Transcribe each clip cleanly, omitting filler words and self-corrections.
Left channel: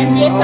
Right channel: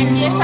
Amen.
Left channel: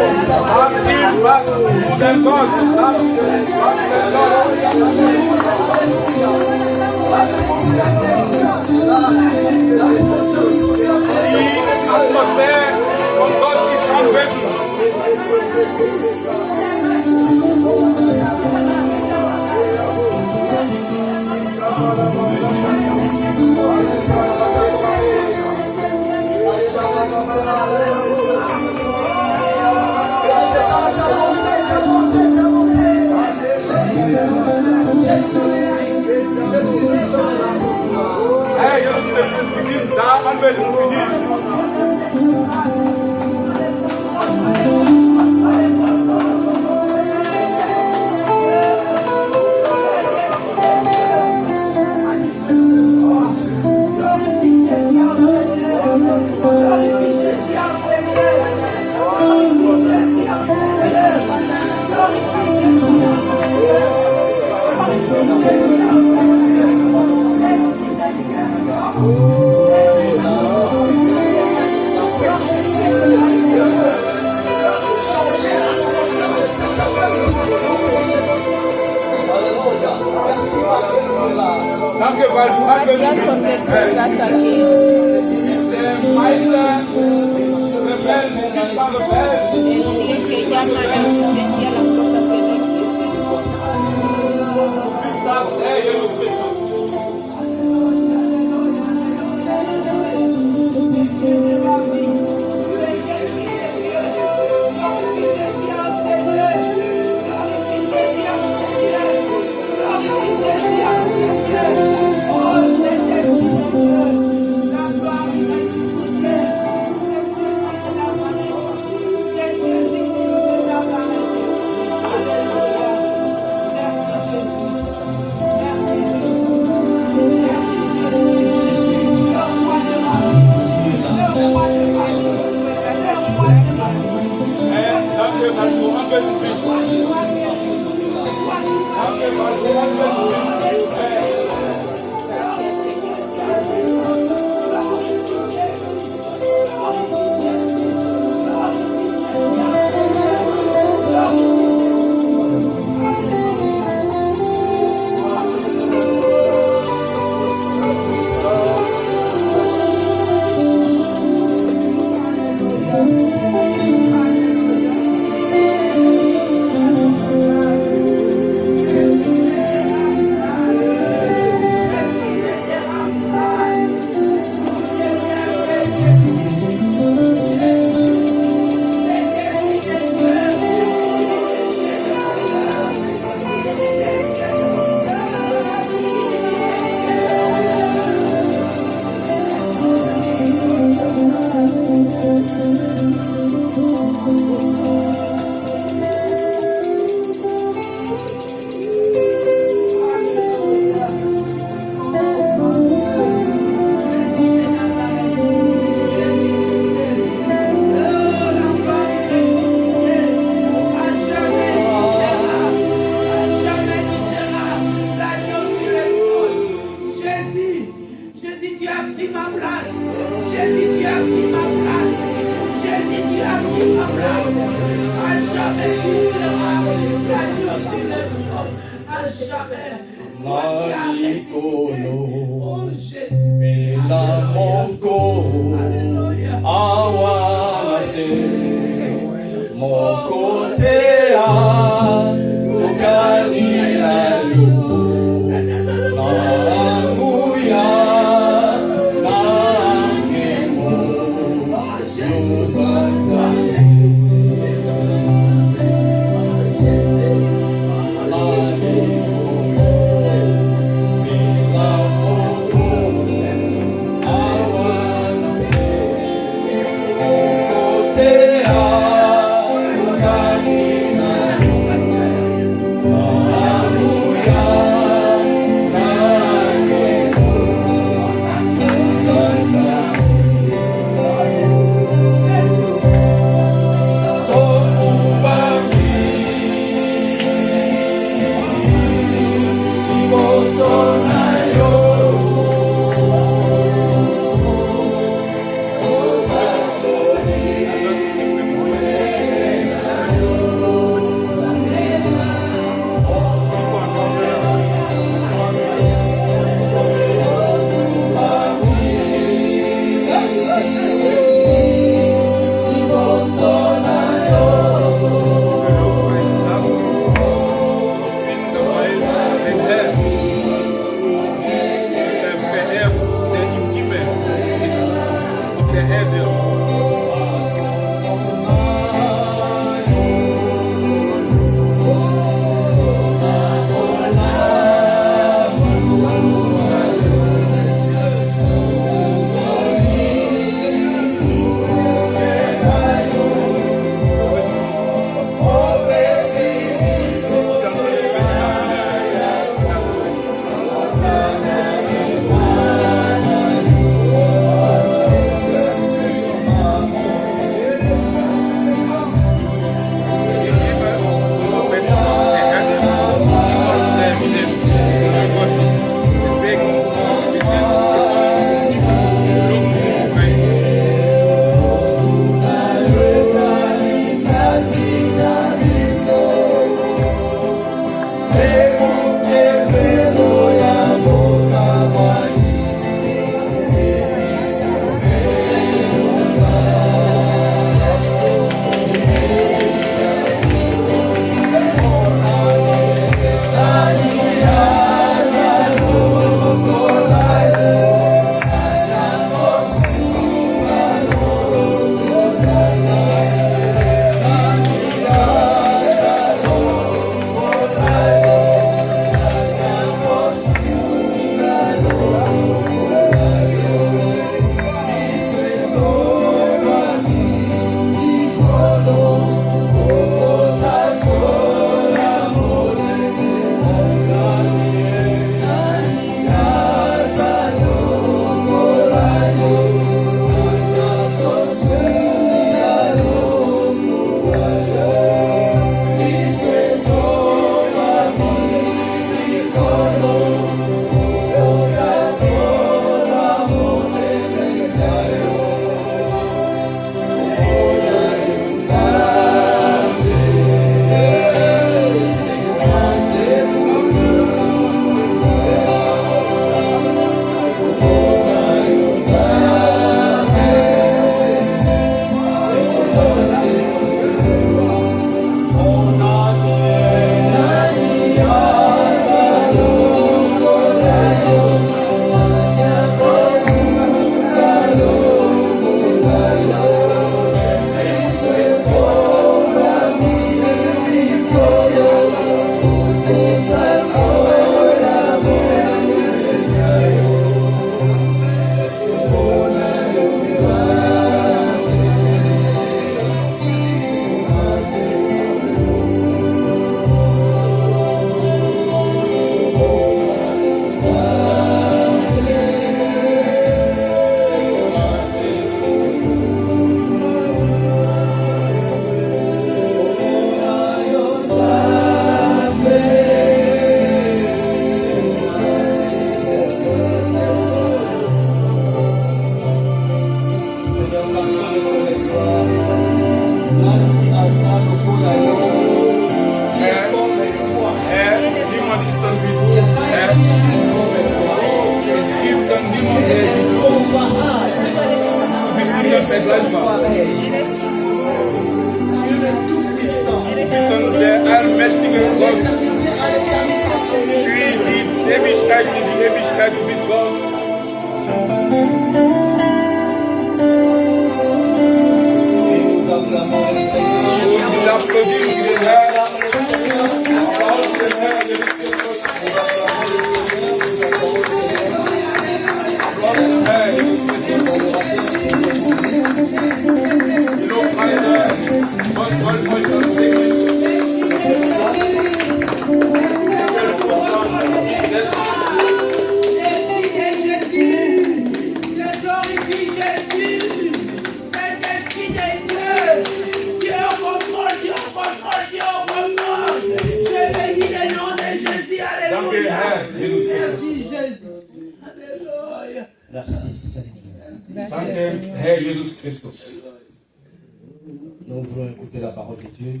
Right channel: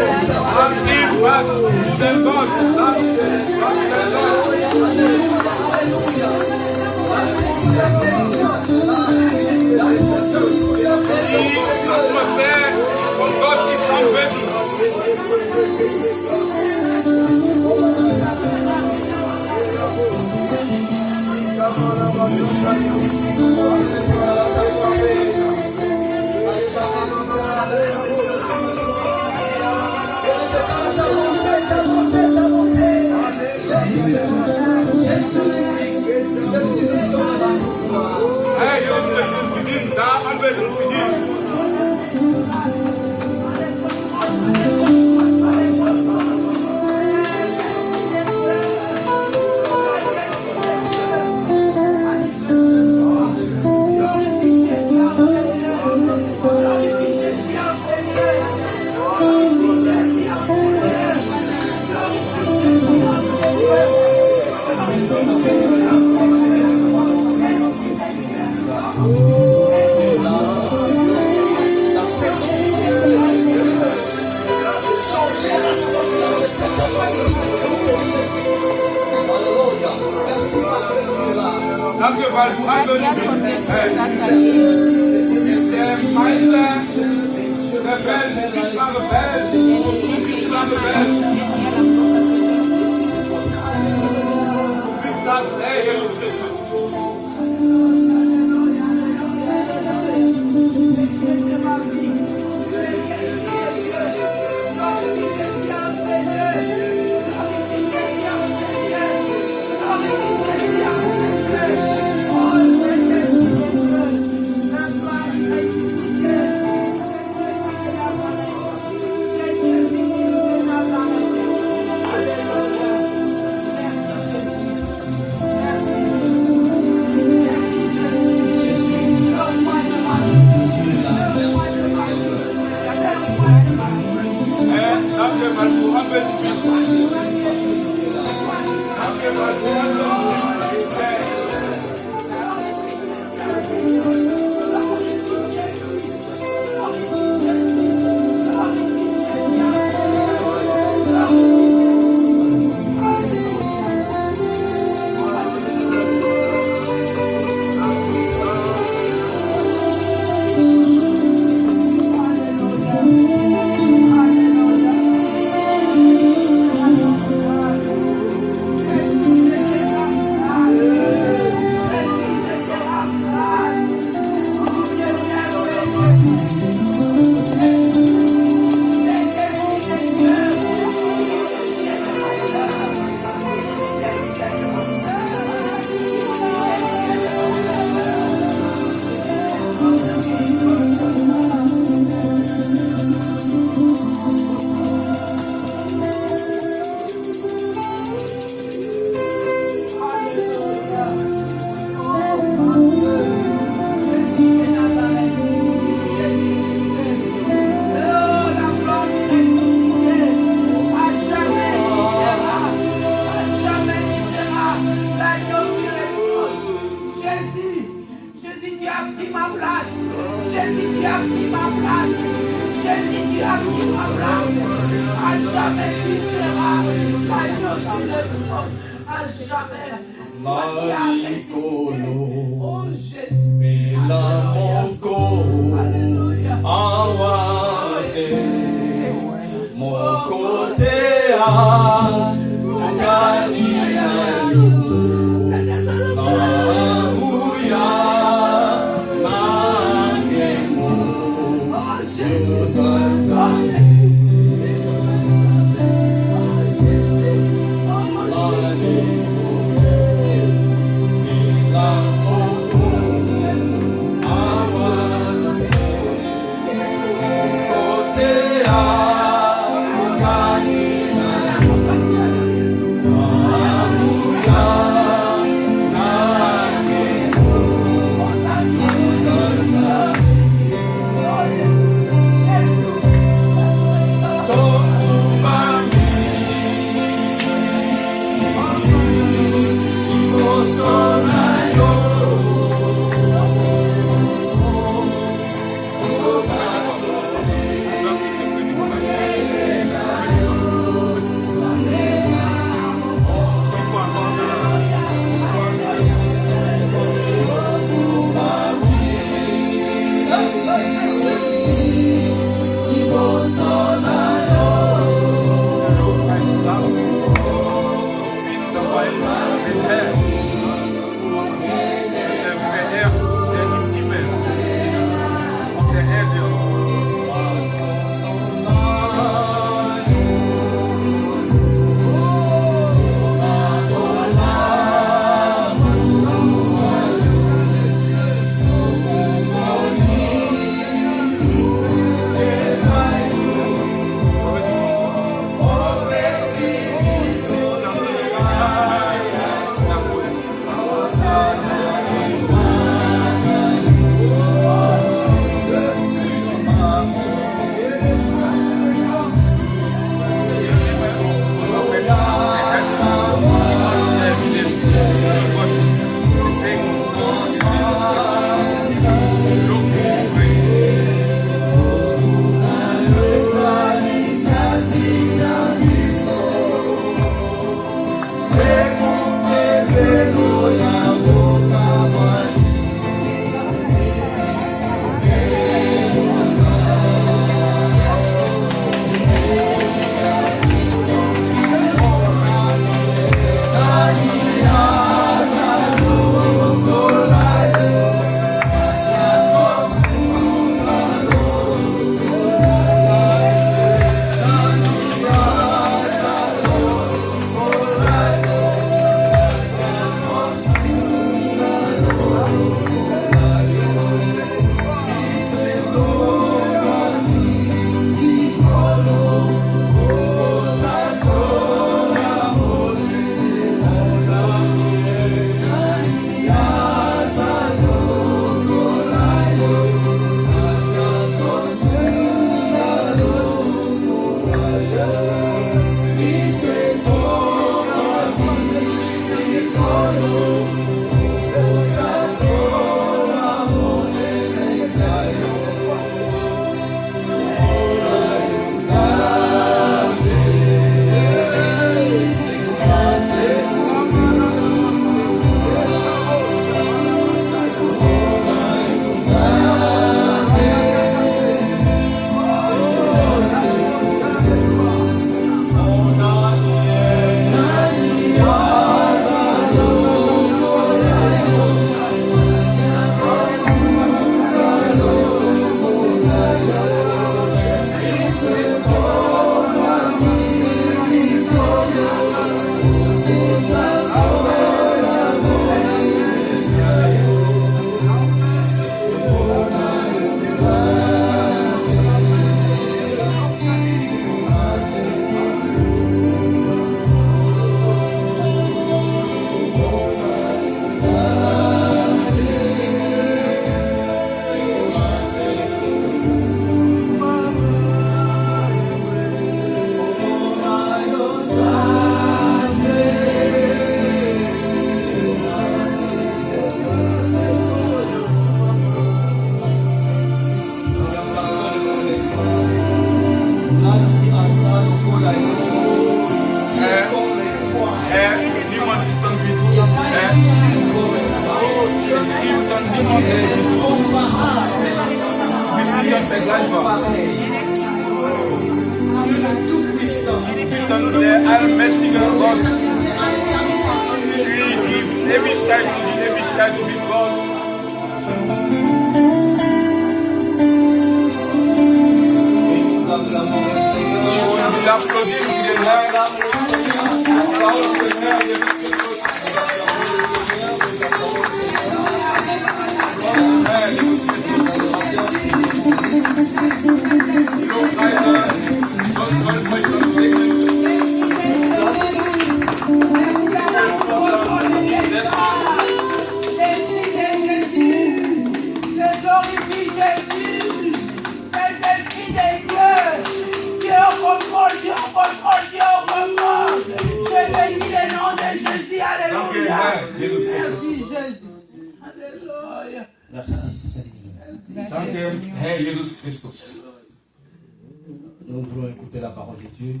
Nous voulons écouter la parole de Dieu.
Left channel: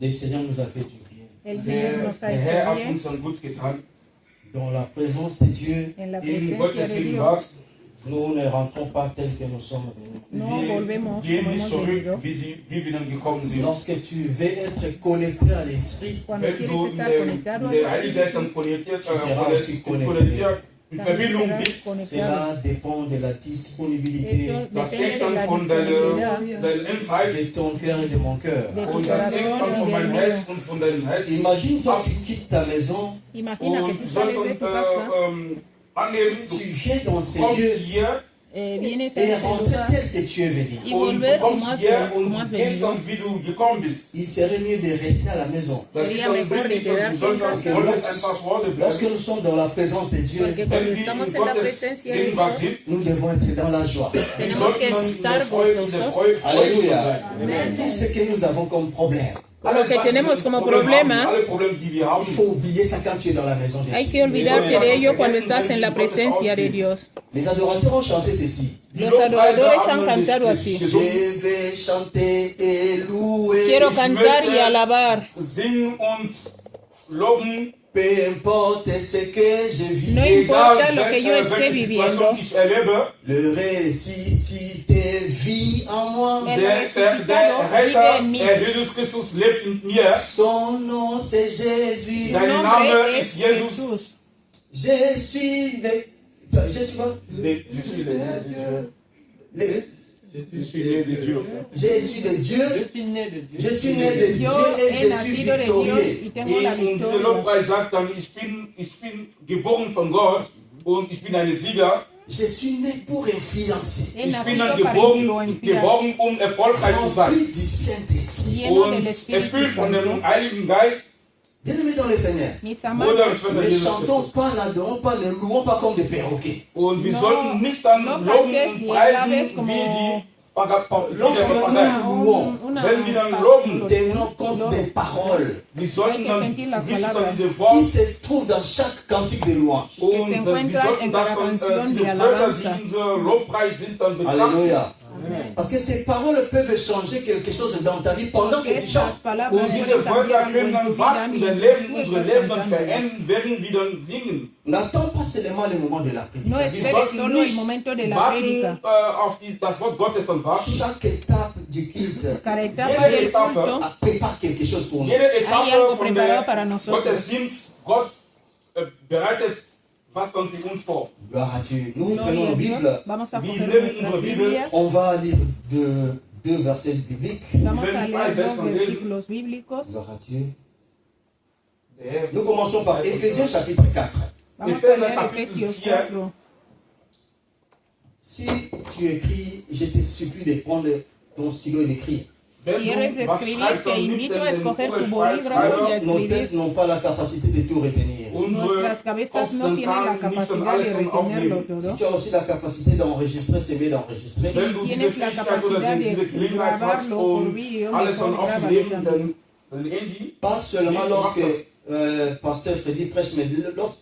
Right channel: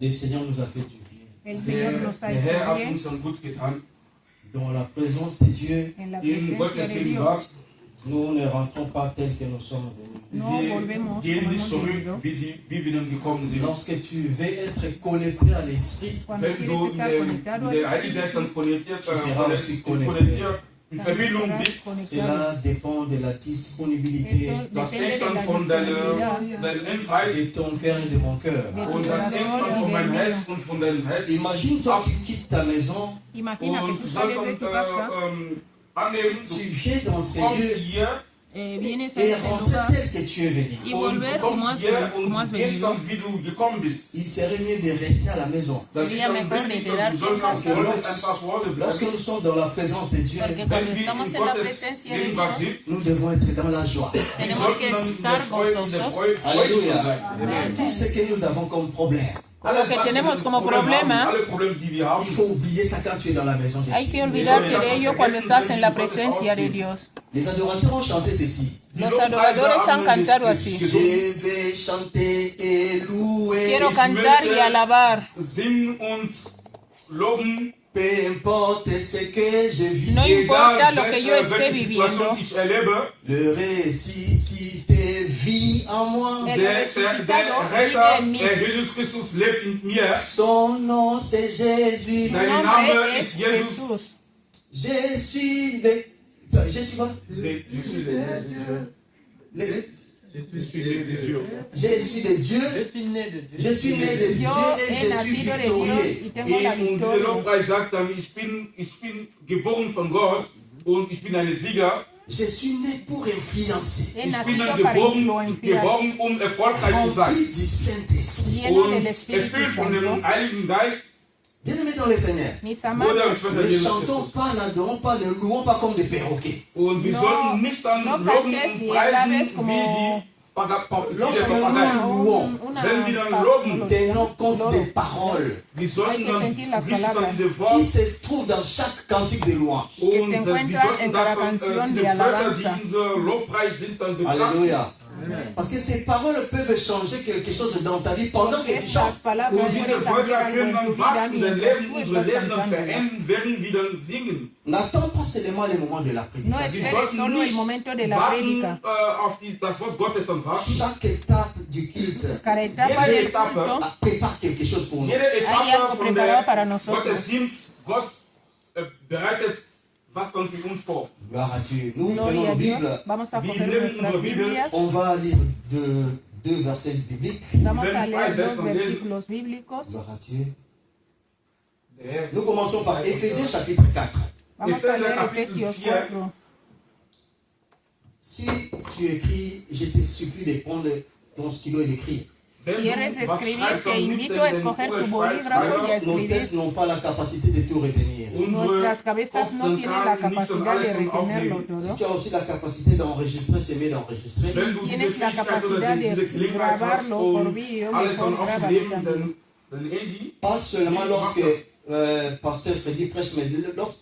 Le Seigneur nous a fait du bien. Dans la présence de Dieu, nous ne rentrons pas tel que nous sommes venus. Lorsque tu veux être connecté à l'Esprit, tu seras aussi connecté. Cela dépend de la disponibilité de ton cœur et de mon cœur. Imagine toi, tu quittes ta maison, tu viens dans ces lieux et rentrer tel que tu es venu. Il serait mieux de rester à la maison. Lorsque nous sommes dans la présence de Dieu, nous devons être dans la joie. Alléluia. Tout ce que nous avons comme problème, Lo que tenemos como problema, il faut oublier ça quand tu es dans la maison de Dieu. hay que olvidarte de ello cuando estás en la presencia de Dios. Les adorateurs ont chanté ceci. Los adoradores han cantado así. Je vais chanter et louer. Quiero cantar y alabar. Singen und loben. Peu importe ce que je vis, No importa lo que yo esté viviendo, le ressuscité vit en moi. Der Retter, Jesus Christus, lebt in mir. Son nom c'est Jésus. Sein Name ist Jesus. Je suis quoi? Je suis né de Dieu. Je suis né de Dieu et je suis victorieux. Und dieser Lobpreis sagt dann, ich bin geboren von Gott und ich bin ein Sieger. Je suis né pour influencer. Ich bin dann geboren, um erfolgreich zu sein. Rempli du Saint-Esprit. Und erfüllt von dem Heiligen Geist. Bien-aimés dans le Seigneur, ne chantons pas, n'adorons pas, ne louons pas comme des perroquets. Und wir sollten nicht dann loben und preisen wie die Lorsque nous louons, wenn wir dann loben, tenons compte des paroles wir sollten dann wissen, dass diese qui Worte se trouvent dans chaque cantique de louange. und wir sollten das diese Wörter, die in unserem Lobpreis sind, dann betrachten. Alléluia. Parce que ces paroles peuvent changer quelque chose dans ta vie pendant que tu chantes. Und diese Wörter können dann was in dein Leben, unsere Leben dann verändern, werden wir dann singen. N'attends pas seulement le moment de la no prédication. Wir esperes sollten solo el nicht momento de la warten prédica. auf das Wort Gottes dann warten. Chaque étape du culte Cada etapa Jede del Etappe, culto prépare quelque chose pour nous. jede Hay Etappe algo von preparado para der nosotros. Gottesdienst, Gott bereitet was dann für uns vor. Gloire à Dieu. Nous Gloria prenons a nos Dios. Bibles. Vamos a Wir coger nehmen nuestras unsere Bibel. Biblias. On va lire deux versets bibliques. Vamos a Wenn leer zwei dos Versen lesen. versículos bíblicos. Gloire à Dieu. Der Herr- Nous commençons par Éphésiens chapitre 4. Vamos a Efesios leer capítulo Efesios 4. 4. Si tu écris, je te supplie de prendre ton stylo et d'écrire. Wenn Si eres du was escribir, schreibst, te dann invito nimm a den escoger tu Kugelschreiber, bolígrafo y a Nos escribir. têtes n'ont pas la capacité de tout retenir. Nuestras cabezas no tienen la capacidad de retenerlo Si todo. tu as aussi la capacité d'enregistrer, c'est mieux d'enregistrer. Wenn du diese Tienes la Fähigkeit oder capacidad de diese Gelegenheit hast, grabarlo por um video, alles dann mejor aufzunehmen, grábalo. dann Handy. Pas seulement lorsque pasteur Freddy prêche, mais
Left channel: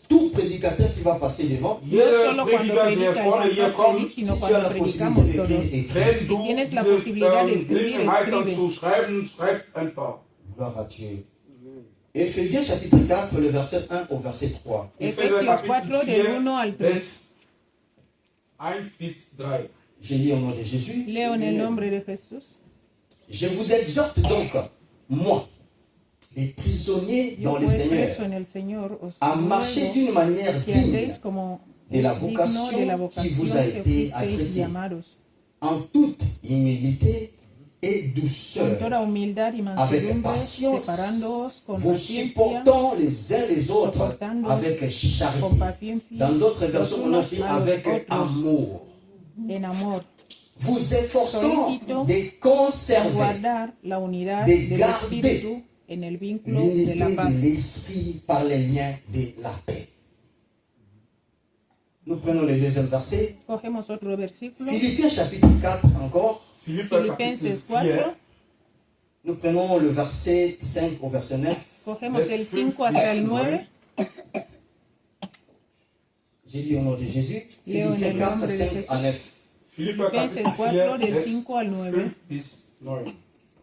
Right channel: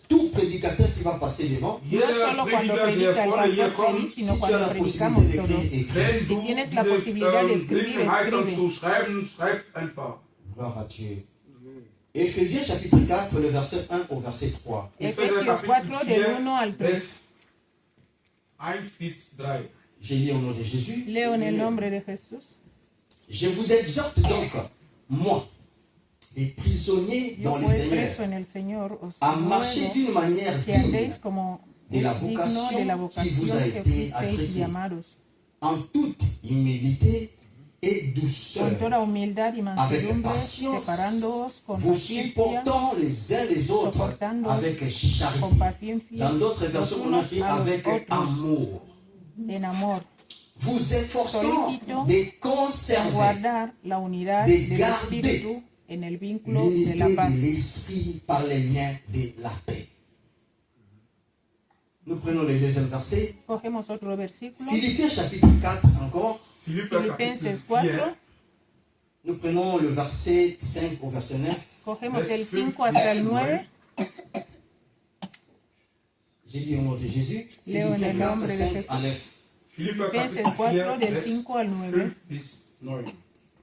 tout prédicateur qui va passer devant, Jeder Prediger, der vorne hier kommt, si tu as la possibilité d'écrire, écris. wenn du diese Gelegenheit zu schreiben, schreib einfach. Gloire à Dieu. Éphésiens chapitre 4, le verset 1 au verset 3. Epheser Kapitel 4, Vers 1 bis 3. J'ai lu au nom de Jésus. Leo en el nombre de Jesús. Je vous exhorte donc, moi, les prisonniers Yo dans le pues Seigneur, preso en el Señor, os à marcher ruego d'une manière que digne andéis como de la digno de vocation la qui vous a vocación que été fuisteis adressée, llamados, en toute humilité et con douceur, toda humildad y avec mansedumbre, patience, separándoos con vous paciencia, supportant les uns les autres soportando avec con charité. paciencia, Dans d'autres los versions, on unos écrit a los avec otros, amour. en amor, Vous efforçant Solicito de conserver guardar la unidad de del garder Espíritu en el vínculo de l'unité la paz. de l'esprit par les liens de la paix. Nous prenons le deuxième verset. Cogemos otro versículo, Philippiens chapitre 4 encore. Philipper Kapitel Filipenses 4, 4, Nous prenons le verset 5 au verset 9. cogemos el 5 hasta el 9. J'ai lu au nom de Jésus. Leo en Philippiens el 4, nombre de 5 Jesús. à 9. Philipper Filipenses Kapitel 4, 4, del Vers 5 al 9. 5 bis 9.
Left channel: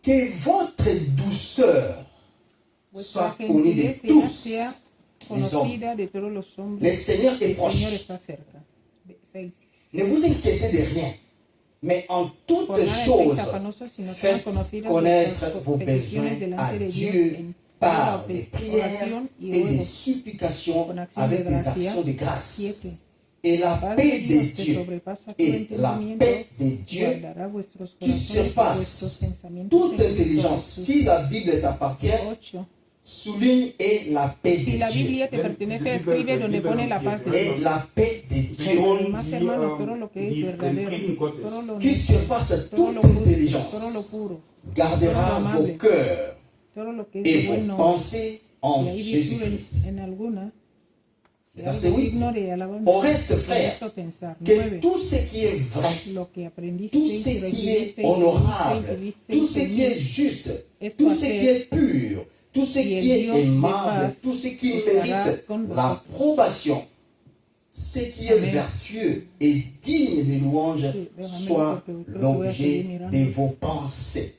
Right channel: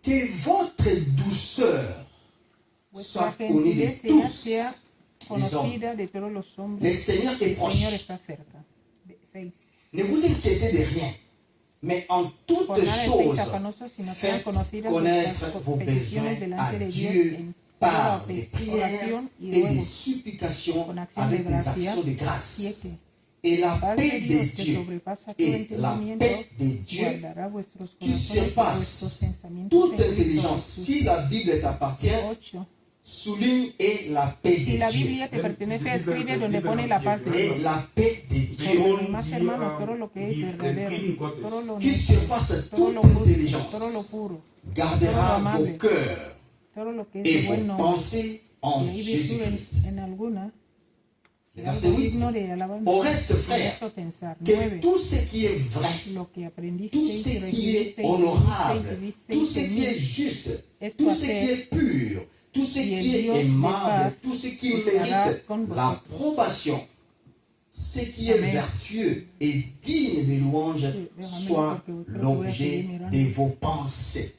Que votre douceur Vuestra soit connue de gentileza tous sea les hommes. conocida de todos los Le hombres. Seigneur est El proche. Señor está cerca. 6. Ne vous inquiétez de rien, mais en toutes Por nada estéis choses, afanosos, sino sean faites conocidas connaître vuestras vos besoins peticiones à delante de Dios Dieu en par toda des prières oración y et des ruegos, supplications con acción avec de des gracia. actions de grâce. 7. Et la Paz paix de de Dios que Dieu sobrepasa todo et la entendimiento paix de Dieu guardará vuestros qui corazones y vuestros surpasse pensamientos toute en Cristo intelligence. Jesús. Si la Bible t'appartient, 8. souligne et la paix Si de la Dieu. Biblia te pertenece, escribe donde pone la paz de Et Dios. la paix de Dieu Más hermanos, todo lo que es Den verdadero, Frieden todo Gottes, lo qui honesto, surpasse todo toute lo justo, todo lo intelligence puro, gardera vos cœurs todo lo que es et de vos buen nombre. pensées en Y hay virtud Jésus-Christ. en alguna, será Verset 8. digno de alabanza. Au reste, Por frère, esto pensar. que 9. tout ce qui est vrai, Lo que aprendisteis, tout ce qui est recibisteis, honorable, visteis, tout ce visteis qui en est mí, juste, esto tout ce qui hacer, est pur, tout ce y qui el est Dios de aimable, paz tout ce qui estará mérite con vosotros. l'approbation, ce qui est Amen. vertueux et digne de louange, soit l'objet de vos pensées.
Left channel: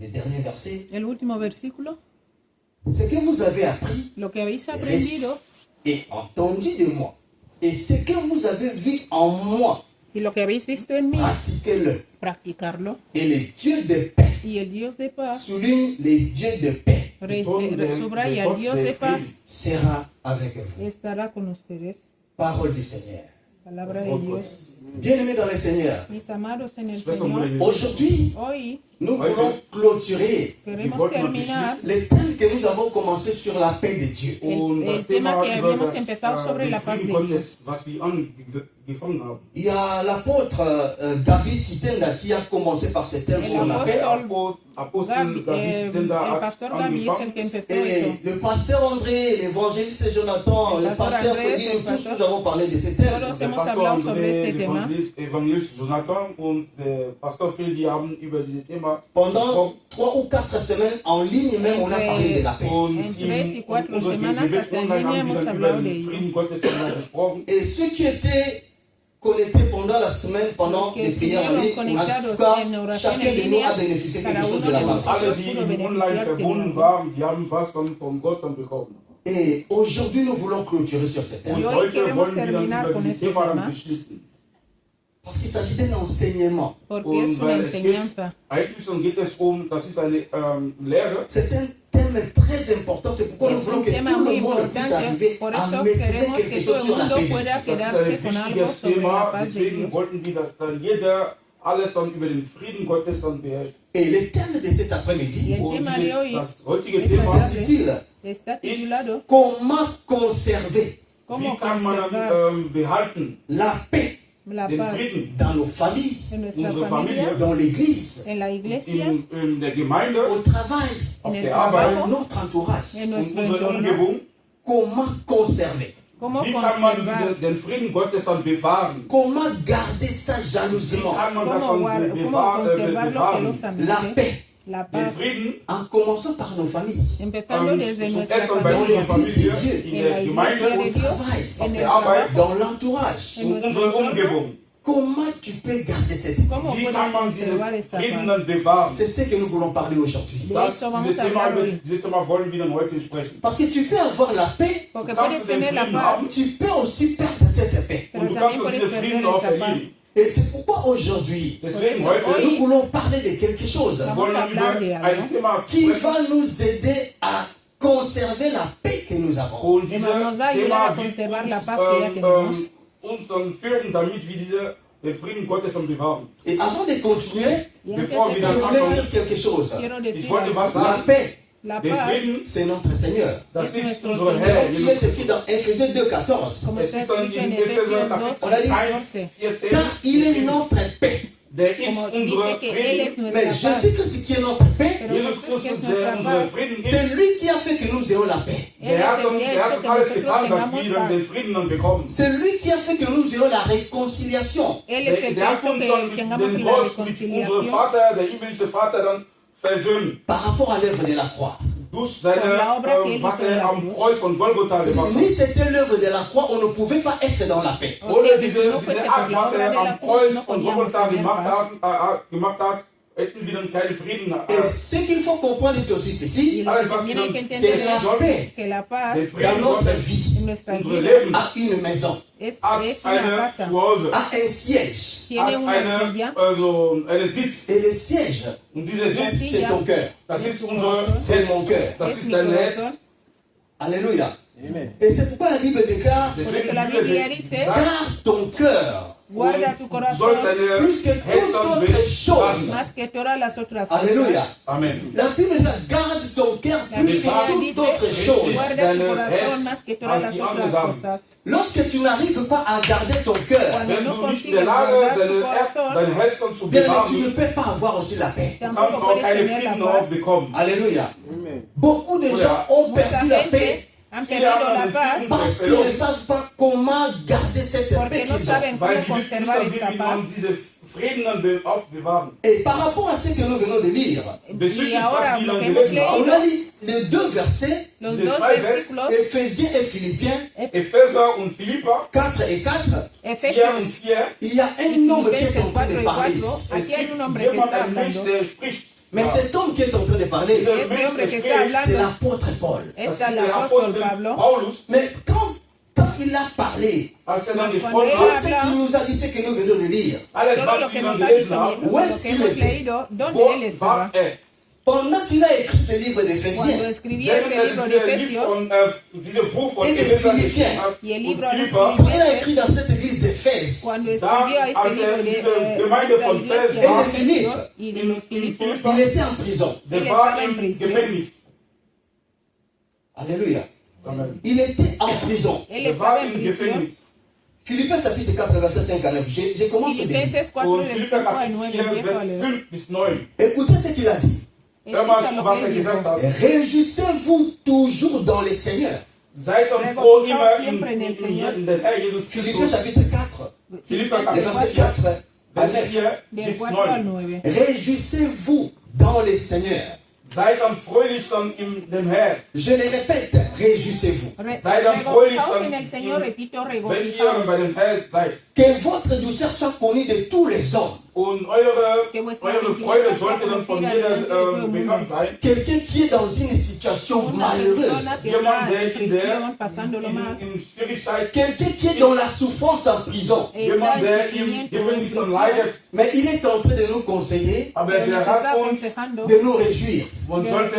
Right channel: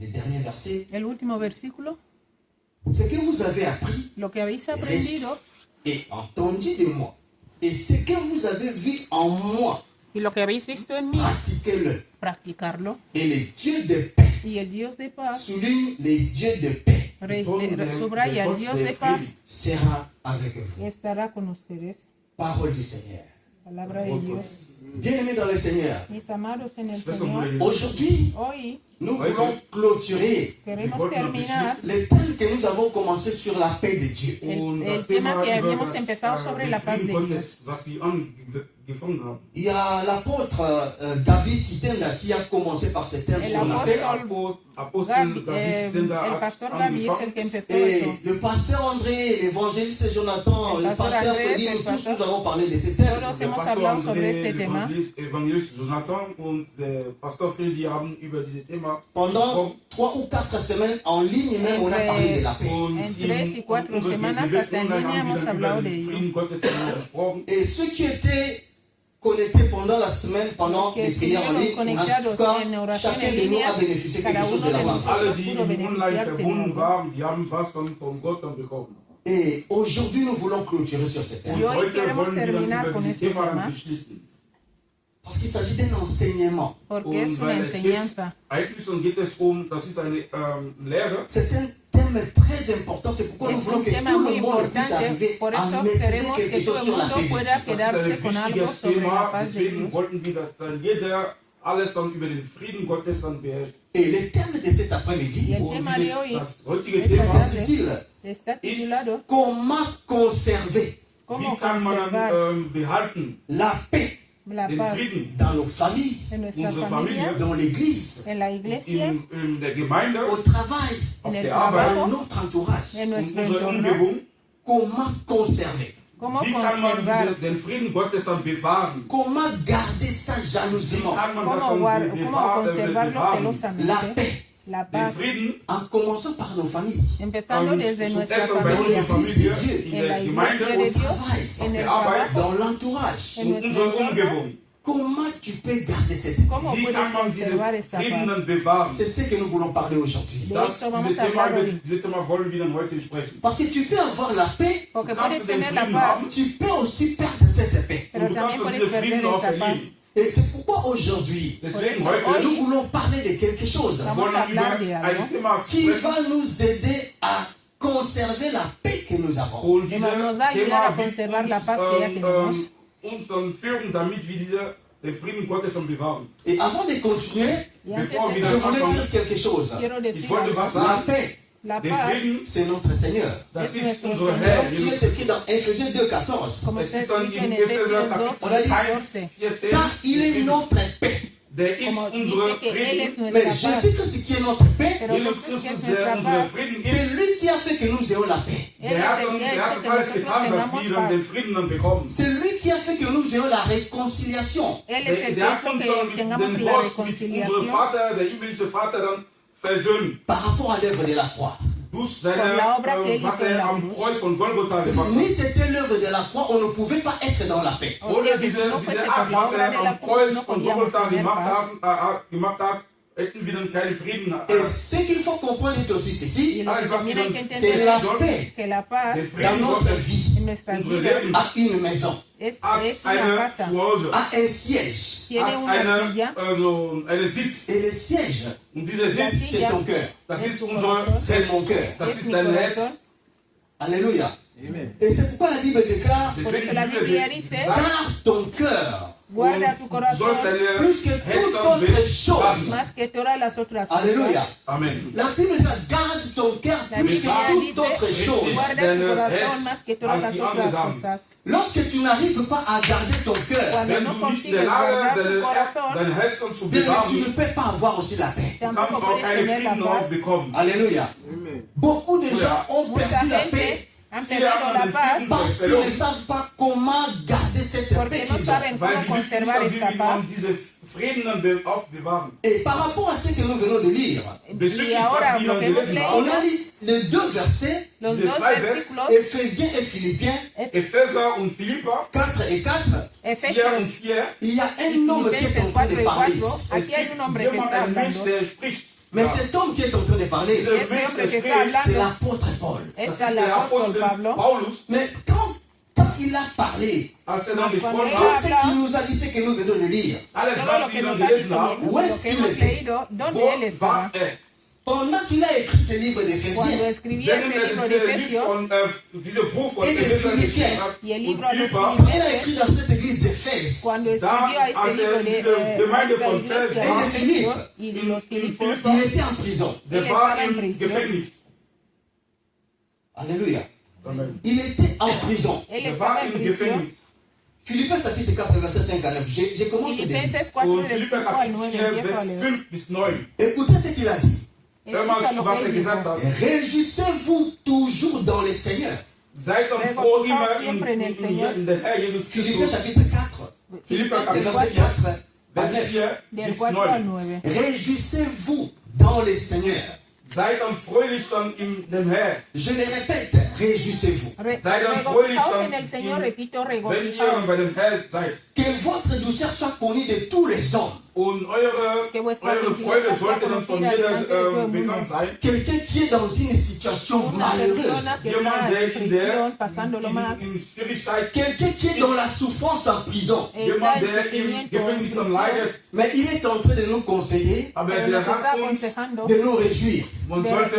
Le dernier verset. El último versículo, Ce que vous avez appris lo que habéis aprendido et entendu de moi, et ce que vous avez vu en moi, y lo que habéis visto en mí, pratiquez-le. practicarlo. Et le Dieu de paix, Y el Dios de paz, souligne le Dieu de paix, subraya el Dios de paz, sera avec vous. estará con ustedes. Parole du Seigneur. Palabra de Dios. Bien-aimés dans le Seigneur, Mis amados en el Schwester Señor, Mutter, aujourd'hui, hoy nous voulons clôturer queremos terminar le thème que nous avons commencé sur la paix de Dieu. und el das tema Thema que über habíamos das, empezado sobre den la paz Frieden de Gottes, was wir angefangen haben. Il y a l'apôtre Gabi Sitenga qui a commencé par ce thème sur la paix. Apostel Gabi Stender el hat pastor Gaby es el angefangen. que empezó Et eso. le pasteur André, l'évangéliste Jonathan, El le pasteur pasteur Andrés, Freddy, el nous tous pasteur- nous avons parlé de ce thème. Todos Der hemos Pastor hablado sobre André, este tema. Evangelist Jonathan und der Pastor Freddy haben über dieses Thema Pendant 3 ou 4 semaines en ligne même, on a parlé de la paix. und En 3 y 4 unserer semanas hasta en Gebetsrunde línea haben wir hemos dann über hablado de den ello. Frieden Gottes gesprochen. Et ceux qui étaient connectés pendant la semaine, pendant Los que les prières en ligne, estuvieron en conectados tout cas, en oración chacun en de nous línea, a bénéficié quelque cada chose uno de la de part. nosotros Alle, die pudo online beneficiarse de verbunden algo. waren, die haben was dann von Gott dann bekommen. Et aujourd'hui, nous voulons clôturer sur ce thème. Und Y hoy heute queremos wollen wir dann terminar über con dieses este Thema dann tema. beschließen. Parce qu'il s'agit d'un enseignement. Porque Und es una weil es geht, enseñanza. eigentlich geht es das ist eine Lehre. C'est un thème très important. C'est pourquoi nous Es voulons un que tema tout muy le monde puisse importante, arriver por à eso maîtriser queremos quelque que chose todo sur el la mundo paix de pueda Dieu. Das ist quedarse ein con algo wichtiges sobre la Thema, paz de deswegen Dios. wollten wir, dass dann jeder alles dann über den Frieden Gottes dann beherrscht. Et le thème de cet Y après-midi, el Und tema de hoy das heutige es Thema, s'intitule está titulado Comment conserver ¿Cómo wie kann man conservar behalten la paix la den paz Frieden dans nos familles, en nuestra unsere familia, Familie, dans l'église, en la iglesia, in der Gemeinde, au travail, auf en el der dans Arbeit notre entourage. en und nuestro unserer entorno. Umgebung. Comment conserver? ¿Cómo Wie kann man conservar? den Frieden Gottes dann bewahren? Comment garder ça Wie jalousement? kann man das ¿Cómo, dann cómo conservarlo La celosamente? paix. La den paz, Frieden, en commençant par nos familles, empezando desde nuestra zuerst bei familia, unserer Familie, in en der la Gemeinde iglesia de und Dios, travail, en auf el der Arbeit trabajo. dans l'entourage. und unsere Umgebung. Comment tu peux garder cette paix? ¿Cómo Wie puedes kann man diesen conservar esta Frieden paz? dann bewahren? C'est ce que nous voulons parler aujourd'hui. Dieses Thema wollen wir dann heute sprechen. Parce que tu peux avoir la paix, Porque Kannst puedes du den tener la Frieden paz, haben tu peux aussi perdre cette paix. und du pero kannst también auch puedes diesen Frieden perder auch esta paz. verlieren. Et c'est pourquoi aujourd'hui, Deswegen nous heute voulons parler de quelque chose wollen wir über ein Thema qui sprechen. va nous aider à conserver la paix que nous avons. Und dieses Nos va a ayudar a Thema wird conservar la paz que ya uns, tenemos. uns dann führen, damit wir den Frieden Gottes dann bewahren. Et avant de continuer, Y Bevor antes wir je de- voulais anfangen, dire quelque chose. quiero ich decir, wollte was La sagen. paix, la Der paz, Frieden, c'est notre Seigneur. das ist nuestro unser Señor. Herr. Il est écrit dans Ephésiens 2,14. como Es está ist dann escrito in en Epheser Efesios Kapitel 2, On a dit, 1, 14. Car il est notre paix. Der ist como unsere dice que Él es Frieden. Mais nuestra paz. Jésus-Christ qui est notre paix, Pero Jesus Jesús, que Christus, es der nuestra unsere paz, Frieden c'est ist, lui qui a fait que nous ayons la paix. Él der es hat, el que der ha hat hecho que alles nosotros getan, dass tengamos wir dann paz. den Frieden dann bekommen. C'est lui qui a fait que nous ayons la réconciliation. Él es el Der que hat hizo uns que dann mit tengamos dem la Gott, mit unserem reconciliación Vater, der himmlische Vater, dann versöhnt. Par rapport à l'œuvre de la croix. Durch Con la obra que él was hizo en la am cruz. Kreuz von Golgotha gemacht hat. N'était c'était l'œuvre de la croix, on ne pouvait pas être dans la paix. O Ohne sea, diese, si no fuese diese por Art, la was obra de er la am cruz, Kreuz no von podíamos Golgotha tener gemacht hat, hätten wir dann keinen Frieden. Et ce qu'il faut comprendre est aussi ceci, Alles, was wir Tienen que dann que entender la sollen, paix que la paz den dans Frieden notre Gottes, vie en nuestra unsere vida Leben, a une maison, es hat una eine casa, Zuhause, a un siège. tiene hat una eine, silla, einen Sitz. Et le siège, Und dieser Sitz, c'est ton cœur. das ist unser C'est mon cœur. das es ist mi dein corazón. Herz. Alléluia. Et c'est pourquoi la Bible déclare, Por Deswegen eso la die Bibel Biblia dice, sagt, garde ton cœur guarda tu du corazón sollst deine plus que Herzen toute autre bewahren. chose. más que todas las otras cosas. Alléluia. Amen. La Bible dit, garde ton cœur plus Biblia que toute autre dice, chose. guarda tu Deine corazón Herz más que todas als las die otras anderen Sachen. cosas. Lorsque tu n'arrives pas à garder ton cœur, Cuando Wenn no du nicht in der consigues Lage, guardar tu corazón, deine Herzen zu bien, tu ne bewahren, peux pas avoir aussi la paix. kannst tampoco du auch puedes keine tener Frieden la auch paz. bekommen. Alléluia. Beaucoup de gens ont perdu la paix Han Viele perdido haben la den paz Frieden parce qu'ils ne savent pas comment garder cette porque paix no qu'ils ont. saben weil cómo die wissen nicht, conservar wie esta man paz. diese Frieden dann aufbewahren. Et par rapport à ce que nous venons de lire, Y Bezüglich ahora was wir lo dann que hemos gelesen haben, on a lu les deux versets, los Diese dos zwei versículos, Éphésiens et Philippiens, Epheser und Philippa 4 et 4, 4 Efesios und 4, il y a un homme qui est en Filipenses train 4 de y parler. 4, es aquí hay gibt un hombre que jemand, está ein Mensch, hablando. der spricht. Mais cet homme qui est en train de parler, Dieser Este Mensch, hombre der que está spricht, c'est hablando l'apôtre Paul. es das ist el der apóstol Apostel Pablo. Paulus, Mais quand il a parlé, als er dann Cuando gesprochen él tout hat, ce qu'il nous a dit, c'est que nous venons de lire. alles, Todo was lo wir que dann nos ha gelesen dicho, haben, lo Où est-ce que qu'il hemos était? leído, ¿dónde wo él estaba? war er? Pendant qu'il a écrit ce livre Cuando d'Éphésiens, escribieron Während el er libro de dieses Lied Efesios von, dieses Buch von Et les Epheser Philippiens. geschrieben hat y el und libro de Philippa, los il a écrit dans cette église d'Éphèse. cuando Da, escribió a este als libro er de diese Gemeinde von la iglesia Fels de war, Efesios y in, de los in Filipos, Philippa, Il était en prison. der Il war estaba en im prisión. Gefängnis. Alléluia. Amen. Il était en prison. él Der estaba war en im prisión. Gefängnis. Philippiens chapitre 4, verset 5 à 9. Je commence au début. Filipenses 4 Und del Philippa 5 al Kapitel 9 4, empiezo a Vers leer. 5 bis 9. Écoutez ce qu'il a dit. Hör mal Escucha zu, lo was que er él gesagt dijo. hat. Réjouissez-vous toujours dans le Seigneur. Seid dann froh immer in der Herr Jesus Philippiens Christus. chapitre 4, Philippa le Kapitel verset 4, 4 à Vers 9. 4 Del bis 4 al 9. 9. Réjouissez-vous dans le Seigneur. Seid dann fröhlich dann in dem Herr. Je le répète, réjouissez-vous. Sei dann fröhlich Regocijaos en dann, el Señor, repito, wenn ihr regocijaos. bei dem Herr seid. Que votre douceur soit connue de tous les hommes. Und eure Freude sollte dann von jeder bekannt sein. Quelqu'un qui est dans une situation Una malheureuse. persona que está en prisión, pasándolo mal, In Schwierigkeit, Quelqu'un qui est dans la souffrance en prison. está jemand, en der im sufrimiento, en Gefängnis dann prisión, leidet, Mais il est en train de nous conseiller aber pero der nos está hat uns, aconsejando de nous réjouir man de sollte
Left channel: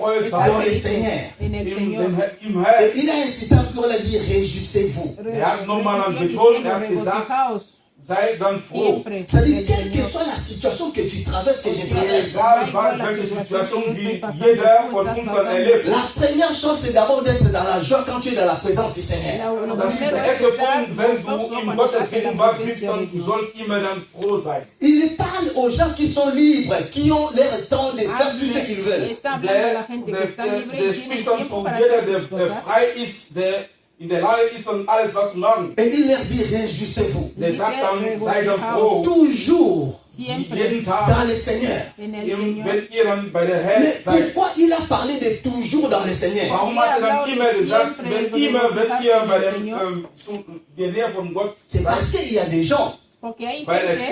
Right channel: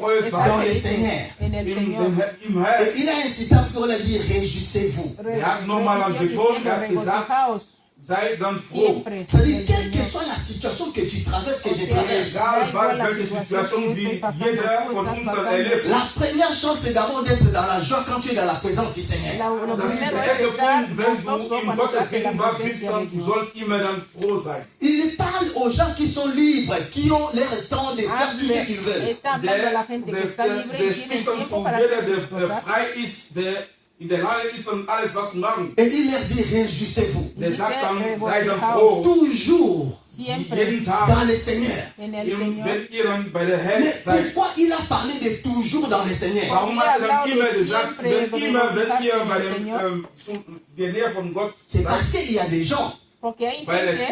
freudig estar dans le sein. Seigneur. en el Im Señor. Herr. Et il a insisté pour le dire, réjouissez-vous. hat nochmal an betont, hat gesagt, Regocijaos sei dann froh. siempre. C'est-à-dire, en quelle el que Señor. soit la situation que tu traverses, que je Sí, traverse, Egal, welche Situation die jeder von uns dann erlebt. la première chose, c'est d'abord d'être dans la joie quand tu es dans la présence du Seigneur. Lo Das ist primero der es erste estar Punkt, wenn du gozoso in cuando Gottes estás en la Gegenwart bist, presencia de dann du Dios. sollst immer dann froh sein. Il parle aux gens qui sont libres, qui ont leur temps de faire tout ce qu'ils veulent. Está hablando a la gente que está libre Der y tiene spricht dann tiempo von para jeder, hacer sus der cosas. frei ist, der in der Lage ist, dann alles was zu machen. Et il leur dit, réjouissez-vous. Der sagt dann, sei dann froh. Toujours. jeden Tag, dans le Seigneur. wenn ihr dann bei der Herr Mais seid. pourquoi il a parlé de toujours dans le Seigneur? Warum hat er dann immer gesagt, wenn ihr der Nähe von Gott C'est parce qu'il y a des gens weil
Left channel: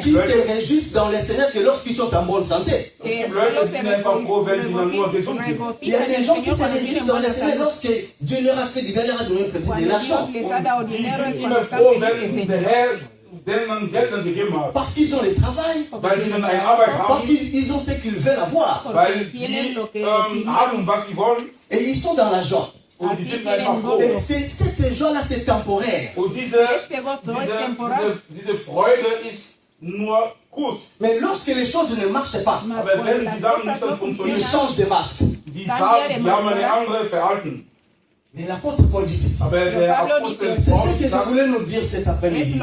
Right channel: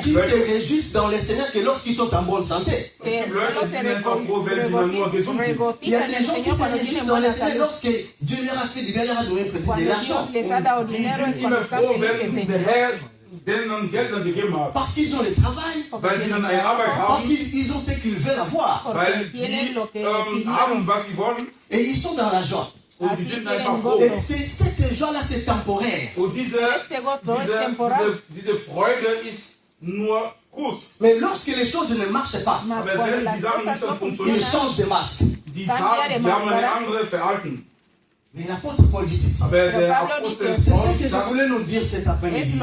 qui se réjouissent dans le Seigneur que lorsqu'ils sont en bonne santé. es gibt Leute, die sind einfach froh, wenn sie dann nur gesund sind. Il y a des gens qui se réjouissent dans le Seigneur lorsque Dieu leur a fait du bien, leur a donné peut-être de l'argent. Die sind immer froh, wenn der Herr denen Geld dann gegeben hat. Parce qu'ils ont le travail, Weil die dann eine Arbeit parce haben, qu'ils ont ce qu'ils veulent avoir. weil die haben, was sie wollen Et ils sont dans la joie. und die sind einfach froh. Et cette joie-là, c'est temporaire. Und diese Freude ist nur kurz. Mais lorsque les choses ne marchent pas, Aber wenn die Sachen nicht dann ils funktionieren, changent de masque. die haben eine andere Verhalten. Mais l'apôtre Paul dit ceci. Aber der Apostel C'est Paul ce que je sagt, voulais nous dire cet après-midi.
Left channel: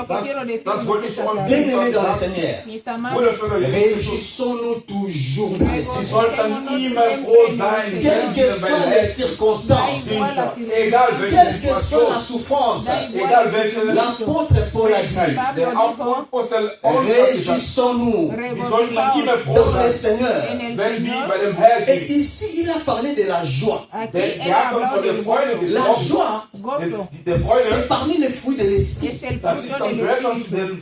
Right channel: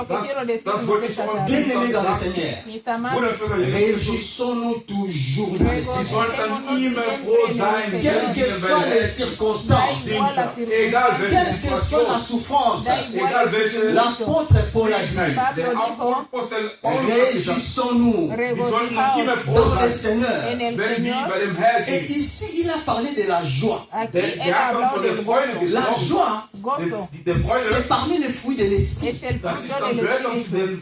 das wollte ich schon Bien-aimés dans le Seigneur, Bruder, réjouissons-nous toujours dans le Sie Seigneur. sollten immer froh sein, wenn Quelles sie que bei soient der les Herr circonstances, sind. Egal welche quelle que soit la Situation, souffrance, egal welche, l'apôtre Paul a dit, der Apostel Paul hat gesagt, réjouissons-nous wir sollten dann immer froh dans le sein, Seigneur. wenn wir bei dem Herrn Et sind. ici, il a parlé de la joie. Der hat dann von der Freude La gesprochen. joie, Der Freude, c'est parmi les fruits de l'esprit. das ist dann gehört dann zu dem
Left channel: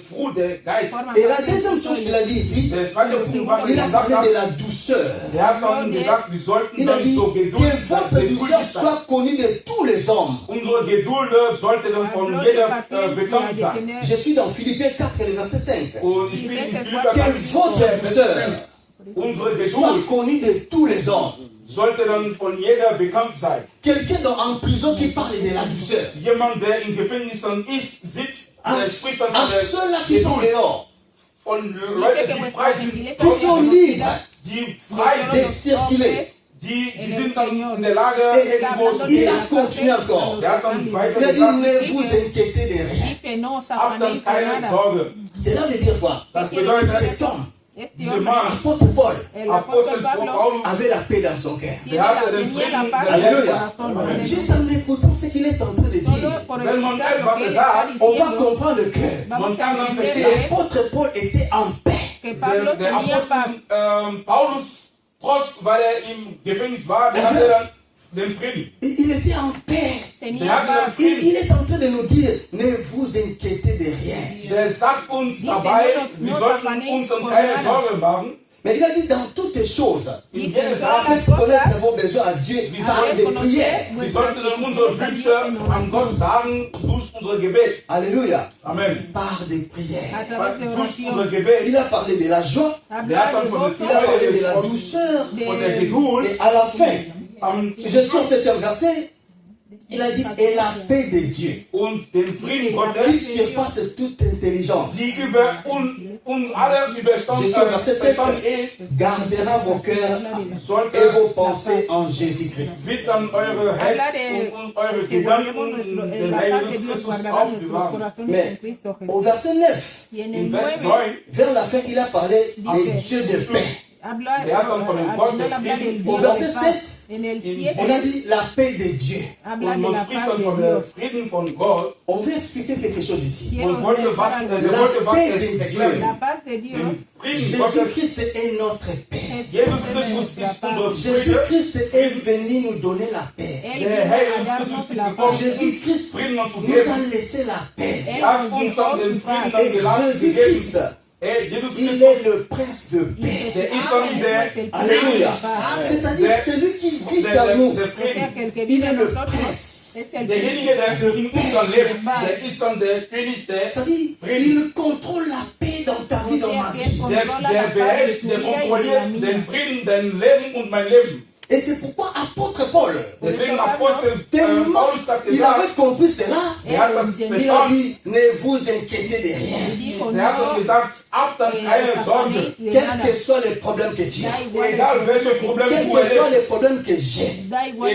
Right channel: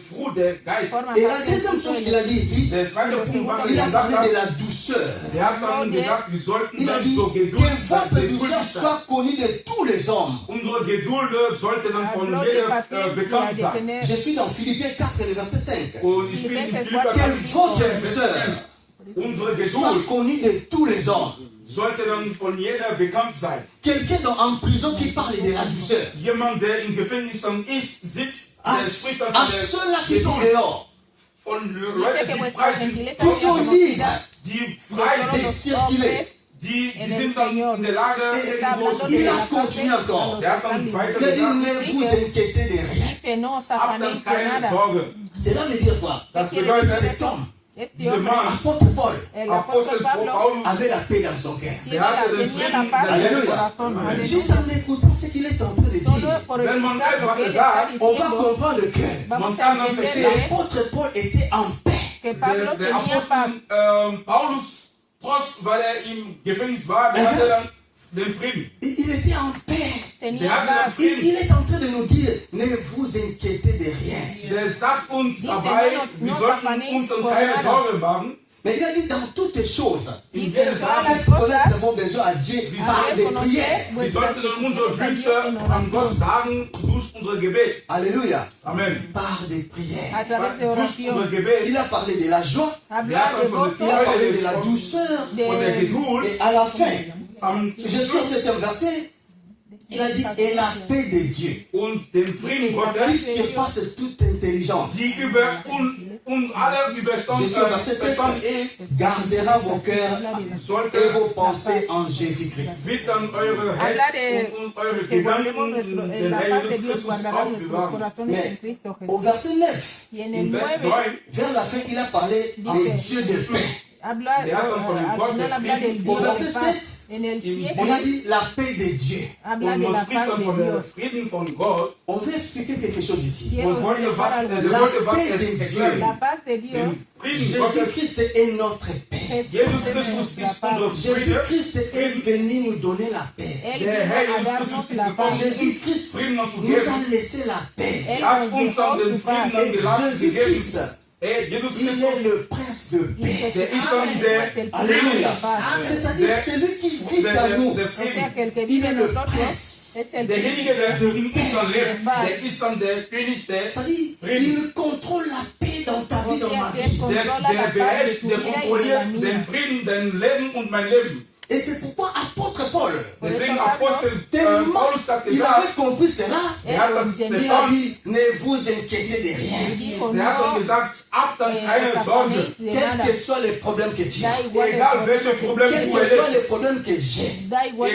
Frucht der Geist. Et la deuxième chose qu'il a dit ici, Der zweite Punkt, was il er a gesagt parlé hat, de la douceur. der hat dann gesagt, wir sollten Il a dann dit so que geduldig votre sein. douceur soit connue de tous les hommes. Unsere Geduld sollte dann von jeder bekannt sein. Je suis dans Philippiens 4, le verset 5. Und ich bin in Philipper Que votre douceur Unsere soit Geduld connue de tous les hommes. sollte dann von jeder bekannt sein. Quelqu'un en prison qui parle de la douceur. Jemand, der in Gefängnissen sitzt, À, der spricht dann à von ceux-là der qui sont Geduld. dehors, Von Leuten, die frei sind, qui sont libres die frei de sind, circuler. die sind dann in der Lage, Et irgendwo zu il gehen. a continué encore. Der hat dann weiter Il a dit, gesagt, ne vous inquiétez de rien. habt dann keine Sorge. Cela veut dire quoi? Das bedeutet, Cet homme, dieser Mann, apôtre Paul, Apostel Paulus, avait la paix dans son cœur. der hatte den Frieden der Alléluia. Herzen. Juste en écoutant ce qu'il est en train de dire, Wenn man etwas sagt, on va comprendre le cœur. man kann dann verstehen, L'apôtre Paul était en paix. der Apostel Paulus, trotz weil er im Gefängnis war, der hatte dann den Frieden. Il était en paix. Der hatte dann Il Frieden. est en train de nous dire, ne vous inquiétez de rien. Der sagt uns dabei, wir sollten uns dann keine Sorge machen. Mais il a dit dans toutes choses, In jeder Sache, faites connaître vos besoins à Dieu par des prières. wir sollten dann unsere Wünsche an Gott sagen durch unser Gebet. Alléluia. Amen. Par des prières. Durch unser Gebet. Il a parlé de la joie, Der hat dann von il der a parlé Freude de la gesprochen, douceur. von der Geduld. Et à la fin, Am je suis au 7e verset, il a dit, et la paix de Dieu, und den Frieden qui Gottes, surpasse toute intelligence, die über alle Überstand ist, gardera vos cœurs et vos pensées en Jésus-Christ. wird dann eure Herz und eure Gedanken in den Heiligen Christus aufbewahren. Mais au verset 9, In Vers 9, vers la fin, il a parlé des dieux de paix. der hat dann von dem Gott des Friedens Au verset 7, on a dit la paix de Dieu. und man spricht dann von der Frieden von Gott On veut expliquer quelque chose ici. und wollte was erklären. Den Frieden Gottes, Jésus-Christ est notre paix. Jesus Christus ist unser Friede. Jésus-Christ est venu nous donner la paix. Der Herr Jesus Christus ist gekommen, uns Jésus-Christ Frieden zu nous geben. a laissé la paix. Er hat uns dann den Frieden dann Et gegeben. Jésus-Christ, Jesus il Christus, est le prince de paix. der ist dann der Alléluia. C'est-à-dire celui qui vit dans nous. der Frieden. Il est le prince. Derjenige, der in uns dann lebt, der ist dann der König, C'est-à-dire, il contrôle la paix dans ta vie, dans ma vie. der beherrscht, der kontrolliert den Frieden, dein Leben und mein Leben. Et c'est pourquoi apôtre Paul, Deswegen Apostel tellement Paulus hat il avait gesagt, compris cela, er hat das il a verstanden, dit, ne vous inquiétez de rien. der hat dann gesagt, habt dann keine Sorge, Quels que soient les problèmes que tu as, egal welche Probleme quels du que soient erlebst, les problèmes que j'ai,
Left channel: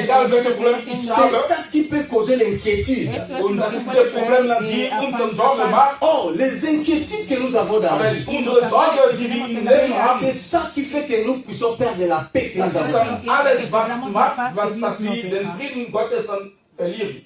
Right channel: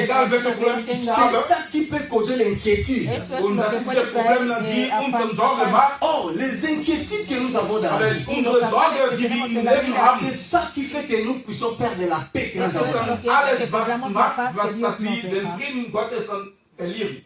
egal welche Probleme ich c'est habe, ça qui peut causer l'inquiétude. und das ist der Problem, die uns Sorge macht, Oh, les inquiétudes que nous avons dans la aber vie, unsere Sorge, die wir im Leben haben, c'est ça qui fait que nous puissions perdre la paix que das nous ist avons. dann alles, was macht, dass wir den Frieden Gottes dann verlieren.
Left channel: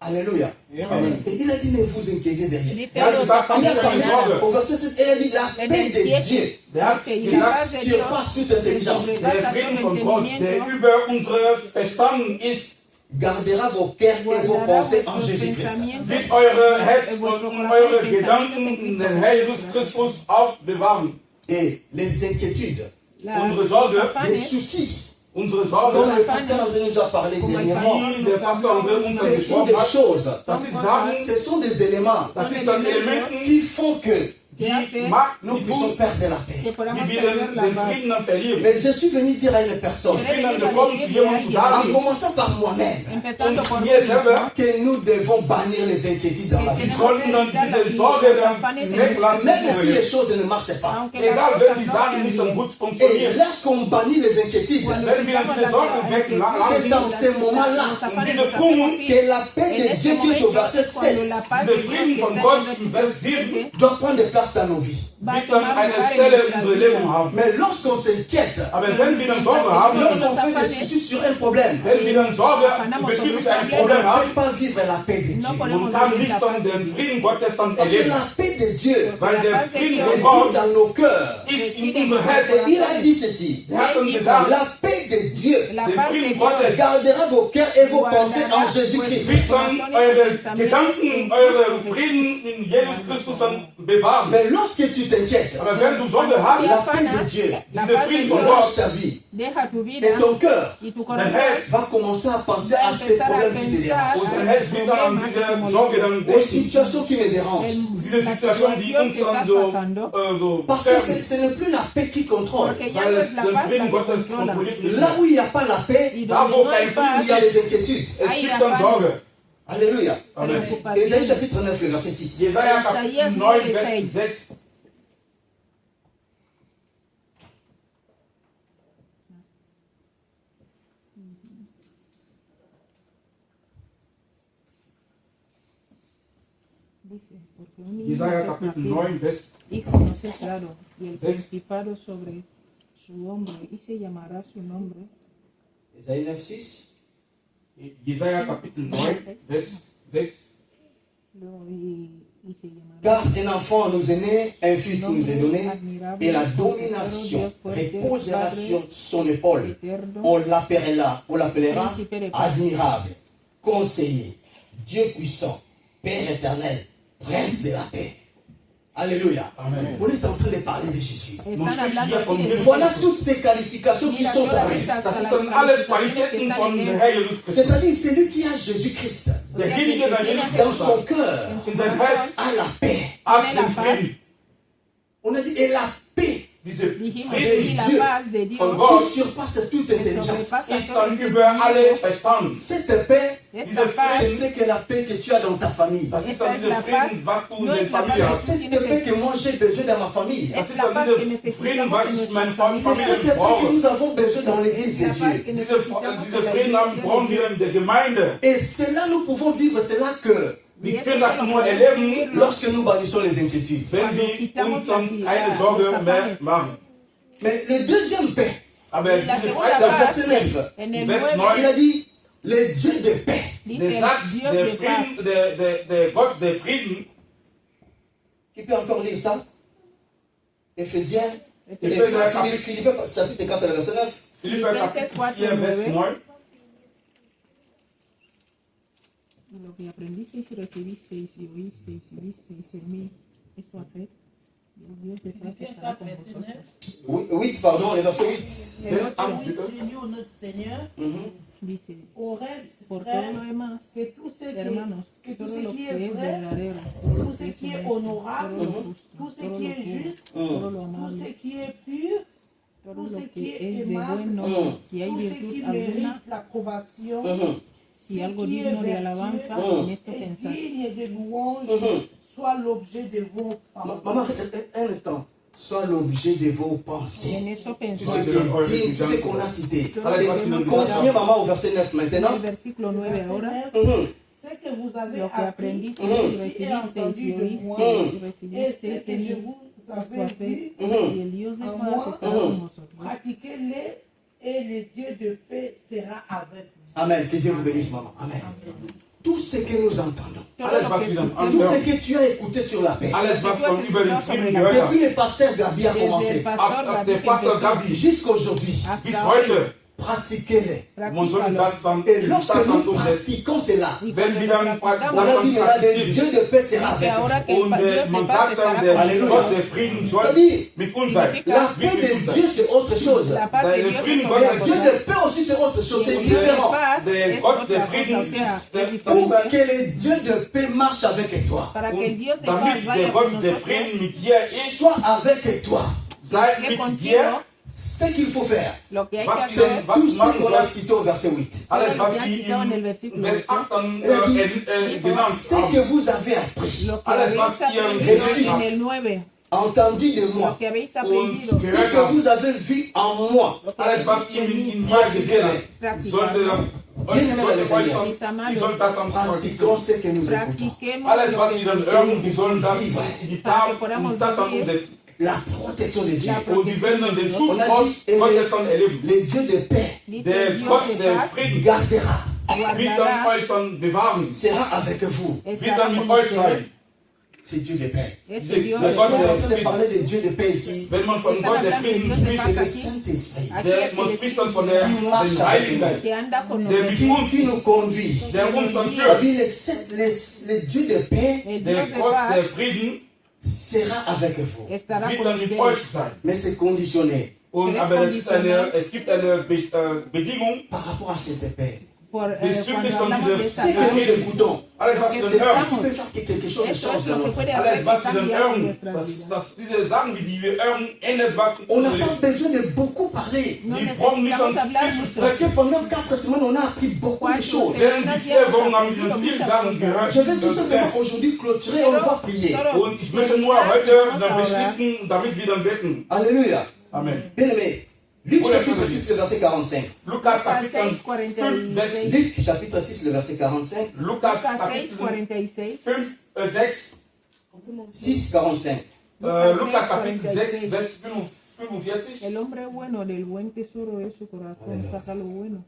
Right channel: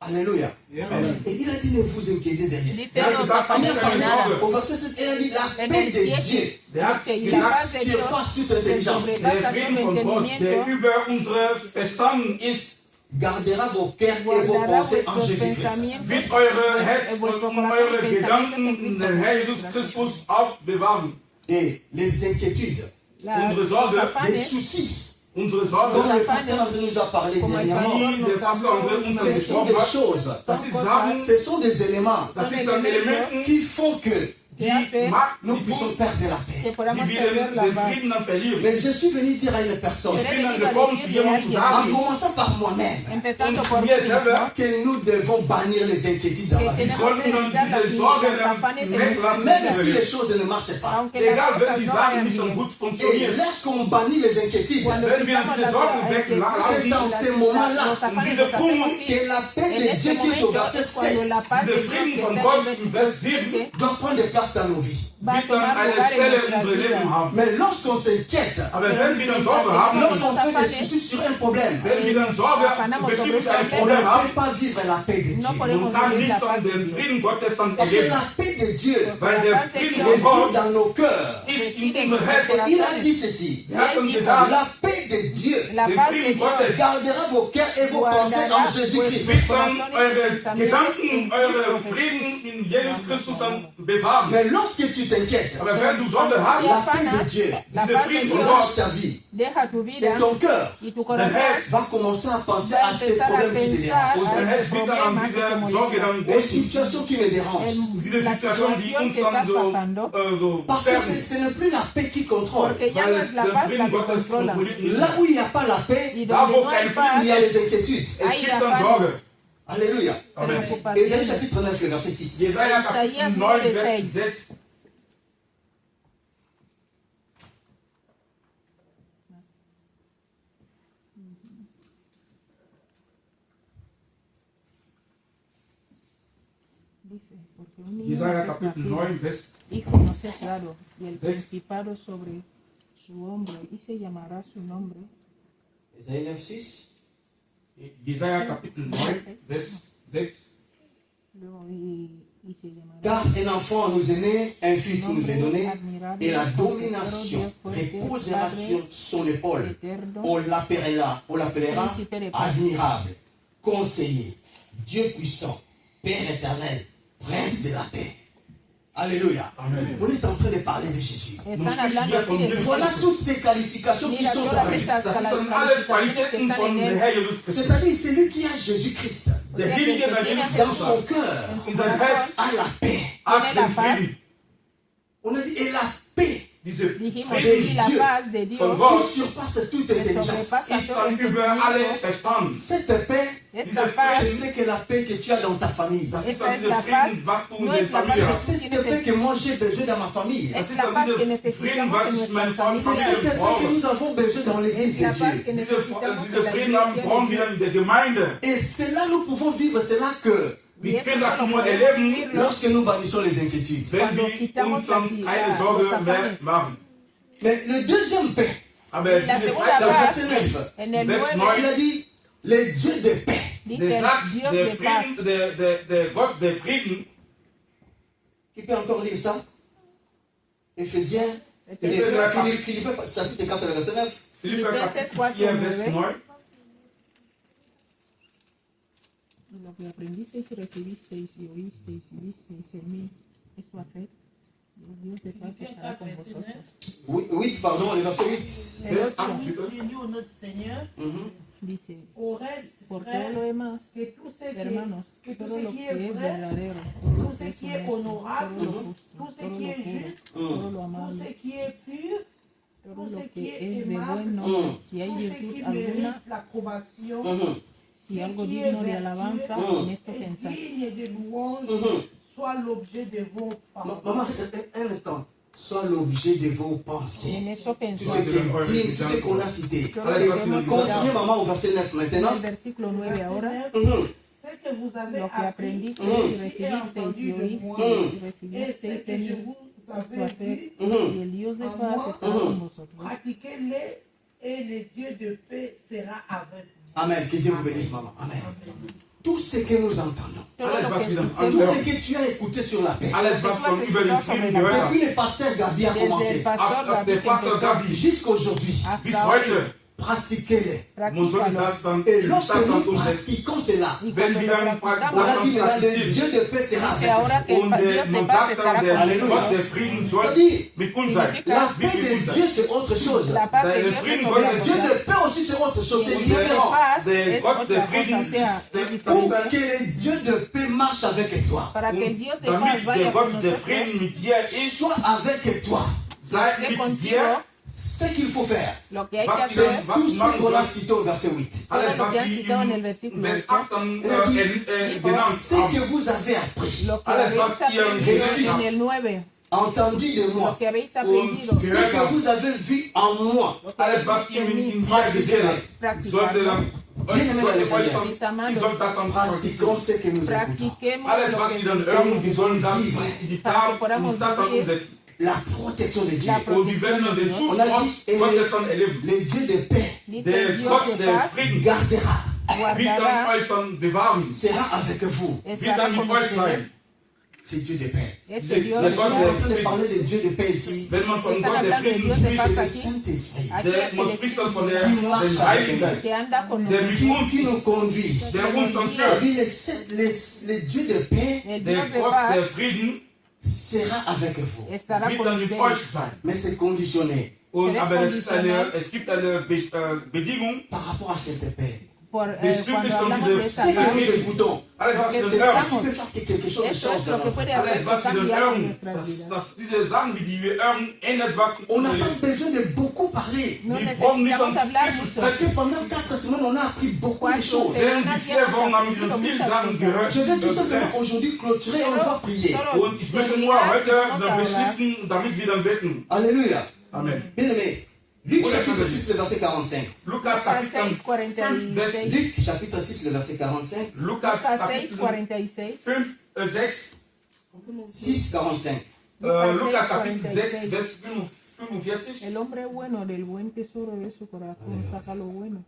Alléluia. Amen. Et il a dit, ne vous inquiétez de rien. Er hat gesagt, habt Il a euch keine parlé Sorge. au verset 7, il a dit, la paix de Dieu Der hat qui gesagt, surpasse toute intelligence der Frieden von Gott, der über unsere Verstand ist, gardera vos cœurs et vos pensées en Jésus-Christ. wird eure Herz und eure Gedanken in den Herr Jesus Christus aufbewahren. Et les inquiétudes, Unsere Sorge, les soucis, unsere dont Sorge, le pasteur André nous a parlé dernièrement, die der Pastor André uns ce sont gesprochen des hat, choses, das ist Sachen, ce sont des éléments das ist ein Elementen, qui font que die macht, nous die puissions tun, perdre la paix. die wir den Frieden dann verlieren. Mais je suis venu dire à une personne, Ich bin dann gekommen, zu jemandem zu en sagen, commençant par moi-même, und mir selber, que nous devons bannir les inquiétudes dans la vie. sollten dann diese Sorge dann weglassen. Même si les choses ne marchent pas. Egal, wenn die Sachen nicht so gut Et funktionieren. lorsqu'on bannit les inquiétudes, Wenn wir diese Sorgen c'est weglassen, dans ces moments-là diese Punkt, que la paix de Dieu qui est au verset 7 dieser Frieden von Gott im Vers 7 doit prendre place dans nos vies. wird dann eine Stelle in unserem Leben haben. Mais lorsqu'on s'inquiète, Aber wenn wir dann Sorge haben, lorsqu'on fait des soucis sur un problème, wenn wir dann Sorge bezüglich einem on Problem ne haben, peut pas vivre la paix de Dieu. und kann nicht dann den Frieden Gottes dann Parce que erleben. la paix de Dieu Weil der Frieden von réside Gott dans nos cœurs. ist in unser Et Herz. il a dit ceci, Er hat dann gesagt, la paix de Dieu der Frieden Gottes gardera vos cœurs et vos pensées en Jésus-Christ. wird dann eure Gedanken, eure Frieden in Jesus Christus dann bewahren. Mais lorsque tu t'inquiètes, Aber wenn du Sorge hast, la paix de Dieu dieser Frieden von lâche Gott, ta vie Deja tu et vida ton cœur y tu dein corazón Herz va commencer à penser à ces problèmes qui te dérangent, und dein Herz wird dann an diese Sorge dann aux denken. situations qui me dérangent. Diese Situation, die uns dann so Parce que sterben. ce n'est plus la paix qui contrôle. Weil es den Frieden Gottes kontrolliert nicht. Là où il n'y a pas la paix, Da wo kein Frieden il y a ist, les inquiétudes. es gibt dann Sorge. Alléluia. Amen. Ésaïe chapitre 9, le verset 6. Jesaja Kapitel 9, Vers 6. Jesaja Kapitel 9, Vers y conoce claro, y el Seis. principado sobre su hombro, y se llamará su nombre. Ésaïe 9, 6. Jesaja Kapitel 9, Vers 6. Y se llamará Car un enfant nous est né, un fils nous est donné, et la domination reposera sur son épaule. On l'appellera admirable, conseiller, Dieu puissant, Père éternel, Prince de la paix. Alléluia. Amen. On est en train de parler de Jésus. Nun spricht hier von Jesus. Voilà toutes ces qualifications qui sont en lui. Das sind alle Qualitäten von dem Herr Jesus Christus. C'est-à-dire celui qui a Jésus-Christ Derjenige, der Jesus dans Christus son hat, cœur in sein Herz a la paix. hat den Frieden. On a dit, et la paix Diese dijimos Frieden la paz de Dios von qui Gott surpasse toute intelligence. ist dann über alle Verstand. Cette paix, Diese c'est Frieden, que la paix que tu as dans ta famille. das ist dann dieser Frieden, was du in der Familie C'est hast. cette paix que moi j'ai besoin dans ma famille. Das ist dann dieser Frieden, was ich in meiner C'est Familie cette paix que brauche. nous avons besoin dans l'église de Dieu. Diese Frieden haben brauchen wir in der Gemeinde. Et cela, nous pouvons vivre cela que Wir können das nur erleben, lorsque nous bannissons les inquiétudes. wenn wir uns dann keine Sorge mehr machen. Mais le deuxième paix, Aber diese dans Freitag, verset 9, Vers il 9, a dit, le Dieu de paix. der sagt, der Frieden, der Gott der Frieden, Qui peut encore lire ça? Éphésiens, Philippiens, chapitre 4, verset 9. Philipper Kapitel 4, Vers 9. lo que aprendisteis y recibisteis y oísteis y visteis en mí, esto haced, y el Dios de paz estará con vosotros. 8, pardon, le verset 8. Vers 8, Oui, bitte. Seigneur notre Seigneur, Dice, au reste, por todo frère, lo demás, que tout ce hermanos, que tout todo ce lo qui que est es vrai, verdadero, todo lo tout que ce es qui est honesto, honorable, todo lo justo, tout ce todo qui lo est puro, juste, todo lo tout amable, ce qui est pur, todo tout lo ce qui que est es de aimable, bueno, si hay tout ce qui virtud mérite alguna, l'approbation, si ce algo qui est digno de vertueux alabanza, en esto et pensad. digne de louange, soit l'objet de vos paroles. Maman, un instant. Sois l'objet de vos En pensées. eso Tout pensad. ce qui est digne, tout ce qu'on a cité. Et continuez, maman, au verset 9 maintenant. El versículo 9 ahora, Ce que vous avez lo que appris aprendisteis y et recibisteis entendu y de moi, oísteis y et ce recibisteis que de je mí, vous esto avais haced, vu, y el Dios de paz estará con vosotros. pratiquez-les et le Dieu de paix sera avec vous. Amen. Que Dieu vous bénisse, maman. Amen. tout ce que nous entendons, Alles, was wir dann tout anhören, ce que tu as écouté sur la paix, alles, was wir über den Frieden gehört depuis haben, le pasteur Gabi a Desde el commencé, pastor der Pastor Gabi jusqu'à aujourd'hui, bis hasta heute, pratiquez-les. man soll das dann Et lorsque dann nous umsetzen. pratiquons cela, Wenn wir dann on a dit maintenant, le praktizieren, Dieu de paix sera avec ahora vous. que el und Dios man de paz sagt dann, estará der con Halleluja. Gott der Frieden soll C'est-à-dire, mit uns sein. la paix de Dieu c'est autre chose. la paz de Der Dios Frieden es Gottes Le otra Dieu cosa. de paix aussi c'est autre chose, c'est Und différent. der Gott der Frieden o sea, ist der Pour ist que le Dieu de paix marche avec toi, Para que el Dios de paz damit der vaya con Gott der nosotros, Frieden mit dir ist, soit avec toi. sei esté mit contigo, dir, Ce qu'il faut faire, lo que hay was que wir hacer, tout ce machen qu'on a sollen, cité au verset 8. alles was Ya wir citado en el im versículo Vers 8 dann Er hat genannt Ce haben. que vous avez appris, lo que Alles, habéis was ihr aprendido reçu. en el 9, entendu de lo moi, que habéis Und aprendido, ce que vous avez vu en moi, lo que Alles habéis was ihr in tenido, mir gesehen habt, practicado, sollte dann ihr sollt das dann pratiquons ce que nous écoutons. practiquemos Alles lo was que wir dann hören, die sollen das in die Tat dann umsetzen. La protection de Dieu. Und die werden dann den Schutz On a dit, Gottes dann erleben. le Dieu de paix Der Gott der Frieden gardera, wird dann guardará, euch dann bewahren, sera avec vous. wird estará dann mit con euch sein. ustedes. C'est Dieu de paix. Ese Sí, Dios le de soy paz. On peut parler de Dieu de paix ici. Wenn man von Gott der Frieden C'est spricht, le Saint-Esprit man spricht dann von dem Heiligen Geist, que anda con der nosotros. mit qui nous uns conduit. ist, der uns dann On führt. dit le Dieu de paix El Der Dios de Gott der paz Frieden sera avec vous. estará wird con dann mit ustedes. euch sein. Mais c'est conditionné Und, aber es gibt eine Bedingung par rapport à cette paix. Por, bezüglich cuando von hablamos de diesem esta Ce que paz, nous écoutons, alles was wir c'est dann ça hören. qui peut faire que quelque chose esto change es dans lo que notre puede vie. hacer Alles, was wir dann cambiar en hören, nuestras vidas. diese Sachen, die wir hören, ändert was in On n'a unserem pas Leben. besoin de beaucoup parler. No Die brauchen nicht necesitamos dann hablar viel zu mucho. Parce que pendant 4 semaines, on a appris beaucoup de choses. Während die 4 Wochen haben wir schon viele Sachen gehört. Je vais tout simplement aujourd'hui clôturer, on va prier. Und ich möchte nur heute dann beschließen, damit wir dann beten. Alléluia. Amen. Bien-aimé, Luc chapitre 6, le verset 45. Lukas Kapitel 5, Vers 6:46. Luc chapitre 6, le verset 45. Lukas Lucas Kapitel 6:46. 5, 6, 6, 45. Lukas Kapitel 6, Vers 45. El hombre bueno del buen tesoro de su corazón saca lo bueno.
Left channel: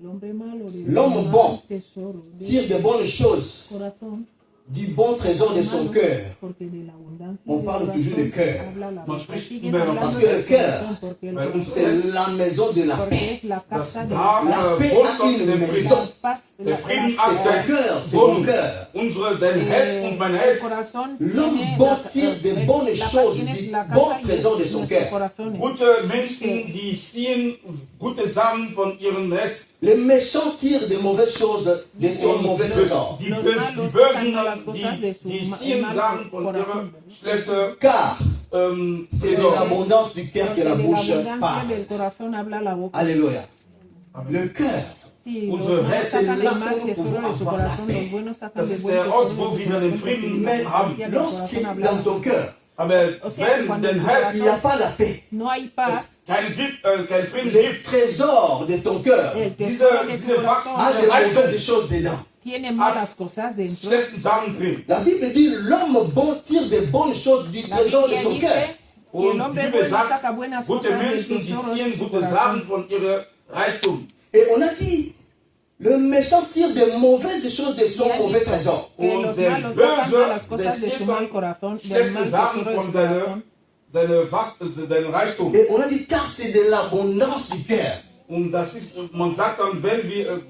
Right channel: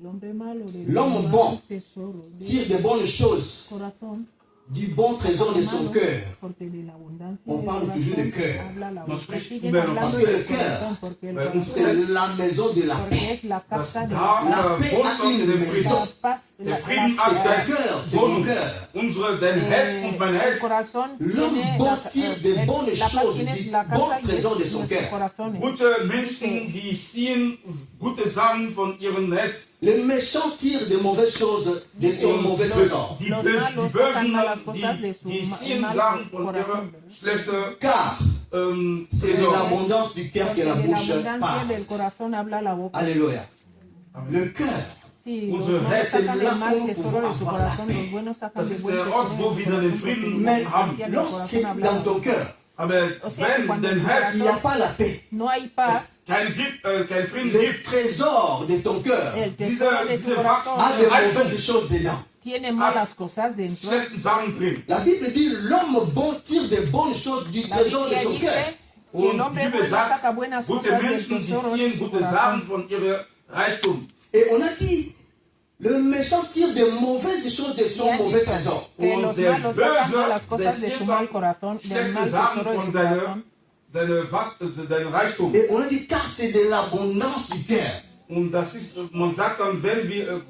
El hombre malo del L'homme mal bon tesoro de Tire de bonnes choses su corazón. du bon trésor de son cœur. Porque de la abundancia On del parle corazón toujours de cœur. habla la Man boca. spricht Siguen immer hablando parce que del le cœur, corazón, porque el weil corazón, uns C'est la maison de la paix. porque es la Das casa de da La paix a wohnt une der maison. Frieden. paz. Der Frieden C'est hat ton ein cœur, c'est mon Wohnung. cœur. Dein Herz und mein Herz. L'homme bon tire de bonnes choses du bon trésor de son cœur. Gute Menschen, die ziehen gute Sachen von ihrem Herz. Le méchant tire de mauvaises choses de son mauvais trésor. Die Bösen, die ziehen Sachen von ihrem schlechten Car c'est de Trésor. l'abondance du cœur que la bouche parle. Alléluia. Le cœur, Unsere Herzen c'est là où nous pouvons avoir la paix. Das ist der Ort, wo wir den Frieden Mais haben. lorsque dans ton cœur, Aber wenn dein Herz il n'y a pas la paix, No hay paz. kein Frieden le gibt, trésor de ton cœur El diese tesoro de tu Wachstum, a corazón de Reichtum, mauvaises choses dedans. tiene malas cosas dentro. schlechten Sachen drin. La Bible dit l'homme bon tire de bonnes choses du trésor de Y son dice cœur. que el Und hombre die bueno Bibel sagt, saca buenas gute cosas del Menschen, die tesoro de ziehen su gute Sachen corazón. von ihrem Reichtum. Et on a dit, le méchant tire de mauvaises choses de son Y ha mauvais dicho trésor. que Und los der malos sacan malas Böse, der cosas de su zieht mal dann corazón, del schlechte mal Sachen tesoro de von su corazón. seinem Reichtum. Et on a dit, car c'est de l'abondance du cœur Und das ist, man sagt dann, wenn wir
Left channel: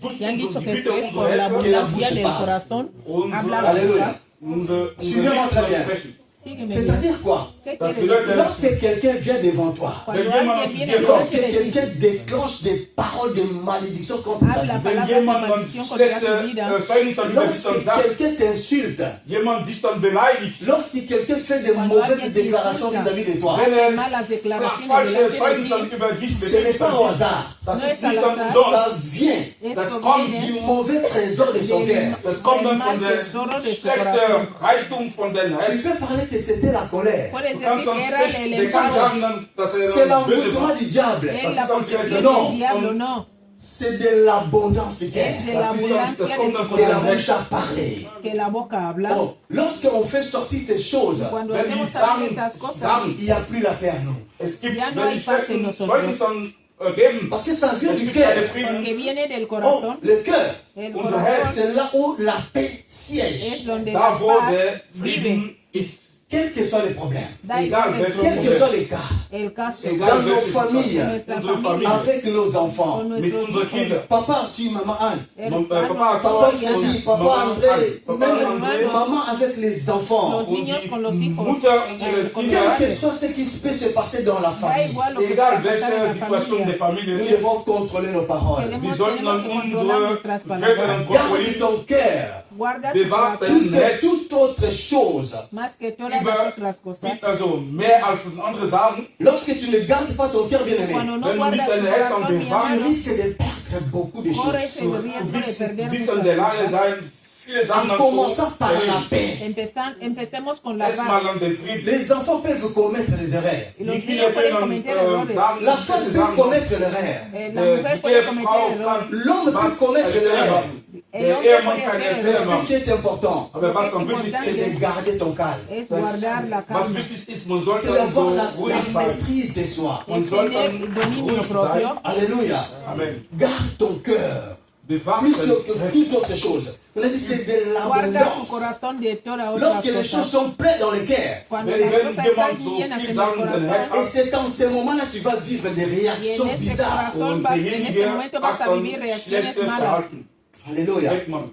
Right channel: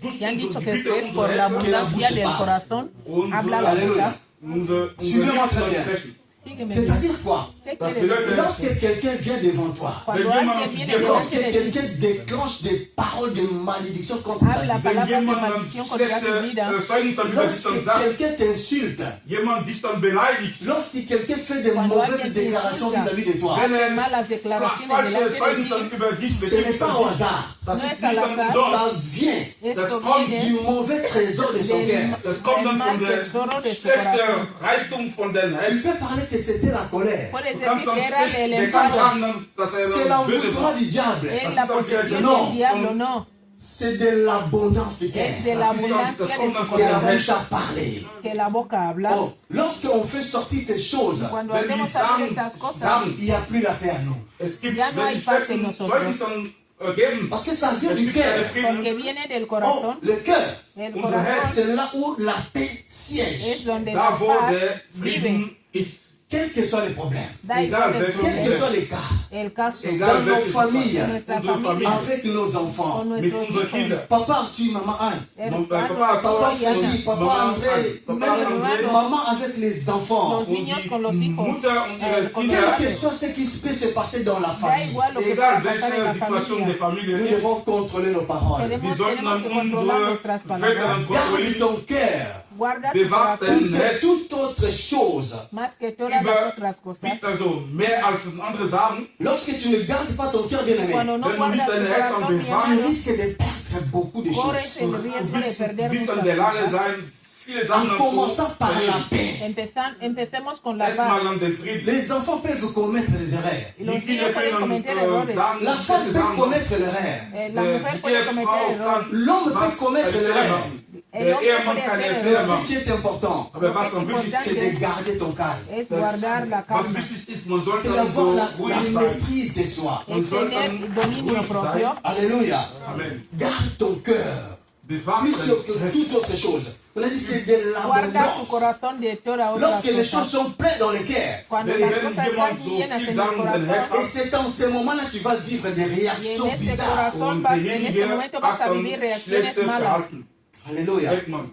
durch Y han dicho die que Bitte es por unserer la Herzen, que la abundancia bouche del parle. corazón unsere habla la Alléluia. boca. unsere Suivez-moi très bien. sprechen. Sígueme. C'est-à-dire quoi? ¿Qué Das quiere bedeutet, decir? Lorsque quelqu'un vient devant toi, Cuando Wenn jemand alguien zu viene dir kommt, lorsque delante de ti, quelqu'un déclenche des paroles de malédiction contre ta habla vie, wenn palabras de jemand dann maldición contra tu schlechte vida, Zeugnis dann über dich dann lorsque sagt, quelqu'un t'insulte, jemand dich dann beleidigt, lorsque quelqu'un fait de mauvaises déclarations vis-à-vis de toi, wenn malas declaraciones falsche delante de Zeugnis ti, dann über dich ce n'est beleidigt, pas au hasard. das No ist es nicht al dann azar. umsonst. Ça vient Das esto kommt du viene mauvais trésor de son cœur. Das kommt dann von der schlechten Reichtum von deinem Tu Herz. peux parler que c'était la colère. Puedes Du decir kannst dann que era sprechen, el der kann enojo, sagen dann, dass C'est er böse l'envoûtement war. du diable. es la Das ist dann posesión vielleicht no. del diablo, no. C'est de l'abondance du Es cœur. de la Das ist dann, abundancia das kommt dann de von Que la deinem bouche Herz. a parlé. que la boca habla. Donc, lorsqu'on fait sortir ces choses, Cuando Wenn die hacemos saber Sachen esas cosas, sagen, il n'y a plus la paix à nous. es gibt, Ja, no wenn hay die paz en schlechten nosotros. Zeugnis dann geben. Parce que ça vient Es du gibt einen cœur. Frieden. Porque viene del Oh, corazón. le cœur, El unser corazón Herz, c'est là où la paix es siège. donde Da la wo paz der vive. Frieden ist. Quels que soient les problèmes, Da Egal igual el welche quels que problema, soient les cas, el caso, Egal dans nos welche familles, Situation, nuestra unsere familia, Familie, avec nos enfants. con mit nuestros unseren hijos, Kindern. Papa Arthur, maman Anne, Papa Papa Thor Freddy, und Papa Mama André, Anne, Papa même André maman avec les enfants. los und niños con los die hijos. Mutter und ihre Quel Kinder. que soit ce qui peut se passer dans la Da famille, igual lo que Egal pueda pasar en welche la Situation familia. der Familie nous ist, devons contrôler nos paroles. wir sollten Tenemos que controlar unsere nuestras Wörter palabras. Garde kontrollieren. ton cœur, Guarda tu Bewahrt corazón plus que toute autre chose. más que todas über, las otras cosas. also mehr als andere sagen, Lorsque tu ne gardes pas ton cœur bien-aimé, Cuando no Wenn du guardas nicht tu deine Herzen corazón bien, bewahrst, tu risques de perdre beaucoup de corres choses. el du riesgo de bist, perder du bist in muchas der Lage cosas. sein, viele Sachen En zu commençant par la verlieren. paix. Empecemos con la Erstmal paz. an den Frieden. Les enfants peuvent commettre des erreurs. Y Die los Kinder niños pueden können cometer errores. sagen, La femme sie peut sagen, commettre l'erreur. La mujer die puede Ehefrau cometer errores. kann L'homme peut was commettre einen Fehler l'erreur. machen. Der Ehemann kann einen Mais Fehler ce machen. qui est important, Aber was am wichtigsten c'est ist, de garder ton calme. Es guardar la was calma. wichtig ist, man sollte C'est so d'avoir la ruhig sein. maîtrise de soi. Es tener dominio ruhig propio. sein. Alléluia. Amen. Garde ton cœur. Bewahrt Plus dein que Herz. toute autre chose. On a dit c'est de Guarda tu l'abondance. corazón de toda otra Lorsque les choses cosa. sont pleines dans le cœur. Cuando Wenn las jemand cosas están so llenas viel en el Sachen in sein Herz corazón, Et c'est en ce moment-là que tu vas vivre des y réactions en este bizarres. corazón Und vas, en este derjenige momento vas hat a dann vivir reacciones schlechte malas. Verhalten. Alléluia. Merkt man.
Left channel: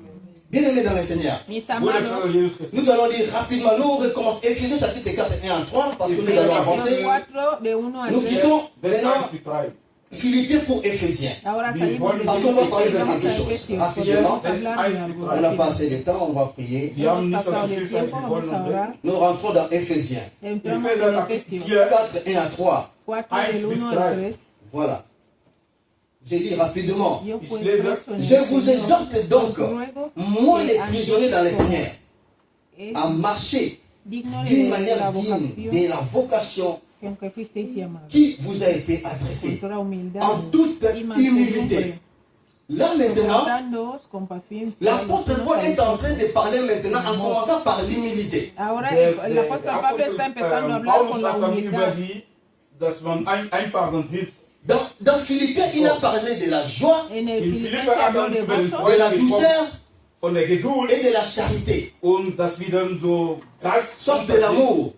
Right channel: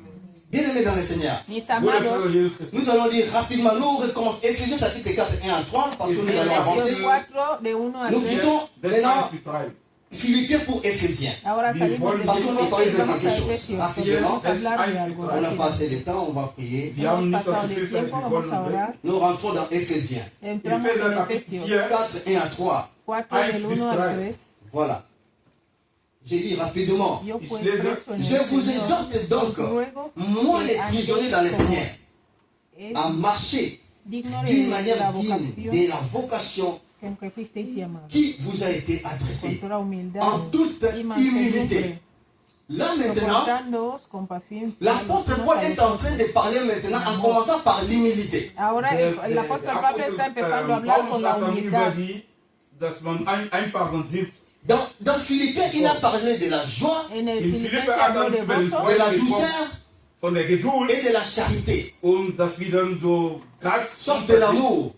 Bien-aimés dans le Seigneur. Mis Bruder, amados, Vater Jesus Christus. Nous allons lire rapidement, nous recommençons Éphésiens chapitre 4, 1 à 3, parce que nous allons avancer. Efesios 4, de 1 a Nous 3. quittons Vers maintenant 1 bis 3. Philippiens pour Éphésiens. Ahora Bien, salimos de parce qu'on va parler de Efesios, quelque vamos a chose. Efesios, Rapidement. porque vamos a hablar de algo. On n'a pas assez de temps, on va prier. Wir haben Hemos nicht so pasado viel de Zeit, tiempo, wir vamos a wollen orar. Nous rentrons dans Éphésiens. Entramos Efesios en capítulo Efesios 4. 4, 1 à 3. 4, del 1 al 3. Voilà. J'ai dit rapidement. Yo Ich pues lese. rezo en Je el vous Señor, exhorte donc, ruego moi les que prisonniers dans le andéis Seigneur, es à marcher digno d'une de manière la digne vocación de la vocation que aunque fuisteis llamados, qui vous a été con adressée, toda humildad en toute y humilité. mansedumbre, Là maintenant, soportándoos con paciencia l'apôtre los Paul unos a est los en train de parler maintenant en commençant par l'humilité. Ahora Der el apóstol Pablo Apostel está empezando a hablar Paulus con la sagt dann über humildad. die, dass man einfachen sitzt. Dans Philippiens, il a parlé de la joie, En el In Filipenses Philipper hat habló er de über den gozo, de la Freude gesprochen, douceur von der Geduld et de la charité. und dass wir dann so Geist Sorte de l'amour.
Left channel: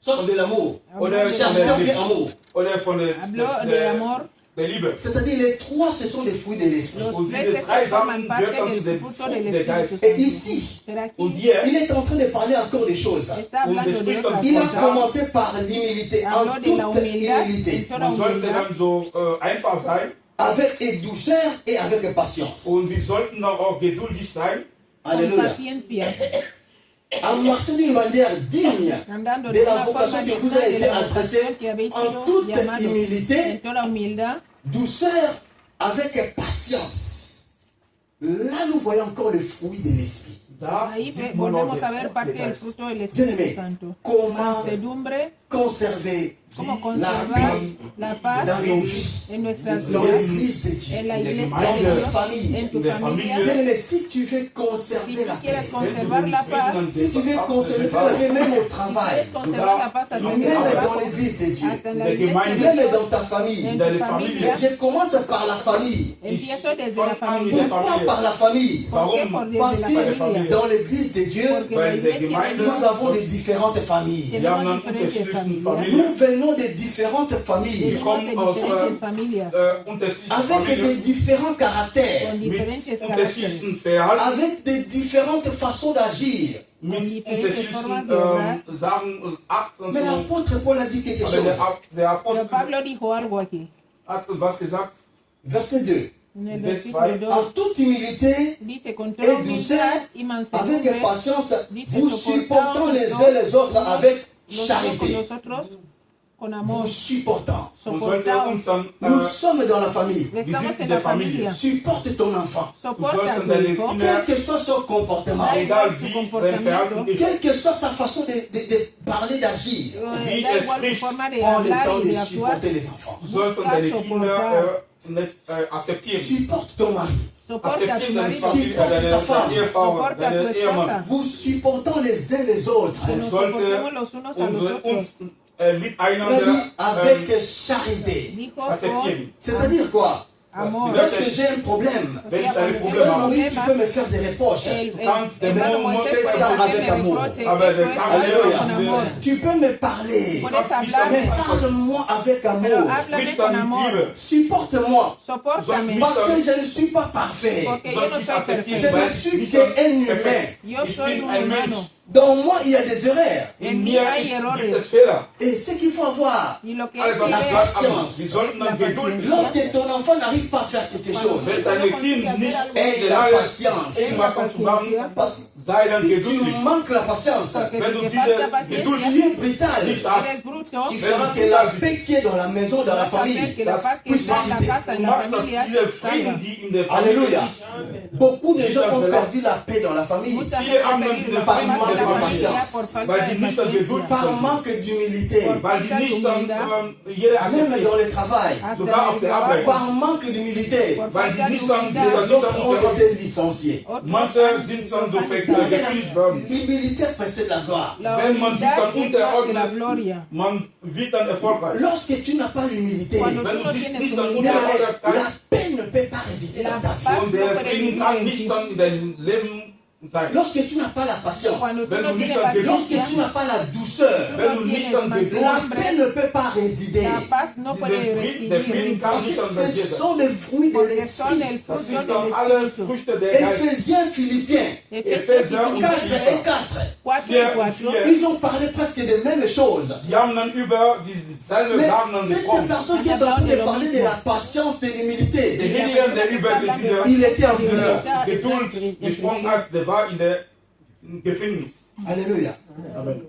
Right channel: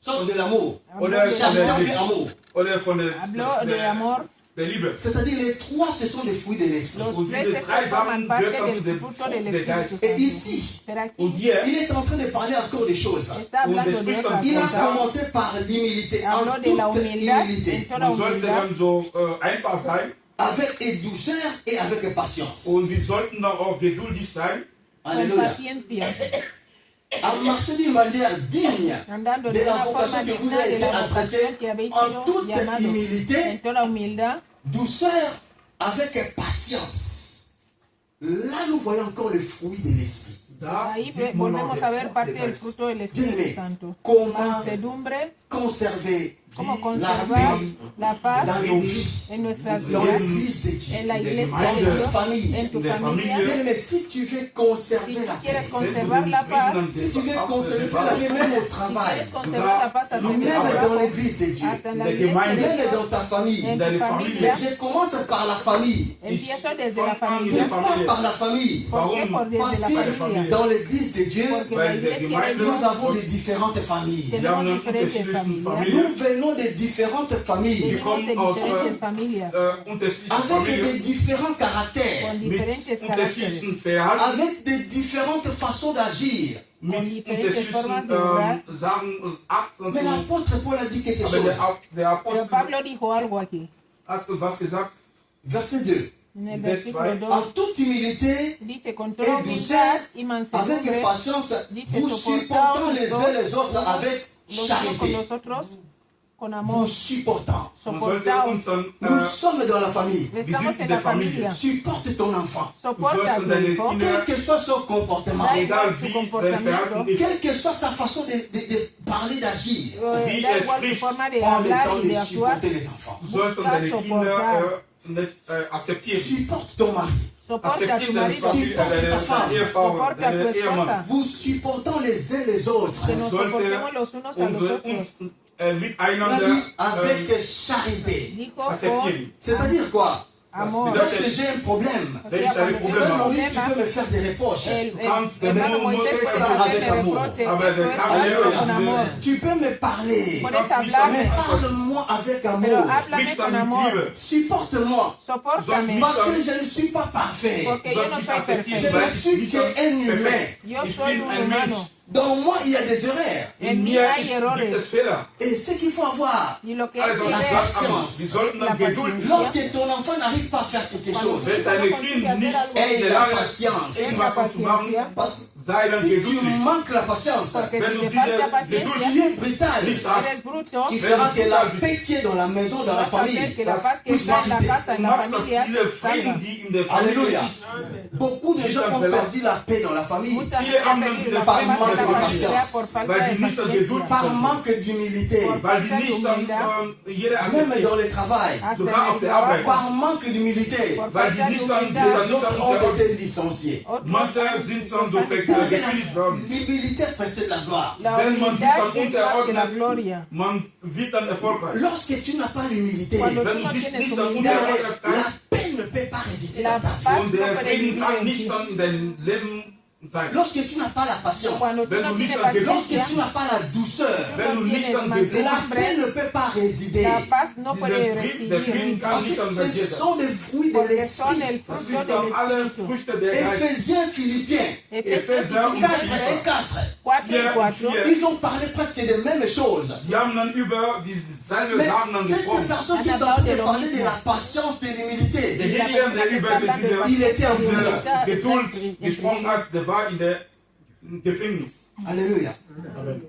Sorte de l'amour. oder Charité ou bien amour. oder von der, habló der, de der, amor. der Liebe. C'est-à-dire les trois, ce sont des fruits de l'esprit. Los Und tres diese se drei forman Sachen parte gehören zu del dem fruto Frucht del der Espíritu Geist. Et Santo. ici, Pero aquí Und hier, il est en train de parler encore des choses. está Und hablando de spricht otras Il a cosas. commencé par l'humilité, en Habló de la toute humildad, humilité, en toda man sollte humildad, dann so einfach sein avec douceur et avec patience. und wir sollten auch geduldig sein. con Alléluia. paciencia, À marcher d'une manière digne andando de de la una vocation forma qui vous digna a de été la adressée vocación que habéis en sido toute llamados, en humilité, toda humildad, douceur avec patience. Là, nous voyons encore le fruit de l'esprit. Da ahí sieht man auch volvemos den a ver Frucht parte der del Geist. fruto del Espíritu Bien-aimé, Santo. comment Mansedumbre, conserver cómo la conservar paix la paz dans nos vies, en nuestras dans vidas, l'église de Dieu, en la en la iglesia dans de la Dios, famille. en tu en la familia. familia. Bien-aimé, si tu veux Si conserver tú la paix, quieres conservar la paz, si tu veux conserver la paix même au travail, quieres conservar la paz hasta même en el dans l'église de Dieu, hasta en la de iglesia, Gemeinde, même dans ta famille. en deine tu Familie. Mais familia. je commence par la famille. Empiezo desde la Fang an familia. der Pourquoi Familie. par la famille? ¿Por qué? Warum? Por Parce desde la que familia. dans l'église de Dieu, Porque la Weil der iglesia de Gemeinde- Dios nous avons de différentes familles. Wir haben dann diferentes unterschiedliche familias. Nous Familien, venons de différentes familles die kommen de aus diferentes familias, unterschiedlichen avec des Familien différents caractères, con mit diferentes caracteres, unterschiedlichen Verhalten, avec de différentes façons d'agir. mit diferentes unterschiedlichen formas de obrar. Sachen, Akten und Mais so. l'apôtre Paul a dit quelque Aber chose. der Pero Apostel Pablo dijo algo aquí, hat was gesagt. Verset 2. en el Vers versículo 2. 2, En toute humilité dice, con toda et douceur, humildad y avec mansedumbre, patience, dice, vous supportant les uns les autres avec los unos con charité. los otros, con Vous amor, supportant. Man sollte uns soportaos. dann, Nous sommes dans la famille. Estamos sind en der la Familie. familia. Supporte ton enfant. Soporta sollst a in tu deine hijo, Kinder- Quel que soit son comportement, egal wie sein Verhalten ist, quelle que soit sa façon de parler, d'agir, wie da igual spricht, su forma de prends le hablar temps y de de actuar. supporter les enfants. du sollst dann deine Kinder akzeptieren. Supporte ton mari. Soporta a Akzeptieren tu deine marido, Familie, deine Ehefrau, soporta a deinen tu Ehemann. esposa, Vous supportant les uns les autres. que nos Sollte soportemos los unos a los otros. uns miteinander dit avec charité. Dijo con akzeptieren. C'est-à-dire quoi? amor. Lorsque j'ai un problème, Wenn ich eine frère Probleme habe, Maurice, tu peux me faire des reproches. Hermano Moisés fais ça puede avec hacerme amour. reproches, Aber eso der es Kampf Alléluia. con amor. Tu peux me parler, Puedes mais hablarme, parle-moi avec pero amour. háblame Sprich con dann mit amor. Liebe. Supporte-moi, Sopórtame, parce que je ne suis pas parfait. porque Du yo sollst no mich soy akzeptieren, Je weil ne ich suis nicht qu'un humain. perfekt. yo Ich soy bin un ein Mensch. humano. Dans moi, il y a des erreurs. In En mí mir hay gibt errores. es Fehler. Et ce qu'il faut avoir, Y lo que Also, hay la que ver patience. wir es sollten la dann Geduld. paciencia. lorsque ton enfant n'arrive pas à faire quelque chose, Wenn deine Kind nicht aie in der la Lage patience. ist, irgendwas dann zu machen, Parce sei que dann si tu geduldig. manques la patience, Porque Wenn si du te diese falta paciencia, Geduld tu es brutal. nicht hast, eres bruto, Tu feras que la paix qui est dans la maison, dans la vas a hacer famille, que la paz que puisse está en la quitter. casa, du en la machst, dass familia, diese Frieden, salga. die in der Familie Alléluia. ist, Beaucoup de gens ont perdu la paix dans la famille Mucha Viele gente ha haben perdido diese la par paz en manque la de familia patience, por falta weil de die nicht an paciencia. Geduld par manque d'humilité, weil die nicht dann jeder même akzeptiert, dans le travail, Hasta sogar en auf el der Arbeit. trabajo, par manque d'humilité. por Weil falta die de nicht dann humildad. Les autres ont été licenciés. Otros Manche han sind sido dann so sancionados. gekündigt worden. L'humilité précède la gloire. La Wenn man sich humildad dann es más que la unterordnet, gloria. man wird dann erfolgreich. Lorsque tu n'as pas l'humilité, Cuando Wenn tú du no dich tienes nicht dann humildad, unterordnet la kannst paix ne peut pas résister dans ta vie. und der Frieden kann nicht dann in deinem Leben sein. Lorsque tu n'as pas la patience, cuando tú Wenn no du nicht tienes an Geduld, lorsque tu paciencia, n'as pas la douceur, wenn du nicht an la Geduld, paix ne peut pas résider. la paz no der puede Frieden recibir. kann Parce nicht que an bei dir ce sein. sont des fruits de Porque son l'esprit. el Das fruto ist dann alle del Espíritu. Früchte der Geist. Éphésiens, Philippiens, Epheser und 4 et 4. 4 y 4. Ils ont parlé presque des mêmes choses. Die haben dann über dieselbe Mais Sachen dann cette gesprochen. personne qui est en train de parler de la patience, de Der l'humilité, Hediger, der über diese il était en prison. Geduld gesprochen hat, der war in der Gefängnis. Alléluia. Amen.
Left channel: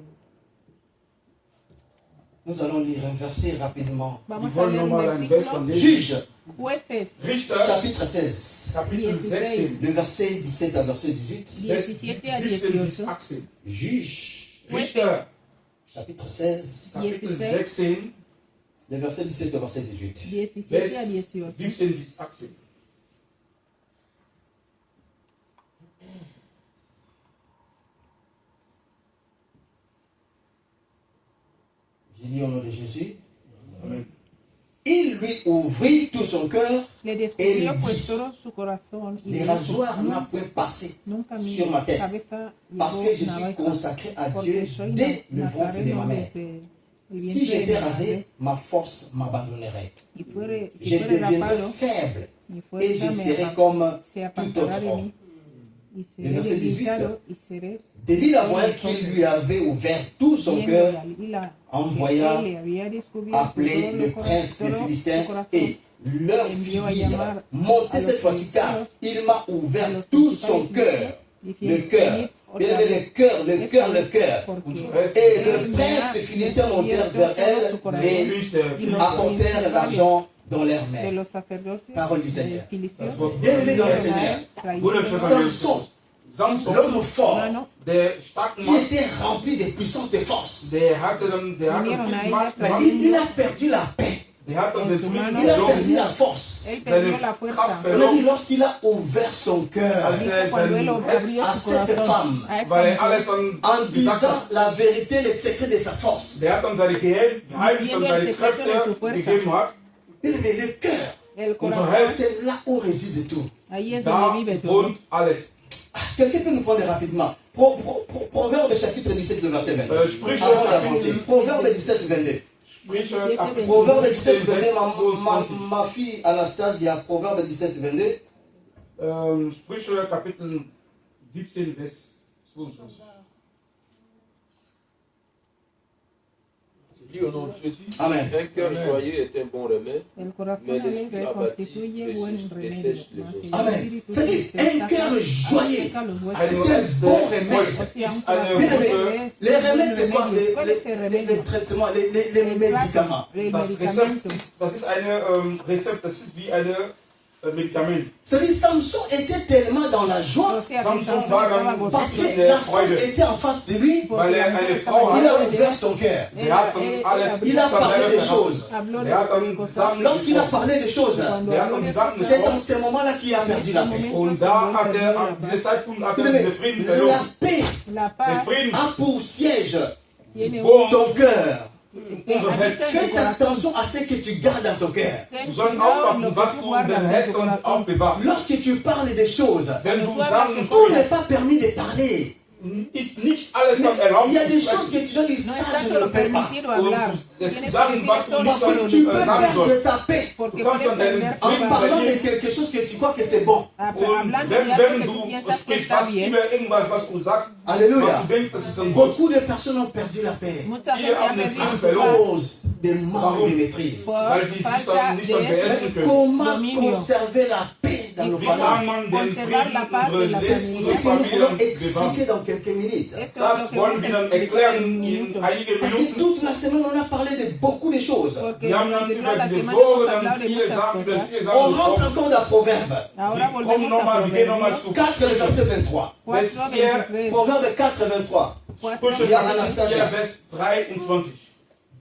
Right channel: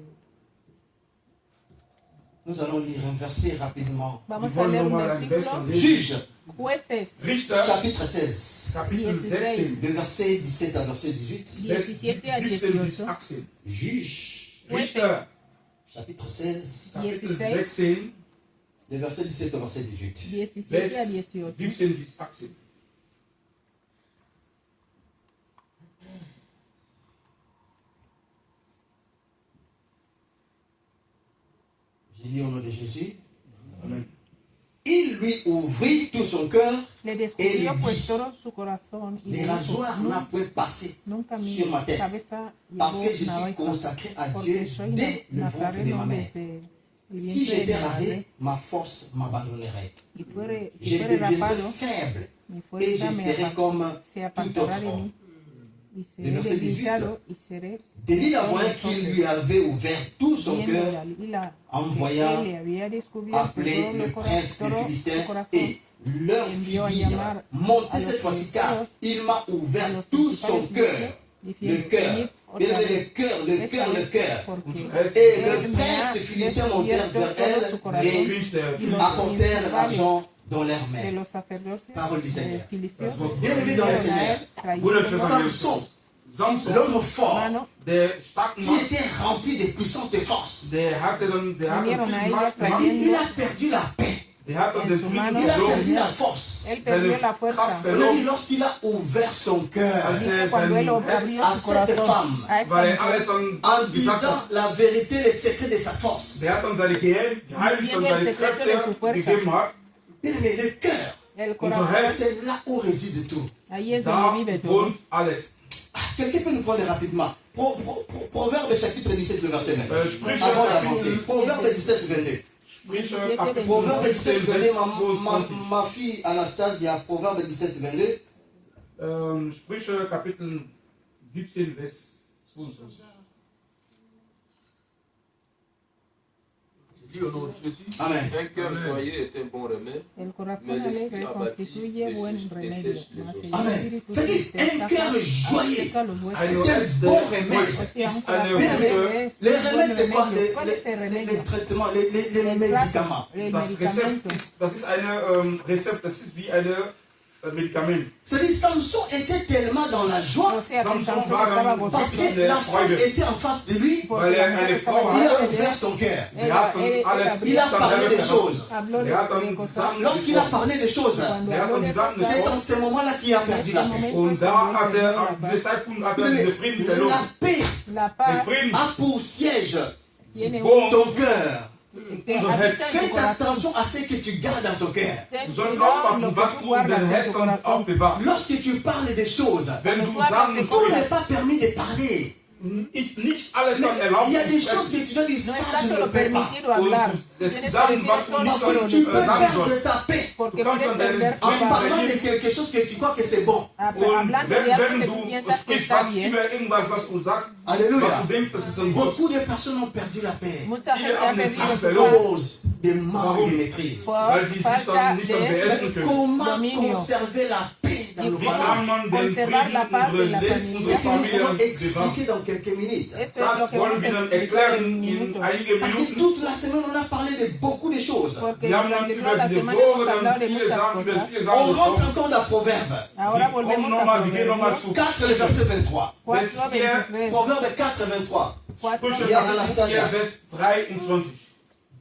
Nous allons lire un verset rapidement. Vamos Wir a wollen leer un nochmal ein versículo. Vers lesen. Juge, Jueces Richter, chapitre 16, Kapitel 16, le verset 17 à verset 18. 17 a 17 bis 18. 18. Juge, Richter, chapitre 16, Kapitel 16, 16, le verset 17 au verset 18. 17 a Vers 18. 17 bis 18. Je lis au nom de Jésus. Amen. Il lui ouvrit tout son cœur, Le descubrió pues todo su corazón y les dijo, rasoirs n'a point passé nunca mi sur ma tête, cabeza parce llegó que je una suis vez consacré à porque Dieu soy dès le ventre de ma nazareno mère. desde el Si vientre de j'étais mi madre. rasé, ma force m'abandonnerait. Y fuere, si Je fuere deviendrais rapado, faible mi et je fuerza serai comme se tout apartará autre de homme. mí y Le seré verset 18. debilitado y seré David la voyait qu'il lui avait ouvert tout son viendo cœur la lila en que voyant él le había descubierto appeler todo le lo prince des todo Philistins su corazón. et leur fit dire, montez cette fois-ci car il m'a ouvert tout son cœur, le cœur, il avait le cœur, le cœur, le cœur. Et le prince des Philistins montèrent vers elle et apportèrent l'argent dans leurs de mains. los sacerdotes Parole du Seigneur. filisteos Bien-aimés dans le Seigneur, Samson, Samson, l'homme fort, der starke qui Mann, était rempli de puissance de force, der hatte viel Macht mais gemacht. il a perdu la paix, Der hat dann den Frieden il a perdu verloren. la force. él perdió la Seine fuerza Kraft On a dit verloren, lorsqu'il a ouvert son cœur als cuando él sein Herz, abrió à su cette corazón femme, a esta weil er mujer, alles en dann gesagt disant hat. la vérité, les secrets de sa force. Der hat dann seine Geheimnisse und seine Kräfte gegeben hat. Mais le cœur, el Unser corazón, Herz, c'est là où réside tout. ahí es da donde vive todo. wohnt alles. Quelqu'un peut nous prendre rapidement. Proverbe chapitre 17, le verset 20. Sprüche, Avant d'avancer. Proverbe 17, 22. Sprüche, Kapitel Proverbe 17, 17, 22. Vers 22. Ma fille Anastasia, Proverbe 17, 22. Sprüche, Kapitel 17, Vers 22. Je dis au nom de Jésus, Amen. un cœur joyeux est un bon remède. El corazón Mais alegre l'esprit abattu constituye buen remedio. dessèche les Mas os. el Amen. espíritu C'est-à-dire, un cœur joyeux. seca los huesos. Ein C'est un Herz, bon der remède. ist Bien eine aimé, gute. les remèdes, c'est quoi ¿Cuál es el les remedio? traitements, les médicaments. El Das Rezept medicamento. ist, das ist eine Rezept, das ist wie eine Medikament. C'est-à-dire, Samson était tellement dans la joie O sea, Samson Sansón war estaba dann parce gozoso que la femme était en face de lui. Weil er eine Frau Il a hat. ouvert son cœur. Der hat dann alles Il a zusammen parlé des gehabt. choses. Habló Der hat de dann cosas. Sachen Lorsqu'il a gesprochen. parlé des choses, Cuando Der hat habló dann de die Sachen cosas, c'est gesprochen. en ce moment-là qu'il a perdu la paix. Und da hat er, an diesem Zeitpunkt hat er diesen Frieden La verloren. paix la Der paz Frieden a pour siège tiene wohnt ton cœur. unser Herz. Fais attention à ce que tu gardes dans ton cœur. Du sollst aufpassen, was du in deinem Herzen aufbewahrst. Lorsque tu parles des choses, Wenn du Sachen tout n'est pas permis de parler. ist nicht alles dann erlaubt. Il y a des choses que tu dois dire, ça je ne le peux pas. Und es sagen, was du nicht Parce que tu peux sagen perdre sollst. ta paix Du kannst dann deinen en Frieden parlant de verlieren. quelque chose que tu crois que c'est bon. Und wenn du sprichst, was immer irgendwas, was du sagst, Alléluia. was du denkst, das ist ein Gott. Beaucoup de personnes ont perdu la paix Viele haben den Frieden à verloren, cause de manque de maîtrise. weil die sich dann nicht dann beherrschen können. Comment conserver la paix dans nos Wie kann familles? man den Frieden unserer C'est ce unsere que nous Familien voulons expliquer bewahren? dans quelques minutes. Das wollen wir dann erklären in einigen Parce que Minuten. toute la semaine, on a parlé de beaucoup de choses. Wir haben dann über diese Woche dann viele Sachen On rentre gesprochen. encore dans Proverbe. Wir kommen nochmal, wir gehen nochmal zu 4, le verset 23. Vers 4, Proverbe 4, 23. Sprüche Ja, Kapitel Anastasia. 4, Vers 23.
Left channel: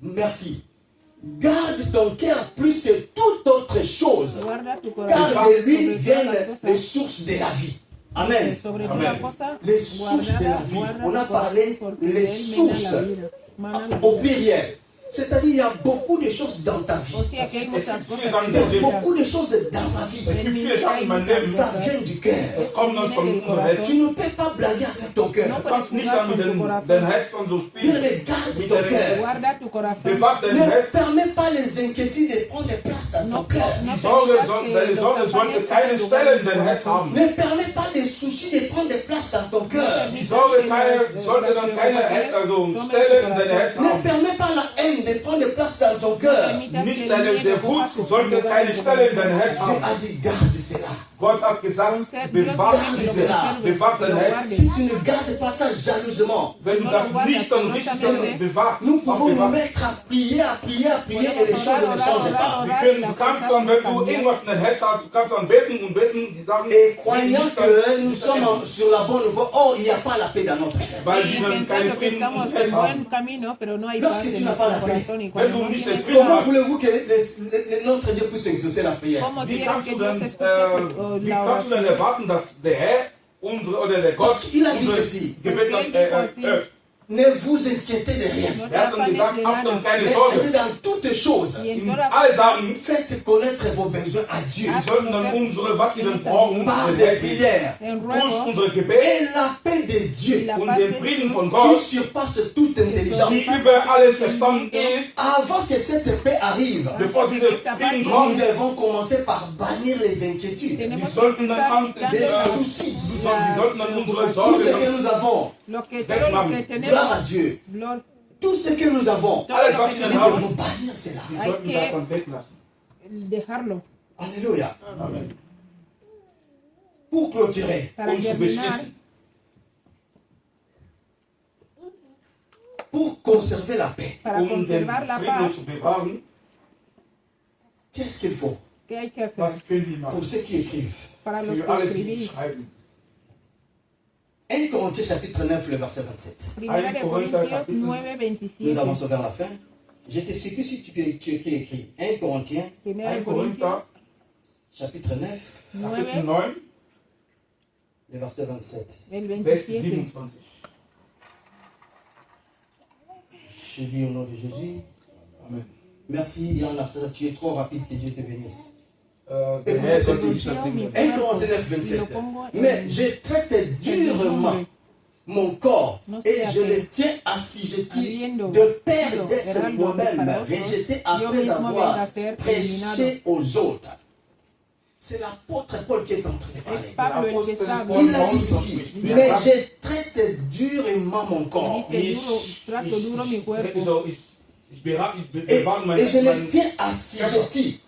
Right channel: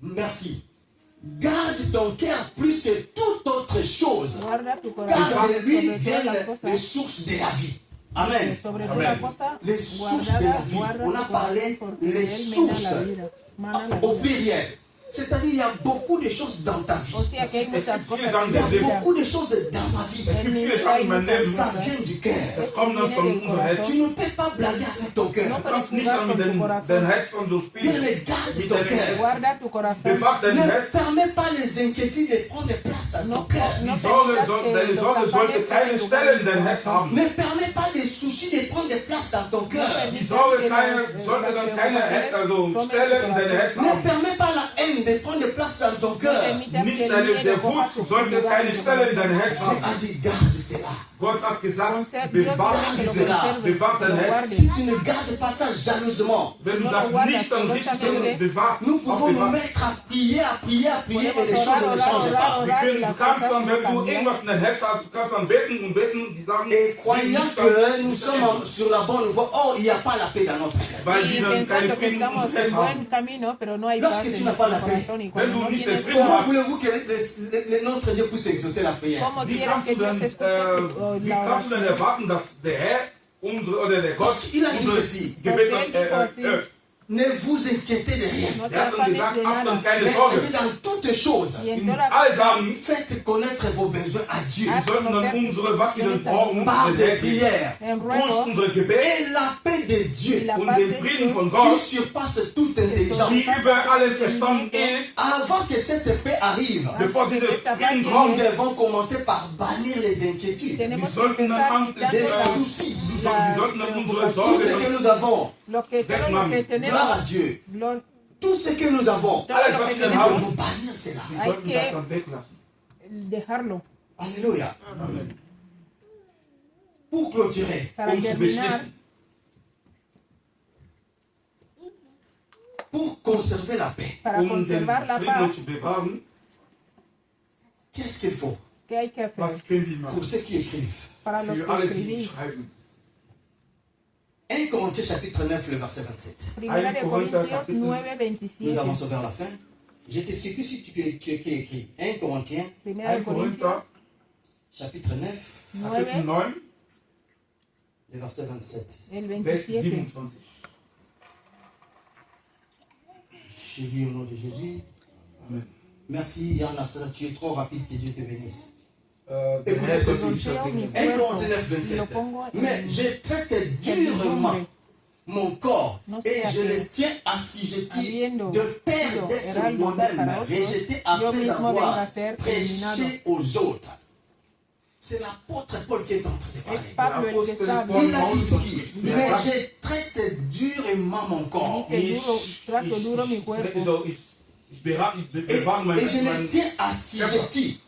Merci. Garde ton cœur plus que toute autre chose, Guarda tu car corazón de lui sobre todas viennent las les cosas. sources de la vie. Amen. Sobre Amen. toda cosa, Les sources de la vie. guarda On a tu parlé corazón, porque les él sources mana la vida, mana la au vida. pluriel. C'est-à-dire, il y a beaucoup de choses dans ta vie. O sea que hay muchas cosas Il y a beaucoup de choses dans ma vie. Es gibt viele Sachen in meinem Leben, Ça vient du cœur. das kommt dann von unserem Herzen. Tu ne peux pas blaguer avec ton cœur. Du kannst nicht dann mit deinem Herzen so Bien spielen. aimé, garde Mit ton deinem cœur. Herzen. Guarda tu corazón. Bewahr dein Ne Herz. permets pas les inquiétudes de prendre place dans ton cœur. Deine Sorge sollte keine Stelle in dein Herz haben. Ne permets pas des soucis de prendre place dans ton cœur. Die Sorge sollte dann keine Stelle in dein Herz Ne haben. permets pas la haine de prendre place dans ton cœur. Nicht der Wut sollte keine Stelle in dein Herz Dieu haben. a dit, garde cela. Gott hat gesagt, bewahr dein Herz. Si tu ne gardes pas ça jalousement, Wenn du das nicht dann richtig bewahrst, nous pouvons nous aufbewahrst. mettre à prier et les choses ne changent pas. Du kannst dann, wenn du irgendwas in dein Herz hast, du kannst dann beten und beten, die Sachen, Et croyant que nous sommes sur la bonne voie, or il n'y a pas la paix dans notre cœur. weil die dann keine Pensando que Frieden in estamos unserem en Herz buen haben. camino, pero no hay Lorsque paz tu en n'as pas nuestro la paix, corazón. Y Wenn cuando du no nicht tienes den Frieden Comment hast, voulez-vous que notre Dieu puisse exaucer la prière? ¿cómo wie quieres kannst que du Dios denn, escuche wie kannst du denn erwarten, dass der Herr oder der Gott Parce qu'il a dit unser ceci. Gebet dann erhört? Ne vous inquiétez de rien. Er hat dann gesagt, habt dann keine Mais Sorge. dans toutes choses, In all Sachen, faites connaître vos besoins à Dieu wir sollten dann unsere, was wir dann brauchen, par den des Herrn geben. prières. Durch unser Gebet Et la paix de Dieu und den Frieden von qui Gott, surpasse toute die intelligence. über allen Verstand ist, Avant que cette paix arrive, bevor dieser Frieden nous kommt, devons commencer par bannir les inquiétudes, wir sollten dann les soucis, wir sollten dann unsere tout ce Sorge, que nous avons. Lo que, todo lo que tenemos, Gloire à Dieu. gloria, Tout ce que nous avons, alles was wir nous haben, devons bannir cela. wir sollten das dann weglassen. dejarlo Alléluia. Amen. Pour clôturer, para Zu terminar, beschließen, pour conserver la paix, para den conservar la Frieden paz. zu bewahren, qu'est-ce qu'il faut ¿Qué hay que hacer? was können wir pour machen? ceux qui écrivent? Para los Für que alle, die escribís. schreiben. 1 Corinthiens chapitre 9, le verset 27. Primera de Corintios 9, Nous 27. avançons vers la fin. Je t'explique si tu écris 1 Corinthiens Primera de 1 Corintios Korinther, chapitre 9, Kapitel 9, 9, le verset 27. el Vers 27. 27. Je lis au nom de Jésus. Amen. Merci Yann Anastasia, tu es trop rapide, que Dieu te bénisse. Der Herr soll dich segnen. 1 Corinthiens 9, 27. Mais je traite durement mon corps et je le tiens assujetti de peur d'être moi-même rejeté après avoir prêché aux autres. C'est l'apôtre Paul qui est en train de Es parler. Pablo el que está Il a hablando. dit ceci, mais je traite durement mon corps Dice duro, trato duro mi cuerpo. Ich et bewahre je le mein tiens assujetti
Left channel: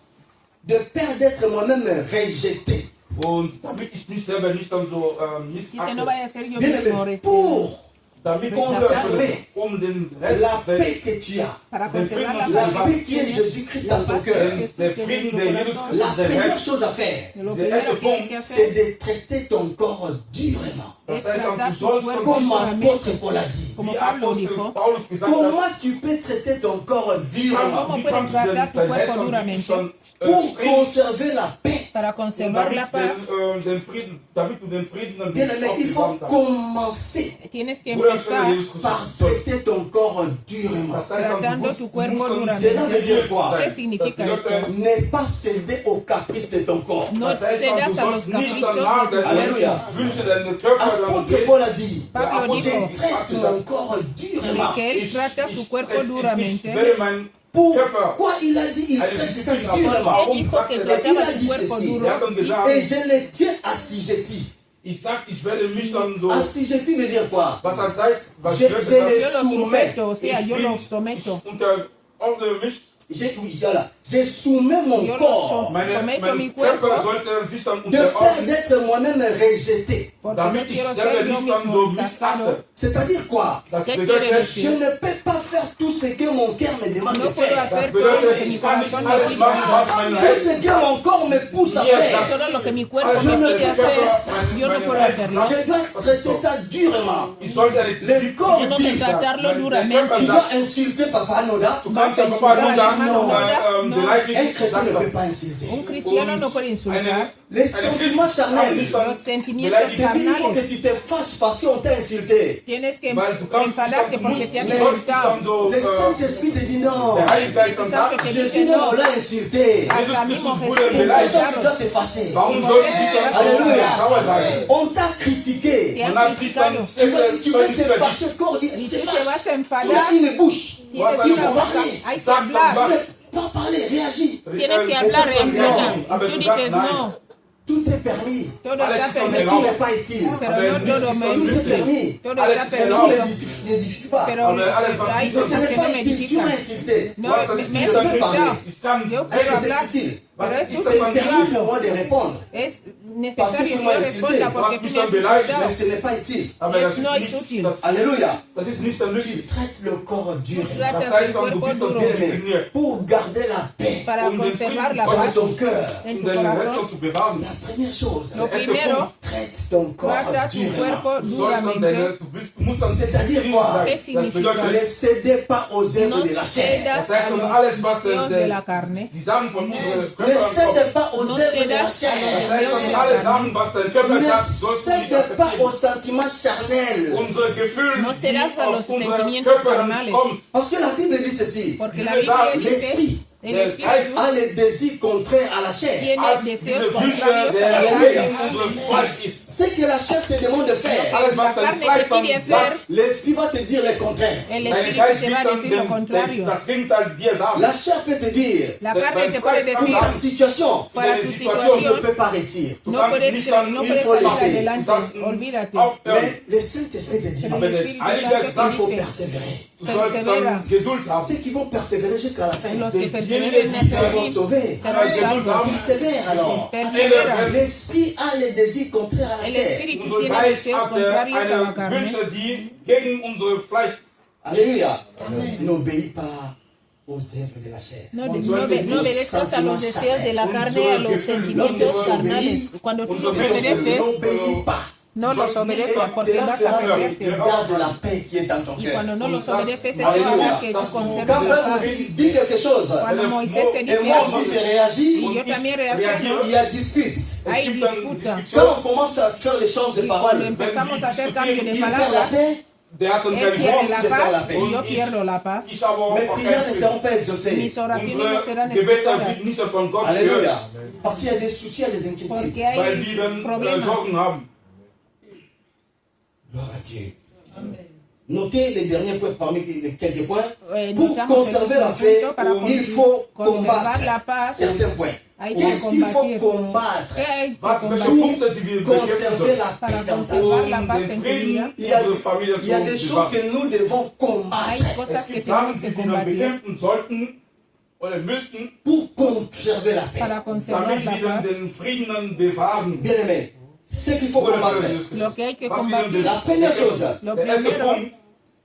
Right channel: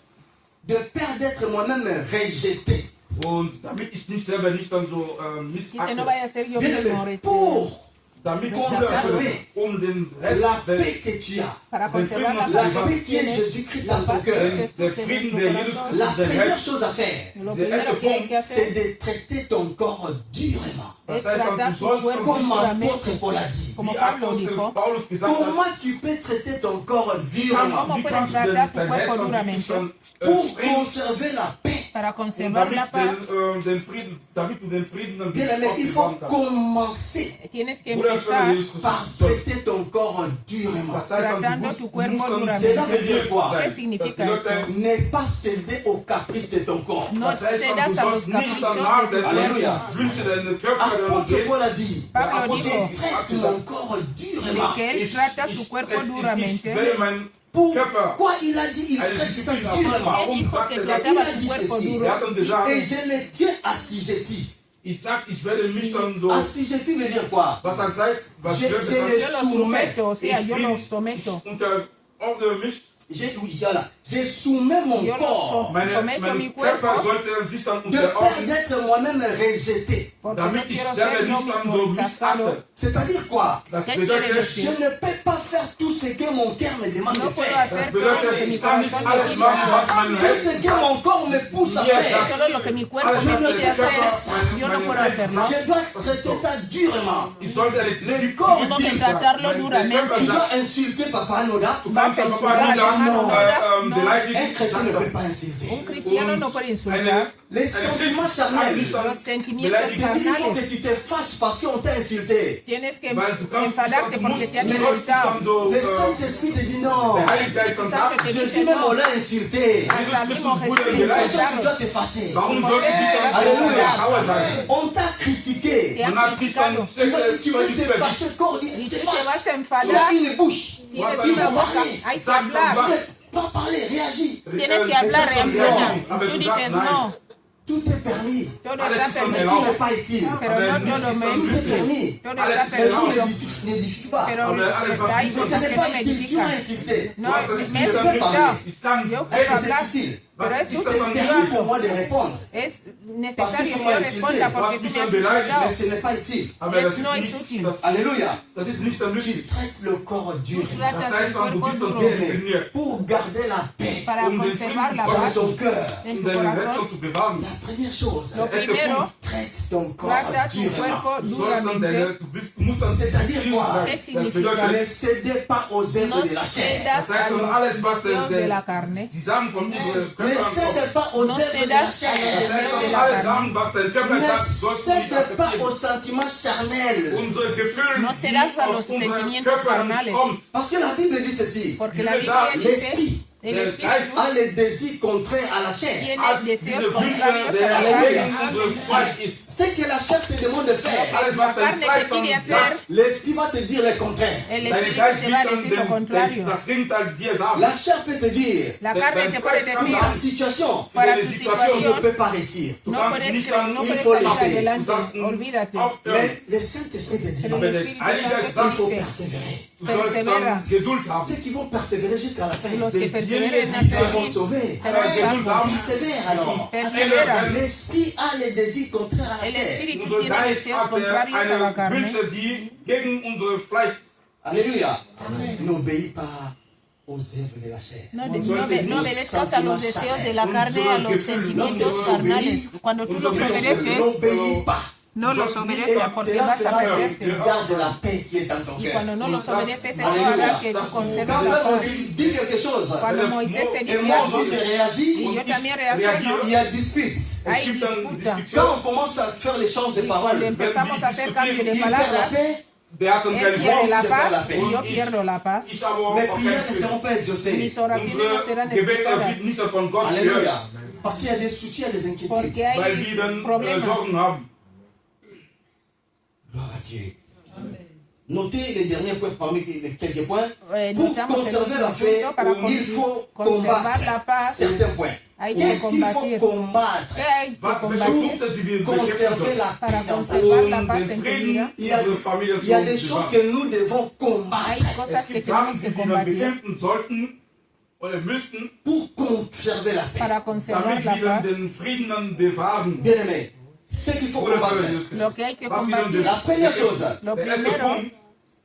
de peur d'être moi-même rejeté. und damit ich nicht selber nicht dann so Dice no missachte, vaya a ser yo Bien mismo aimé, pour damit Conserver den la Rest paix que tu as, para den conservar Frieden la la paix qui est Jésus-Christ dans ton cœur, der Frieden, der Jesus la Christus in dein première Herz, chose à faire, Lo Der erste primero que hay Punkt, que c'est hacer de traiter ton corps durement. das es heißt, dann, tratar du tu sollst cuerpo Comme duramente. l'apôtre Paul a dit. Como wie Pablo Apostel dijo, Paulus gesagt hat, Comment tu peux traiter ton corps durement wie kannst du denn dein Herz und wirklich dann pour Frieden, conserver la paix? para und conservar damit la paz, den Frieden, damit du den Frieden Bien aimé, il faut aufbewahren kannst. commencer tienes que Bruder, empezar Jesus par Christus soll traiter ton corps durement. Das heißt, du Tratando musst, tu du cuerpo musst dann Cela duramente. veut dire quoi? ¿Qué significa esto? Ne pas céder aux caprices de ton corps. No Das heißt, cedas du a los sollst nicht caprichos danach de tu Alléluia. cuerpo. Wünsche deinen Körper, deinen Apôtre Weg. Paul a dit, Pablo je dijo traite mon corps durement. que él trata su cuerpo Ich duramente. werde meinen Körper. Pourquoi il a dit, il traite ça durement? Warum Él dijo sagt que er Et das? il trataba a su dit cuerpo ceci, duro. Er hat dann gesagt, et je les tiens assujettis. ich sag, ich werde mich dann so, Assujettis veut dire quoi? was er sagt, was Je Gott les sagt, Yo lo soumets. someto, o sea, yo lo someto. ich unterordne mich. Je soumets mon Yo lo corps someto mi Mein Körper cuerpo sollte sich dann de peur unterordnen, d'être moi-même rejeté. porque no damit ich quiero selber ser yo nicht dann mismo so rechazado. missachte. C'est-à-dire quoi? Das ¿Qué bedeutet, quiere Je decir? ne peux pas faire tout ce que mon cœur me demande de No puedo faire. das hacer todo bedeutet, lo que mi ich kann nicht corazón me alles pide. machen, was mein Tout Herz ce que mon corps me pousse à faire, Todo lo que mi cuerpo alles, me was pide der Körper, hacer, yo no puedo hacerlo. je dois traiter ça durement. Ich sollte Le corps Tengo dit, que tratarlo der duramente. Körper tu sagt, dois insulter Papa Noda. du kannst ja Papa nur sagen, Un beleidigen, chrétien ne sagt peut pas insulter. Un cristiano no puede insultar. Les sentiments charnels. Los sentimientos Je te dis, il faut que carnales. tu te fâches parce qu'on t'a insulté. Tienes que weil du kannst enfadarte porque te han du sollst dich dann insultado. so, Le Saint-Esprit te dit non. der Heilige Geist dann sagt, Je suis même là insulté. Jesus Christus wurde Et toi, tu beleidigt. dois te fâcher. Warum sollst du dich dann Alléluia. sauer sein? On t'a critiqué. Man hat dich dann Tu veux te fâcher, corps dit, Y te tú te vas fâches. a Tu as enfadar. une bouche. Du hast Tienes eine que Woche. hay que Sag hablar. dann Tu ne peux pas parler, réagis. Tienes que hablar, Aber Tú du sagst dices nein. no. Tout est permis. Todo Alles está ist schon Mais permitido. tout n'est pas utile. Pero Aber no nicht todo ist me das Tout est nützlich. permis. Todo Alles está ist Mais tout erlaubt. permitido. n'édifie pas. Pero Aber alles, was hay nicht Mais ce cosas n'est que no pas me utile. Tu m'as edifican. insulté. No, Was me ist me nicht Je peux das parler. Ich kann Yo Est-ce quiero que c'est hablar. utile? Was Pero es ist das C'est dann permis pour moi de répondre. Es Parce que necesario tú que me yo has responda insulté. porque Tú tú me me has has beleidigt. Mais insultado. ce n'est pas utile. Aber das No ist es nicht, útil. Alléluia. das ist nicht dann Tu nützlich. traites le corps dur. Das Tratas heißt el dann, du cuerpo bist dann duro diszipliniert, Pour garder la paix para den conservar la Frieden dans paz ton cœur. en um tu deine corazón. Rettung zu bewahren. La première chose, Lo Erster primero, Punkt, traite ton corps trata tu durement. cuerpo du sollst dann duramente. du musst dann C'est-à-dire quoi? ¿Qué Das significa? bedeutet, Ne cédez pas aux œuvres No de la chair. cedas das heißt a dann los alles, was deseos de la carne. die Sachen von unserem Ne Körper cède pas aux No œuvres de la cedas a chair. das heißt los dann alle Sachen, was dein Körper Ne sagt, sollst du nicht cède pas aux akzeptieren. sentiments charnels. Unsere Gefühle, No die cedas a los aus unseren sentimientos Körpern carnales. kommen, Parce que la Bible dit ceci. Porque Yo la le Biblia digo, l'esprit el der espíritu Geist a les désirs contraires à la chair. tiene hat deseos diese Wünsche, contrarios der a la Halleluja. gegen carne. unser Fleisch ist. Ce que la chair te demande de faire, Alles, was dein Fleisch dann sagt, l'esprit va te dire le contraire. El dein espíritu Geist te wird va a dann decir lo contrario. das Gegenteil dir sagen. La chair peut te dire, La carne te puede pour decir, ta situation, para tu Deine tu Situation, ne situación, peux pas réussir. Du no kannst puedes, nicht dann, no il puedes faut salir laisser. adelante, Du sollst olvídate. aufhören. Mais le Saint-Esprit te dit, Pero Aber el der Espíritu Heilige Santo Geist te il faut dice, persévérer. Du sollst dann Geduld haben. Ceux qui vont persévérer jusqu'à la fin, los que ils perseveren hasta seront el fin sauvés. serán Geduld salvos. haben. Persévère alors. Persevera. L'esprit a les désirs contraires à la El chair. espíritu Unser tiene Geist deseos hat contrarios a la eine carne. Wünsche, die gegen unsere Fleisch. Alléluia. N'obéis pas aux œuvres de la chair. No, Und no, sollte no nicht obedezcas a los deseos de la carne y a los Lorsque sentimientos tu carnales. obéis, Cuando tú und los so obedeces, n'obéis pas. no los Et obedeces porque cela vas a fera perder. que tu gardes la paix qui est dans ton Y cœur. cuando no los obedeces, esto Alléluia. hará que tú Quand conserves frère la paz. Moïse dit quelque chose, Cuando Moisés te et dice moi algo, aussi j'ai réagi, y yo también il reacciono, y a dispute. hay Es gibt dann disputa. Diskussionen. Quand on commence à faire l'échange de Y cuando paroles, empezamos a hacer cambio de il perd la palabras, paix, Der hat dann él kein pierde Wort. la je perds la paz paix. y yo pierdo la paz. Ich habe auch mes kein prières ne seront Frieden. pas exaucées. Mis oraciones no Unsere serán Gebete escuchadas wird nicht von Gott Alléluia. gehört, Parce qu'il y a des soucis, il y a des inquiétudes. porque weil hay wir dann problemas. Sorgen haben. Gloire à Dieu. Notez les derniers points parmi les quelques points. Nous Pour estamos conserver en la un paix, punto para il faut conservar combattre la paz. certains points. Hay que Qu'est-ce qu'il faut combatir. combattre ¿Qué hay que Was, welche combatir Punkte die wir bekämpfen conserver sollen, la paix para dans ta conservar vie? la um paz den en tu Frieden vida? Il y a, unserer Familie il y a zu des choses bewahren. que nous devons Hay combattre cosas Es que gibt tenemos Sachen, que die wir dann combatir bekämpfen sollten oder müssten, pour conserver la paix. para conservar damit la wir dann paz. den Frieden dann bewahren. Bien aimé, ce qu'il faut Oder combattre, Lo que hay que was wir dann combatir, la première chose, lo Der erste primero, Punkt,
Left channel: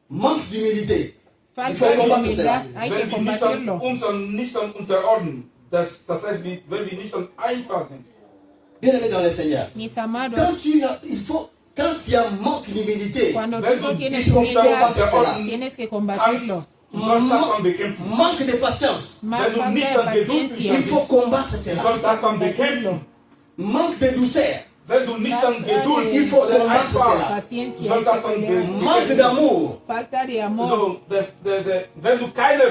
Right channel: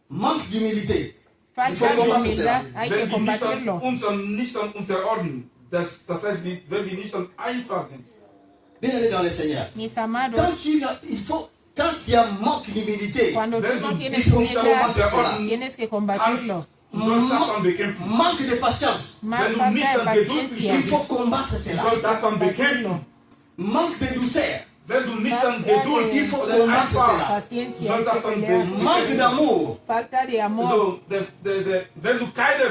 manque d'humilité. Il falta faut de combattre humildad, cela. hay wenn que wir nicht dann, combatirlo. uns dann nicht dann unterordnen, das heißt, wenn wir nicht dann einfach sind. Bien aimé dans le Seigneur. Mis amados, Quand il y a manque d'humilité, cuando Wenn tú no du tienes dich humildad, unterordnen tienes que kannst, combatirlo. du sollst das dann bekämpfen. manque de patience, Más Wenn du falta nicht de an Geduld il paciencia. faut combattre Du cela. sollst das dann bekämpfen. Manque de douceur, wenn du nicht an Geduld Il faut oder combattre einfach, cela. du Paciencia, sollst das hay an que pelear. Manque d'amour. Falta de amor. so, wenn du keine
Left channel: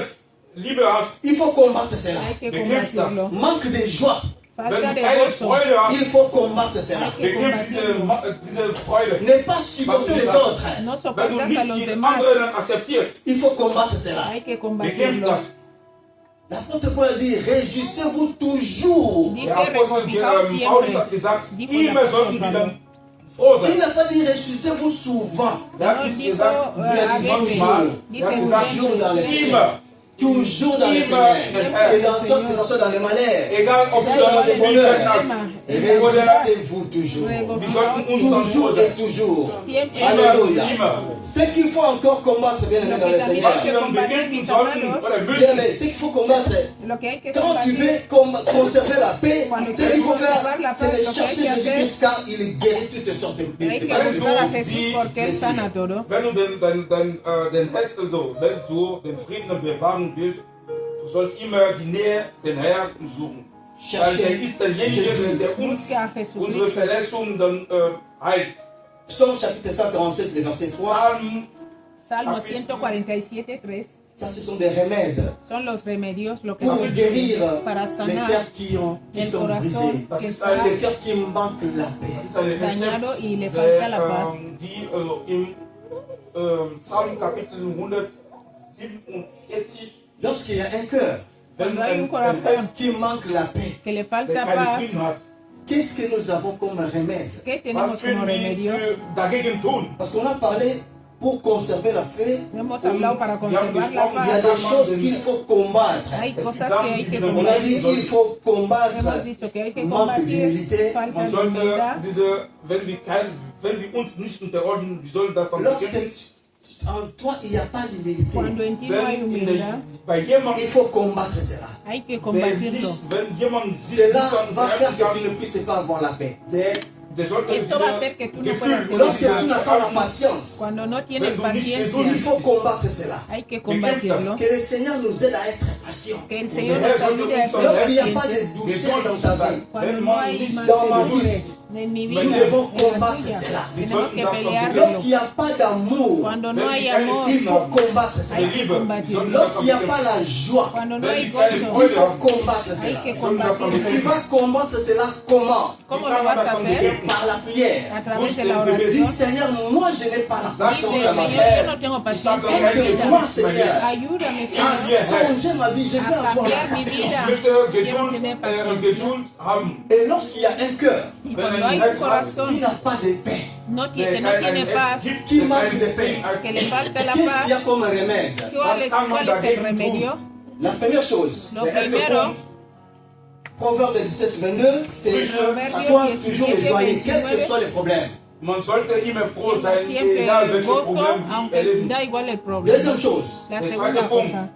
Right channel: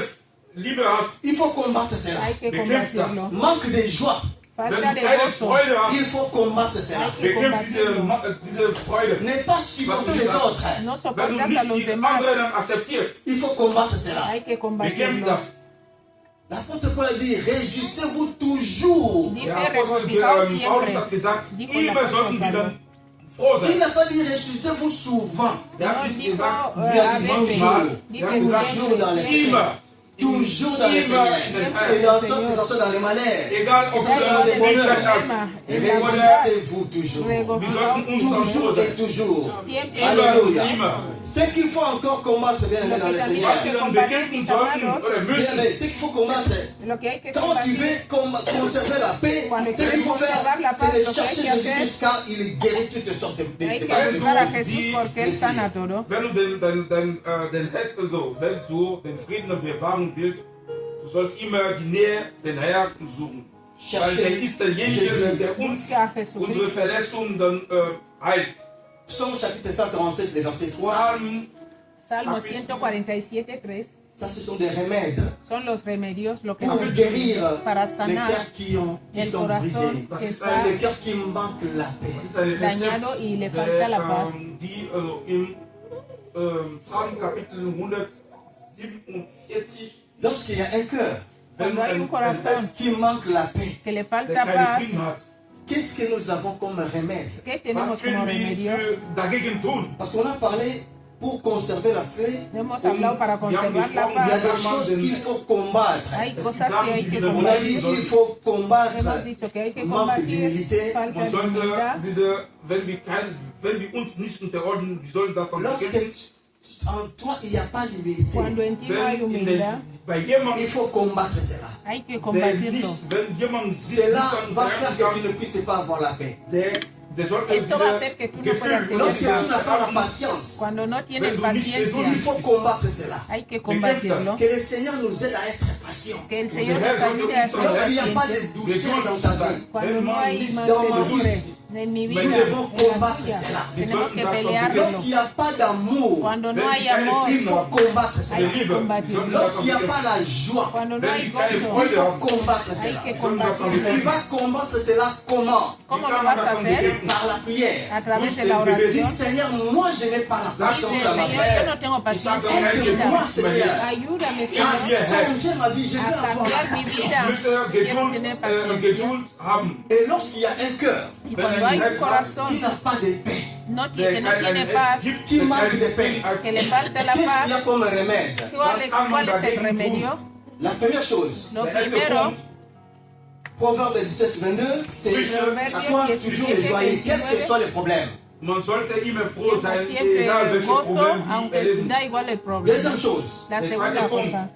Liebe hast, Il faut combattre cela. Hay que bekämpft das. combatirlo. Manque de joie. Wenn Falta du de keine gozo. Freude hast, Il faut combattre cela. bekämpft diese Freude. Ne pas supporter les autres. No Wenn du soportas a nicht los die demás. anderen akzeptierst, Il faut combattre cela. Hay que bekämpft combatirlo. das. L'apôtre Paul dit, réjouissez-vous toujours. Dice Der Apostel regocijaos Paulus siempre. hat gesagt, Dijo immer el sollten wir apóstol dann froh Il sein. n'a pas dit réjouissez-vous souvent. Er hat nicht gesagt, Il a dit Amen. toujours. er hat gesagt, Toujours dans le Seigneur. immer. Toujours dans le Seigneur. Et dans sorte que ce soit dans les malheurs. Egal ob C'est du dans les in bonheurs. hast, Réjouissez-vous toujours. wir sollten uns dann Toujours froh et sein. toujours. Siempre. Alléluia. Immer. Ce qu'il faut encore combattre, bien aimé dans le Seigneur. Was wir dann bekämpfen sollten oder Bien müssen, aimé, ce qu'il faut combattre, Lo que hay que quand tu combatir. veux conserver la paix, Cuando ce qu'il queremos faut faire, conservar la c'est paz, de lo que chercher hay que Jésus-Christ car il guérit toutes sortes de Hay que maladies. buscar a Jesús porque Él sana todo. wenn du den Herz, also, wenn du den Frieden bewahren willst, du sollst immer die Nähe den Herrn suchen. Weil er ist derjenige, der uns Busca a Jesús. unsere Verletzungen dann heilt. Psaume chapitre 147, le verset 3, Psalm, Salmo 147:3 ça ce sont des remèdes son los remedios, lo que pour son guérir para les sanar cœurs qui el sont brisés, corazón que ist está ein- les cœurs qui manquent la paix. das ist eine dañado Rezept, y le falta la paz. die also im Psalm Kapitel 147, Lorsqu'il y a un cœur wenn ein corazón Herz, qui manque la paix, que le der falta keinen paz. Frieden hat, qu'est-ce que nous avons comme remède? ¿Qué tenemos was como können wir remedio? dagegen tun? Parce qu'on a parlé pour conserver la paix, Hemos hablado para wir haben conservar la gesprochen, il y a paz. des choses qu'il faut combattre. Hay Es gibt cosas que Sachen, hay die que wir On a dit combatir. qu'il faut combattre Hemos dicho que hay que manque combatir d'humilité. falta Man de sollte humildad. wenn wir uns nicht unterordnen, wir sollen das dann Lorsque bekämpfen. en toi il n'y a pas d'humilité, Cuando en ti no hay Wenn humildad, bei jemandem, il faut combattre cela. hay que der combatirlo. nicht, wenn jemand sich Cela nicht an va faire que tu kann, ne puisses pas avoir la paix. der sollte Esto va a hacer que tú no puedas Gefühl, tener Lorsque paz. tu n'as pas la patience, Cuando no tienes Wenn du nicht il paciencia, faut combattre cela. hay que combatirlo. Que le Seigneur nous aide à être patient. Que el Señor nos ayude a ser Lorsqu'il n'y a pas pacientes. de douceur dans ta vie, Cuando no hay Dans ma mansedumbre vie, en mi nous vida, devons en la combattre tuya, cela. tenemos que pelearlo. Lorsqu'il n'y a pas d'amour, Cuando no hay amor, il faut combattre der cela. Liebe, wir sollten das Lorsqu'il n'y a dann pas la joie, cuando no Wenn hay die keine gozo, il Freude faut haben, combattre cela. hay que sollen wir das dann Tu combatirlo. vas combattre cela comment? ¿Cómo lo vas a hacer? Par la prière. A través de la Busca el Dis oración. Seigneur, moi je n'ai pas la patience Dice, dans ma Señor, vie. yo no tengo paciencia. Aide-moi, Seigneur, Ayúdame, à Señor, changer ma vie. Je veux a avoir la cambiar mi patience. vida. Ich möchte Quiero tener paciencia. Geduld haben. Et lorsqu'il y a un cœur Y cuando hay un qui corazón n'a pas de paix, que no tiene paz, qui manque de paix, que le falta la qu'est-ce qu'il y a paz, comme remède? ¿cuál es el remedio? La première chose, Lo Der erste primero, Punkt, Proverbe 17, 22, c'est sois toujours joyeux, quels que soient les problèmes. man sollte immer froh sein, siempre egal welche gozo, Probleme wir aunque erleben. da igual el problema. Deuxième chose, La Der segunda zweite Punkt, cosa,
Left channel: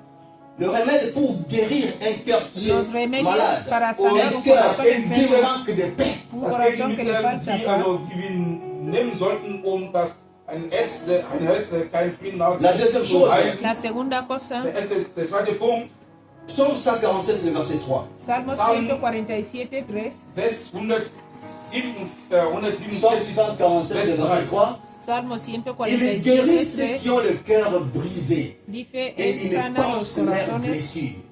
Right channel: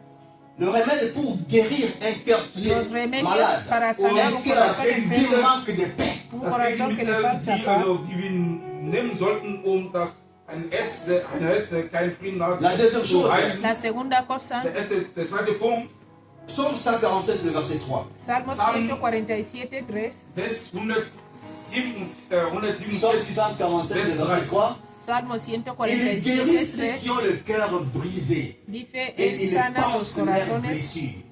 le remède pour guérir un cœur qui los est remedios malade, para sanar un un cœur corazón qui enfermo, manque de paix. un das corazón que le Gegenmittel, falta die, paz. die wir nehmen sollten, um das ein Herz, der keinen Frieden hat, La deuxième zu chose, heilen. La segunda cosa, Der zweite Punkt, Psaume 147, le verset 3. Salmo Salmo 147, 3. Vers 147, Psaume 147, le verset 3. Salmo Il guérit 147, ceux 3. qui ont le cœur brisé Dice, et Él il sana los pense leurs corazones. blessures.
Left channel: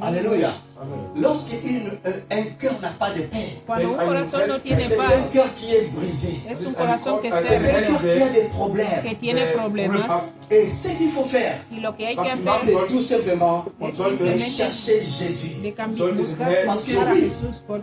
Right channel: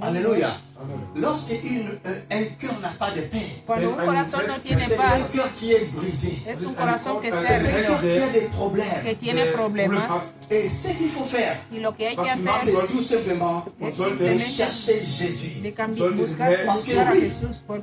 Alléluia. Un cœur n'a pas de paix, Cuando un corazón no tiene c'est un paz, cœur qui est brisé. es un corazón que está C'est un cœur herido, qui a des que problèmes. tiene problemas. Et ce qu'il faut faire, Y lo que hay que c'est hacer tout simplement es de simplemente chercher Jésus. de cambiar, buscar Parce que a oui, Jesús, porque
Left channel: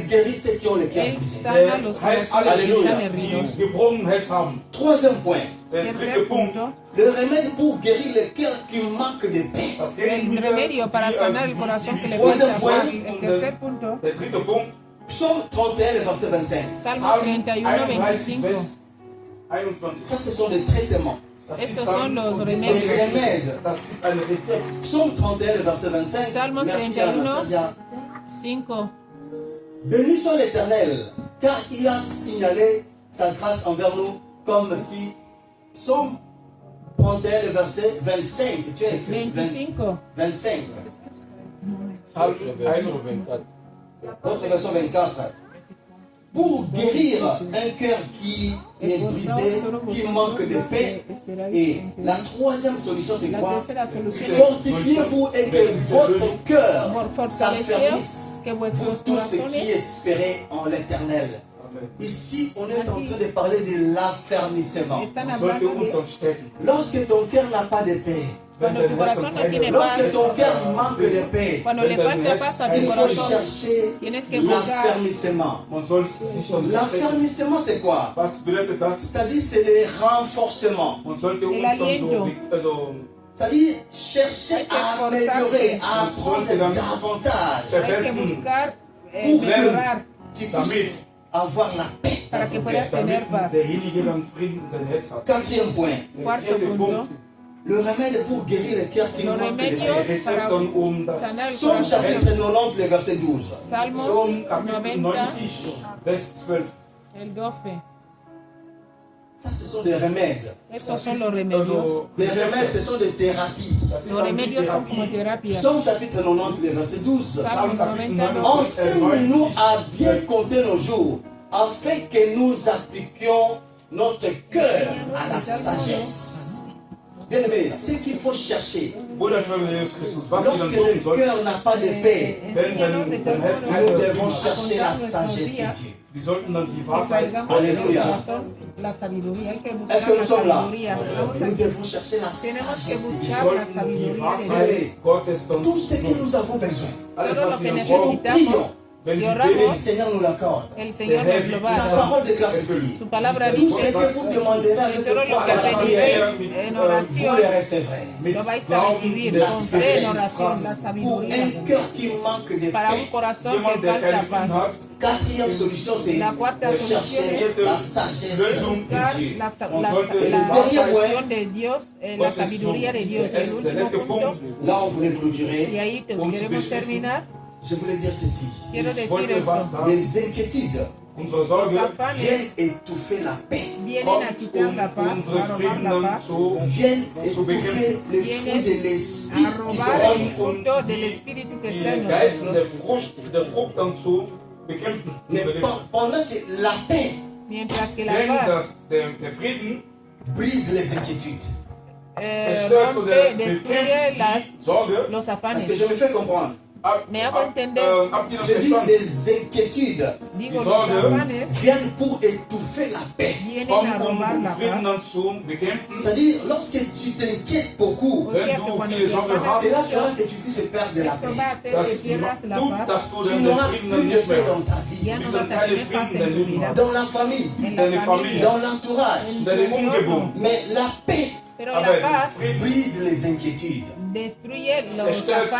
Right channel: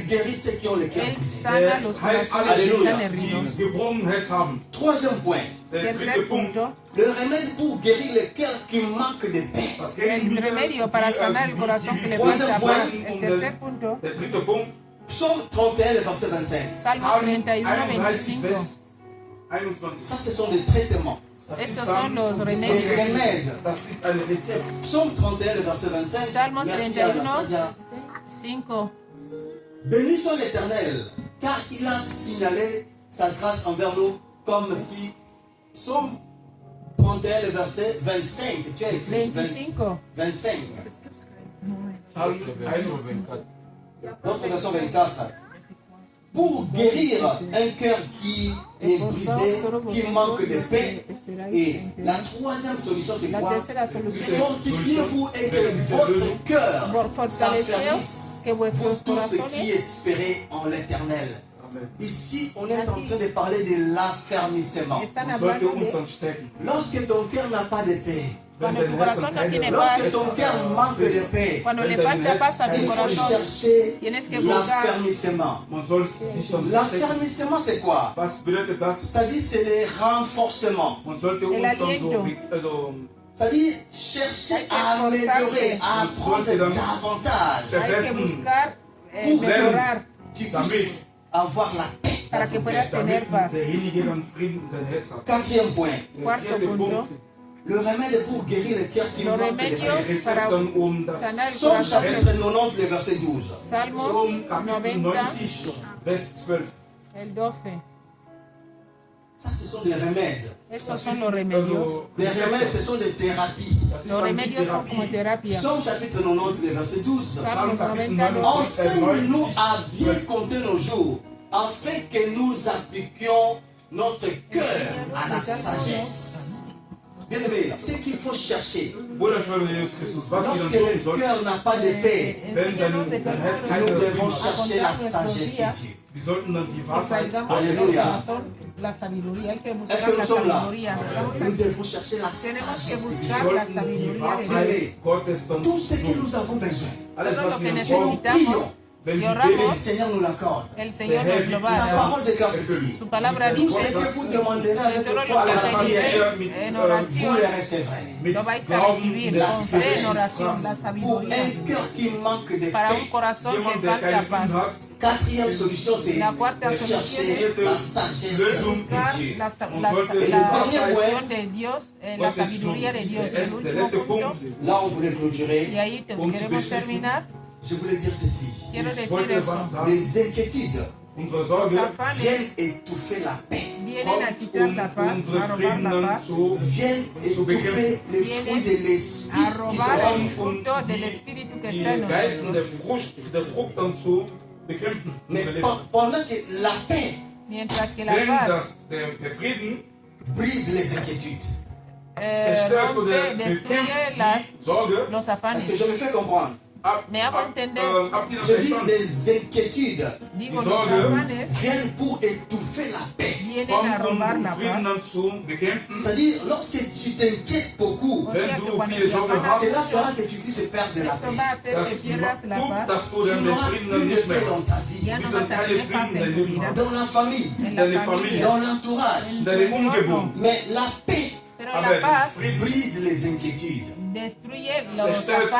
il guérit ceux qui ont le cœur Él brisé. sana los heilt corazones alle, que Alléluia. están heridos. die gebrochen Herz haben. Troisième point, Der dritte Tercer Punkt, punto, le remède pour guérir le cœur qui manque de paix. das el Gegenmittel, remedio para sanar el corazón que le Troisième falta point, paz. El tercer punto, Der dritte Punkt, Psaume 31, le verset 25. Salmo Psalm 31, 31, 25. Vers 21. Ça, ce sont des traitements, Das Estos ist son dann los des remedios. remèdes. Das ist ein Rezept. Psaume 31, le verset 25. Salmo Merci 31. Anastasia. 5. Béni soit l'Éternel, car il a signalé sa grâce envers nous, comme si Psaume 31, le verset 25. Tu as écrit 25. 25. Psalm Version 24. Votre version 24. pour guérir un cœur qui est brisé, qui manque de paix. Et la troisième solution, c'est quoi? Fortifiez-vous et que votre cœur s'affermisse pour tous ceux qui espéraient en l'Éternel. Ici, on est en train de parler de l'affermissement. Lorsque ton cœur n'a pas de paix, lorsque ton cœur manque de paix, il faut chercher l'affermissement. L'affermissement, c'est quoi? C'est-à-dire, c'est le renforcement. C'est-à-dire, chercher à améliorer, à apprendre davantage pour que tu puisses avoir la paix. Quatrième point. Le remède pour guérir le cœur qui manque de paix. Somme chapitre 90, le verset 12. Salmos 90, el 12. Ça, ce sont des remèdes. Estos son los remedios. Des remèdes, ce sont des thérapies. Los remedios son como terapia. Somme chapitre 90, le verset 12. Salmos 90, Enseigne-nous à bien compter nos jours, afin que nous appliquions notre cœur à la sagesse. Bien aimé, ce qu'il faut chercher, lorsque le cœur n'a pas de paix, nous devons chercher la sagesse de Dieu. Alléluia. Est-ce que nous sommes là? Nous devons chercher la sagesse de Dieu. Tout ce que nous avons besoin, prions. Le Seigneur nous l'accorde. Sa parole déclare ceci. Tout ce que vous demanderez avec foi à la prière, vous le recevrez. La sagesse pour un cœur qui manque de paix. Quatrième solution, c'est de chercher la sagesse de Dieu. Et le dernier point, là on voulait clôturer, je voulais dire ceci. Les inquiétudes viennent étouffer la paix. Viennent étouffer les fruits de l'esprit qui sont mais pendant que la paix brise les inquiétudes. Est-ce que je me fais comprendre? Je dis des inquiétudes viennent pour étouffer la paix. C'est-à-dire, lorsque tu t'inquiètes beaucoup, cela fera que tu puisses perdre la paix. Tu n'auras plus de paix dans ta vie, dans la famille, dans l'entourage. Mais la paix brise les inquiétudes.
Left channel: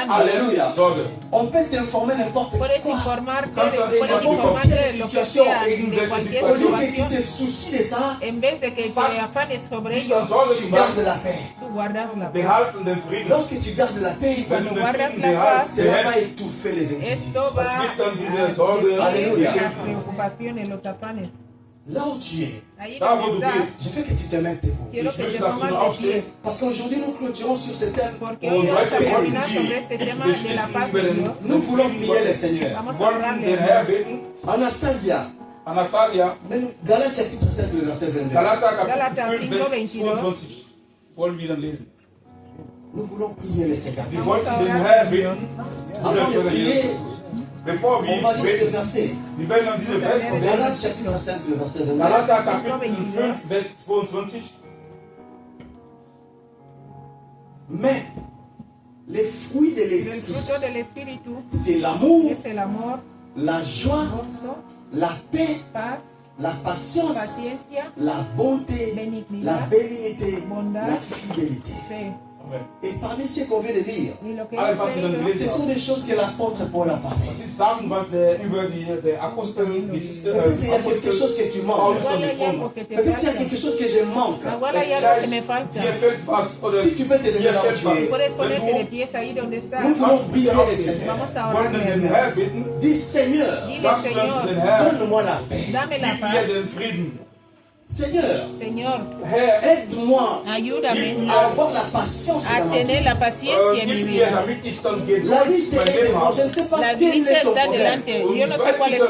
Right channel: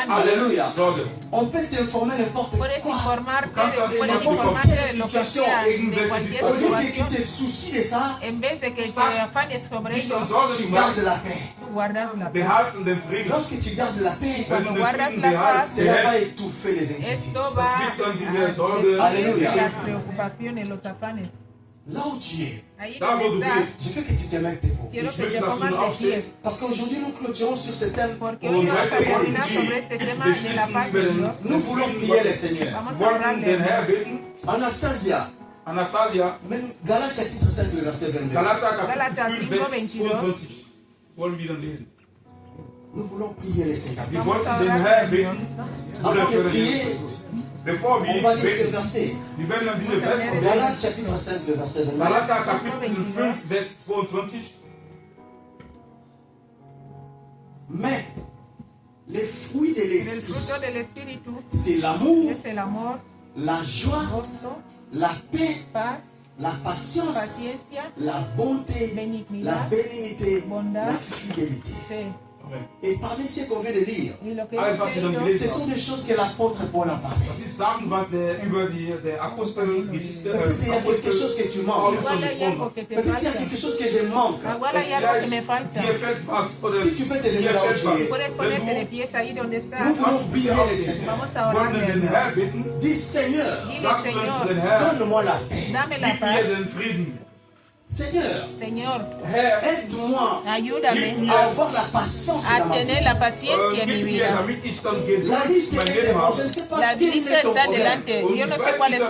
Alléluia. On peut t'informer n'importe quoi. N'importe quelle situation. Au lieu que tu te soucies de ça, tu gardes la paix. Lorsque tu gardes la paix, cela va étouffer les inquiétudes. Alléluia. Là où tu es, je veux que tu te mettes debout. Parce qu'aujourd'hui, nous clôturons sur ce thème de la paix de Dieu. Nous voulons prier le Seigneur. Anastasia, Galates chapitre 5, le verset 22. Nous voulons prier le Seigneur. Avant de prier, on va lire ce verset. Galates chapitre 5, le verset 22. Mais les fruits de l'esprit, c'est l'amour, la joie, la paix, la patience, la bonté, la bénignité, la fidélité. Et parmi ce qu'on vient de lire, ce sont des choses que l'apôtre Paul a parlé. Peut-être il y a quelque chose que tu manques. Peut-être il y a quelque chose que je manque. Si tu peux te lever là où tu es, nous voulons prier le Seigneur. Dis Seigneur, donne-moi la paix. Señor, Herr, aide-moi ayúdame à avoir la patience dans a ma vie. tener la paciencia en mi gib mir, vida. damit ich dann La Geduld liste mein est Leben devant. Je habe. ne sais pas La quel lista est ton está problème. delante. Yo no sé cuál es tu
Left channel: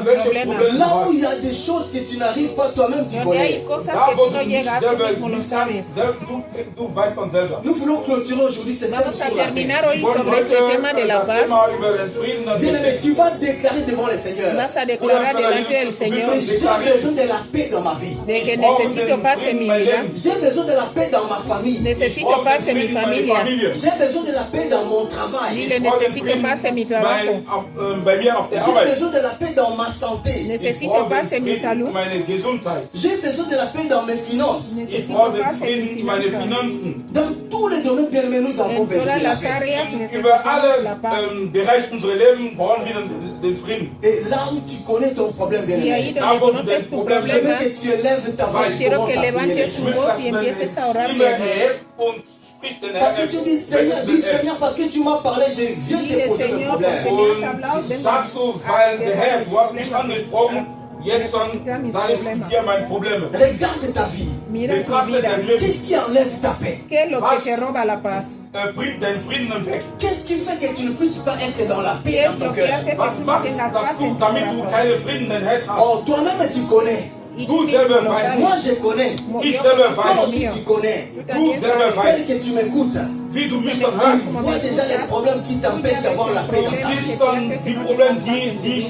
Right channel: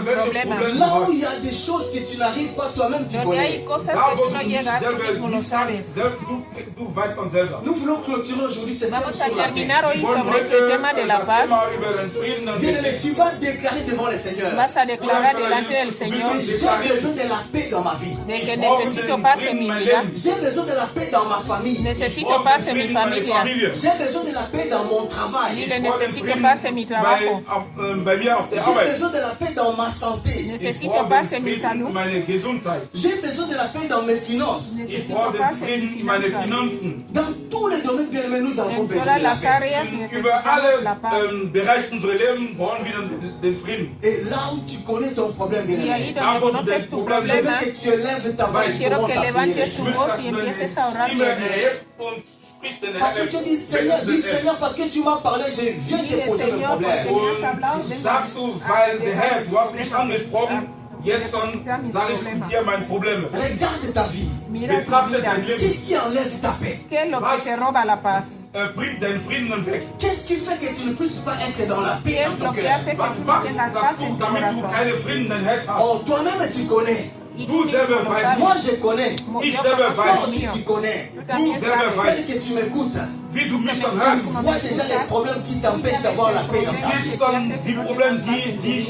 problema. Là où il y a des choses que tu n'arrives pas toi-même, tu Donde hay connais. cosas Da, que wo tú du no nicht llegas, tú selber mismo lo nicht sabes. kannst, du weißt dann selber. Nous voulons clôturer aujourd'hui ce thème Vamos a sur la paix. terminar hoy Wir wollen sobre heute este tema de la das paz. Thema über den Frieden und Bien-aimé, tu vas déclarer devant le Seigneur Vas a declarar delante del Señor que j'ai besoin de la paix dans ma vie. de que necesito paz en mi vida. J'ai besoin de la paix dans ma famille. Necesito paz en mi familia. J'ai besoin de la paix dans mon travail. Dile, necesito paz en mi trabajo. bei mir auf der J'ai Arbeit. besoin de la paix dans ma santé. Ich Necesito brauche paz den en mi Frieden salud. in meine Gesundheit. J'ai besoin de la paix dans mes finances. Ich brauche den Frieden in meine Finanzen. Dans tous les domaines, bien-aimé, nous avons En besoin todas de la las paix. áreas Über necesitamos alle la paz. Bereiche unseres Lebens brauchen wir den Frieden. Et là où tu connais ton problème, Y ahí bien-aimé, donde conoces tu je veux problema, que tu élèves ta voix et quiero commences que à prier le levantes tu Seigneur. voz y empieces a Stimme orarle a Dios. erhebt und spricht den Parce que tu Herrn. dis, Seigneur, parce que tu m'as parlé, je viens te Dile, poser le Señor, problème. Und sagst du, weil der Herr, du hast mich angesprochen, jetzt dann sage ich mit dir meine Probleme. Regarde ta vie. Mira tu Betrachte vida. dein Leben. Qu'est-ce qui enlève ta paix? ¿Qué es lo que te roba la paz? Bring den Frieden weg. Qu'est-ce qui fait que tu ne puisses pas être dans la ¿Qué paix es dans ton lo que cœur? hace que Was tú no machst tengas dass paz du, en tu damit du corazón? keinen Frieden in dein Herz hast? Oh, toi-même tu connais. Y Du tú mismo selber lo weißt. sabes. Moi je connais. Ich Yo selber Toi weiß, aussi tu connais. Tú du también selber sabes. Tel weißt, que tu m'écoutes. wie du mich dann Tu hörst. vois déjà les problèmes qui t'empêchent d'avoir la paix dans ta vie. Siehst dann die Probleme, die dich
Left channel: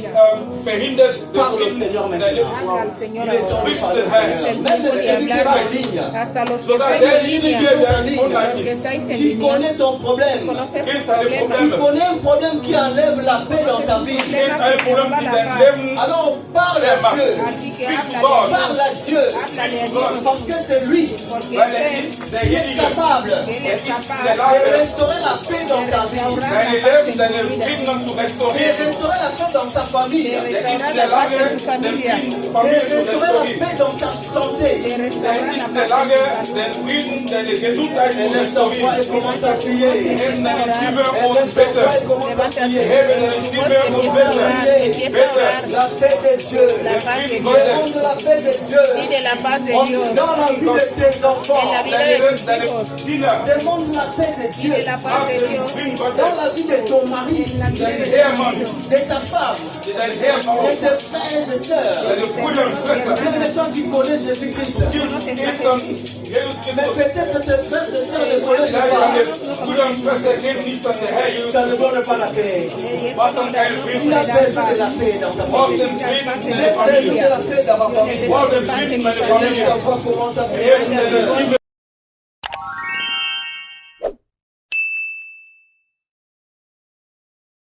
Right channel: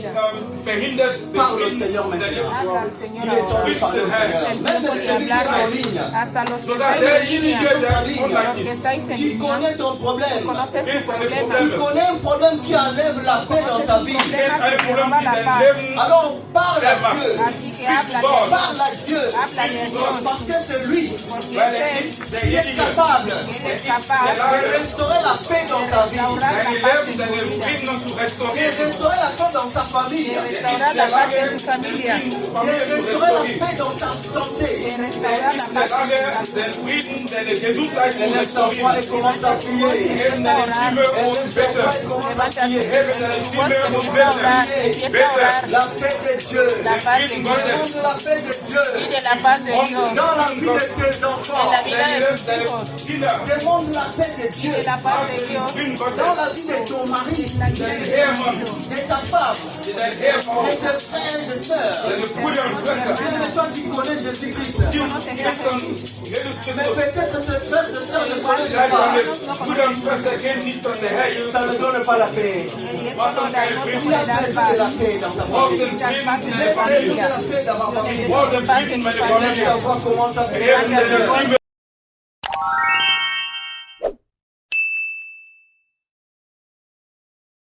verhindert, den Parle au Frieden Seigneur in dein maintenant. Leben zu Habla al haben. Señor Il est temps de ahora. parler au Seigneur. Es el Même tiempo de celui qui est hablar. en ligne. Hasta los que Sogar están en derjenige, línea, der ligne. online los que ist. estáis en Tu línea, connais ton problème. conoces Kennt tu deine Tu problema. Probleme. connais un problème qui enlève la paix dans ta vie. Kennt ein Problem, die dein Leben Alors parle à Dieu. Así que Speak to habla, God. Parle à Dieu. háblale a Dios, Parce que c'est lui Weil er ist qui est derjenige, capable Él es der capaz de restaurer la paix dans ta vie. deine Leben, deine Frieden zu De restaurieren. restaurer la paix dans ta famille. Er ist in der Lage, den Frieden De Familie zu restaurer la restaurieren. paix dans ta santé. Er ist in der Lage, den Frieden, deine Gesundheit zu Élève ta voix restaurieren. et commence à prier. Heben deine Stimme und Élève ta voix et bete. commence à prier. Heben deine Stimme und bete. Bete. La paix de Dieu. la paz de Frieden Dios. Gottes. Demande la paix de Dieu. Pide la paz de Dios Dans la vie de tes en enfants. la vida Deine de Leben, tus deine hijos. Kinder. Demande la paix de Dieu. Pide la paz de Dios Frieden Dans Gottes. la vie de ton mari, Dein Ehemann, de ta femme, dein Ehefrau, de tes frères et sœurs. deine Brüder und Schwestern. Mais toi, tu connais Jésus-Christ. Die Christen, Jesus Mais Christus. peut-être tes frères et sœurs ne connaissent Vielleicht pas. deine Brüder und Schwestern kennen nicht an der Herr Jesus. Ça ne donne pas la paix. Was dann keinen Tu Frieden. as besoin de la paix dans ta Ich brauche famille. den Frieden in J'ai der besoin Familie. de la paix dans ma famille. Ich brauche den Frieden in meiner Élève Familie. ta voix, commence à prier. Heben deine Stimme